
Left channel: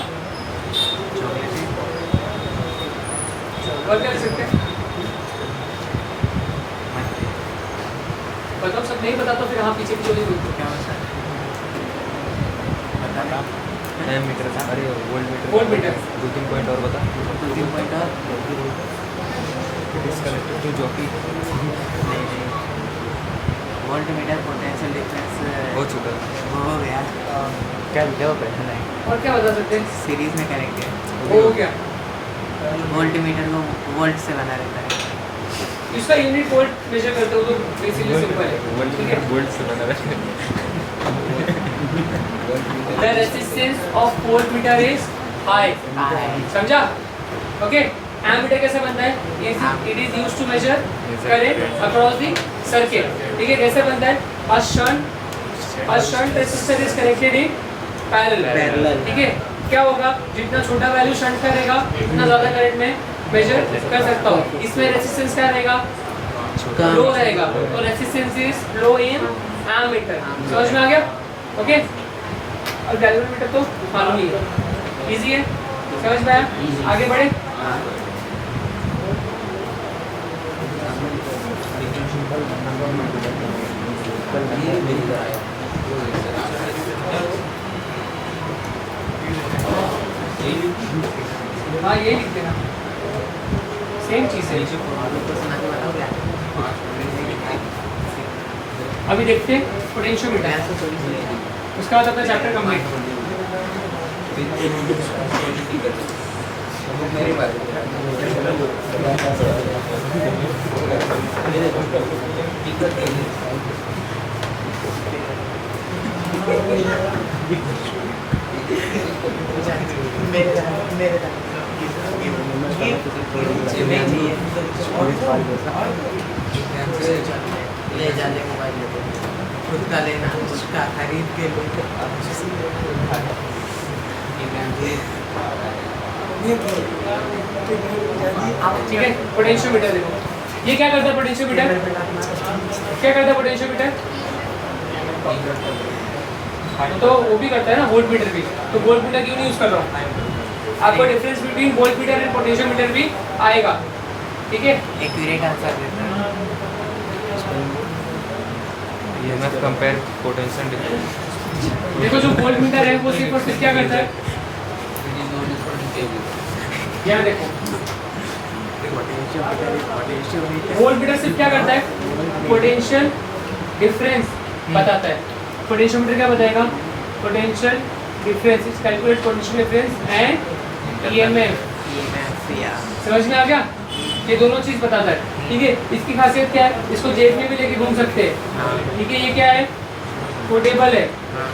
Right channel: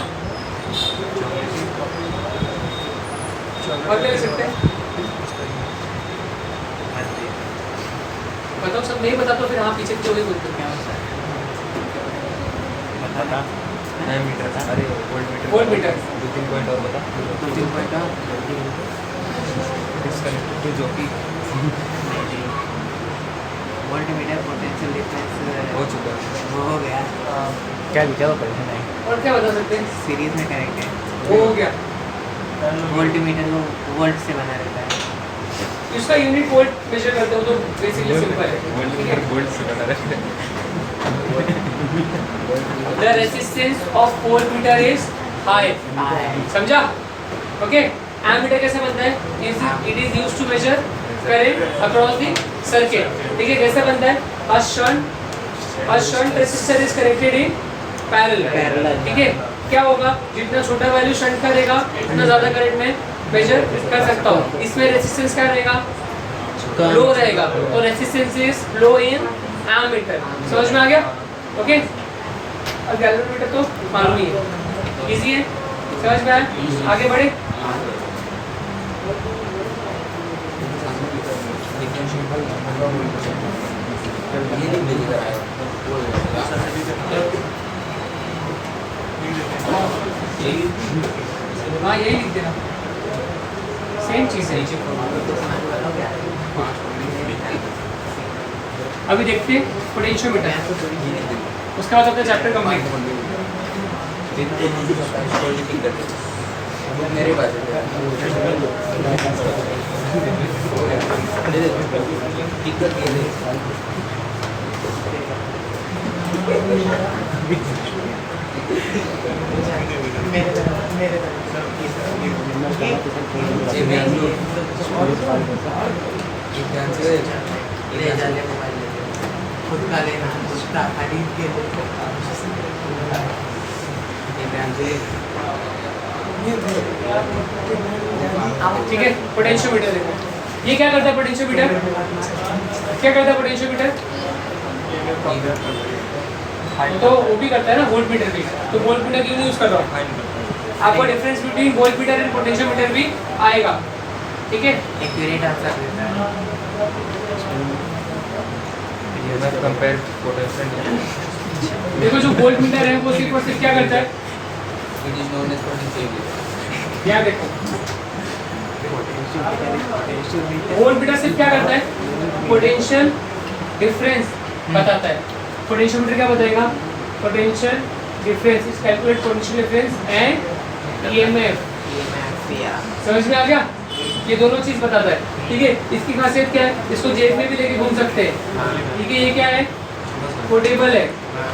क्या लिख सकते हैं? बताओ, सब नहीं बता तो फिर हाँ पीछे पीछे बोलते क्या होता है बता दें मीटर का, अरे वोल्ट वोल्ट मीटर। 2-3 पॉइंट और बता। 2-3 पॉइंट और तो जो कि वोल्ट मीटर पोटेंशियल डिफरेंस हो चुका है। वो हो गया क्या लिखा हुआ पहले नहीं और क्या बता सकते हैं? सीरीज में कनेक्ट है वो हो गया। वोल्ट मीटर को वोल्ट से बना रहता है इसका यूनिट वोल्ट मेजर करते हो तो बेसिकली सिंपल है। वोल्ट मीटर वोल्ट से बना रहा है। The resistance of voltmeter is high. समझा? ओके, एमीटर कैसे बनता है? It is used to measure current across the circuit. ठीक है, कैसे बनता है? A shunt resistor is connected in parallel. ठीक है, क्या होगा? जितना छोटा वैल्यू शंट करेगा उतना ज़्यादा करंट में मेजर कर सकता हूँ। इसमें रेजिस्टेंस क्या रहेगा? लो रहेगा, तो resistance is low in ammeter. समझ में आ गया? ओके, और गैल्वेनोमीटर तो मालूम ही है, इजी है, समझ में आया? आगे बढ़े। हाँ यही लिख देना, सेम चीज़ है। अभी देखते हैं पोटेंशियोमीटर, उसका बाद अपना चैप्टर कंप्लीट। ले जाने मोबाइल लेते खुद का लेना खुद का खरीद के लो ठीक है, पोटेंशियोमीटर देखो, ये क्या करता है पोटेंशियोमीटर? क्या करता है पोटेंशियोमीटर? तो वो भी करता है ना, वोल्ट मीटर भी। तो वोल्ट मीटर क्यों नहीं यूज कर रहा हूँ? आपको difference between voltmeter and potentiometer भी आएगा। ठीक है, एक्यूरेट आंसर देता है ईएमएफ कंपेयर पोटेंशियल देखो जो वोल्ट मीटर है वो सिर्फ और सिर्फ क्या करता है? यहाँ देखो, वोल्ट मीटर सिर्फ क्या करता है? पोटेंशियल डिफरेंस बताता है। पोटेंशियोमीटर क्या बताएगा? Potential difference is calculate potential difference and EMF. समझ में आ गया? ये दोनों चीज बताता है। ठीक है, इसकी खासियत क्या है? इसको जेब में भी लेके घूम सकते हैं। ठीक है, ये क्या है? पोर्टेबल है।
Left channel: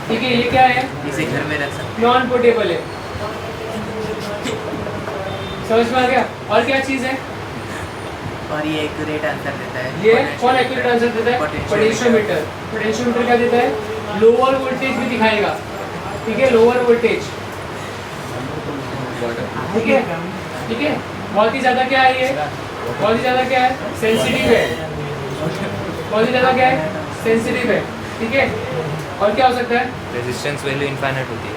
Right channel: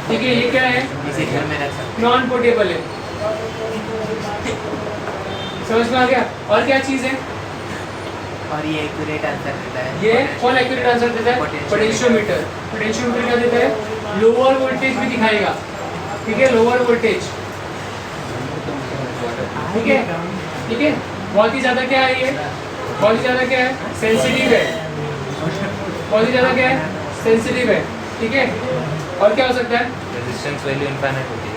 ठीक है, ये क्या है? इसे घर में रख सकते नॉन पोर्टेबल है। समझ में आ गया? और क्या चीज है? और ये एक्यूरेट आंसर देता है ये कौन एक्यूरेट आंसर देता है? पोटेंशियोमीटर। पोटेंशियोमीटर क्या देता है? लोअर वोल्टेज भी दिखाएगा। ठीक है, लोअर वोल्टेज। ठीक है, ठीक है, बहुत ही ज़्यादा क्या है ये? बहुत ही ज़्यादा क्या है? सेंसिटिव है। बहुत ही ज़्यादा क्या है? सेंसिटिव है। ठीक है, और क्या हो सकता है? रेजिस्टेंस वैल्यू इनफाइनाइट होती है।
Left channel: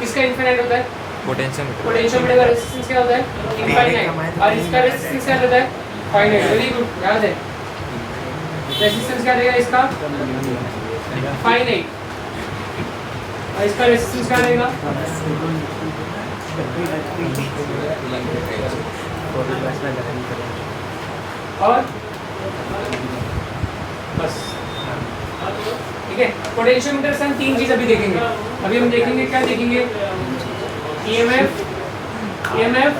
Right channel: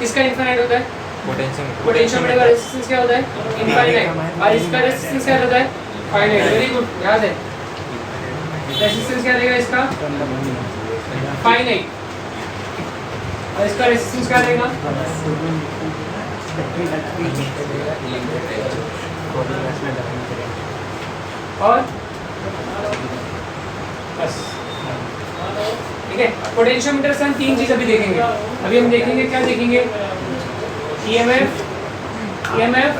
किसका इनफाइनाइट होता है? पोटेंशियोमीटर पोटेंशियोमीटर का रेजिस्टेंस क्या होता है? इनफाइनाइट। और इसका रेजिस्टेंस क्या होता है? फाइनाइट। वेरी गुड, याद है। रेजिस्टेंस क्या रहेगा इसका? फाइनाइट। और इसका रेजिस्टेंस क्या रहेगा? और बस, ठीक है। पोटेंशियोमीटर से हम तीन चीज अभी देखेंगे। अभी हम देखेंगे, क्या देखेंगे? ईएमएफ, ईएमएफ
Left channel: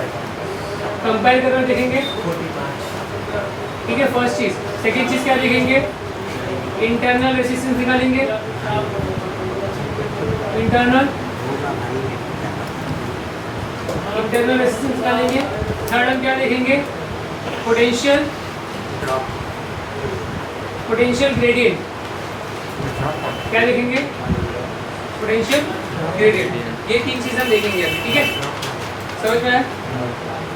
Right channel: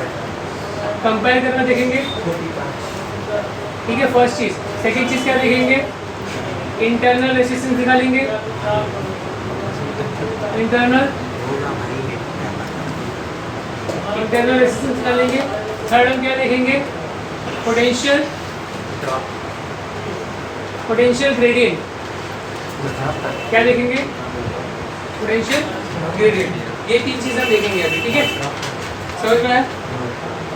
कंपेयर करना देखेंगे। ठीक है, फर्स्ट चीज। सेकंड चीज क्या देखेंगे? इंटरनल रेजिस्टेंस निकालेंगे। इंटरनल रेजिस्टेंस निकालेंगे। थर्ड हम क्या देखेंगे? Potential gradient. क्या देखेंगे? Potential gradient. ये तीन चीजें हम देखेंगे अभी। ठीक है, समझ में आया?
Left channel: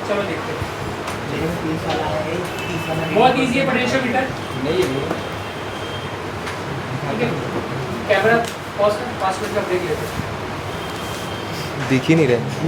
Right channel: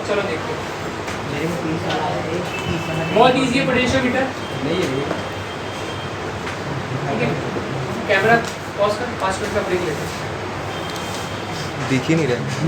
चलो देखते हैं। बहुत इजी है पोटेंशियोमीटर। ठीक है, कैमरा पॉज कर, 5 मिनट का ब्रेक लेते हैं। दिख ही नहीं रहा।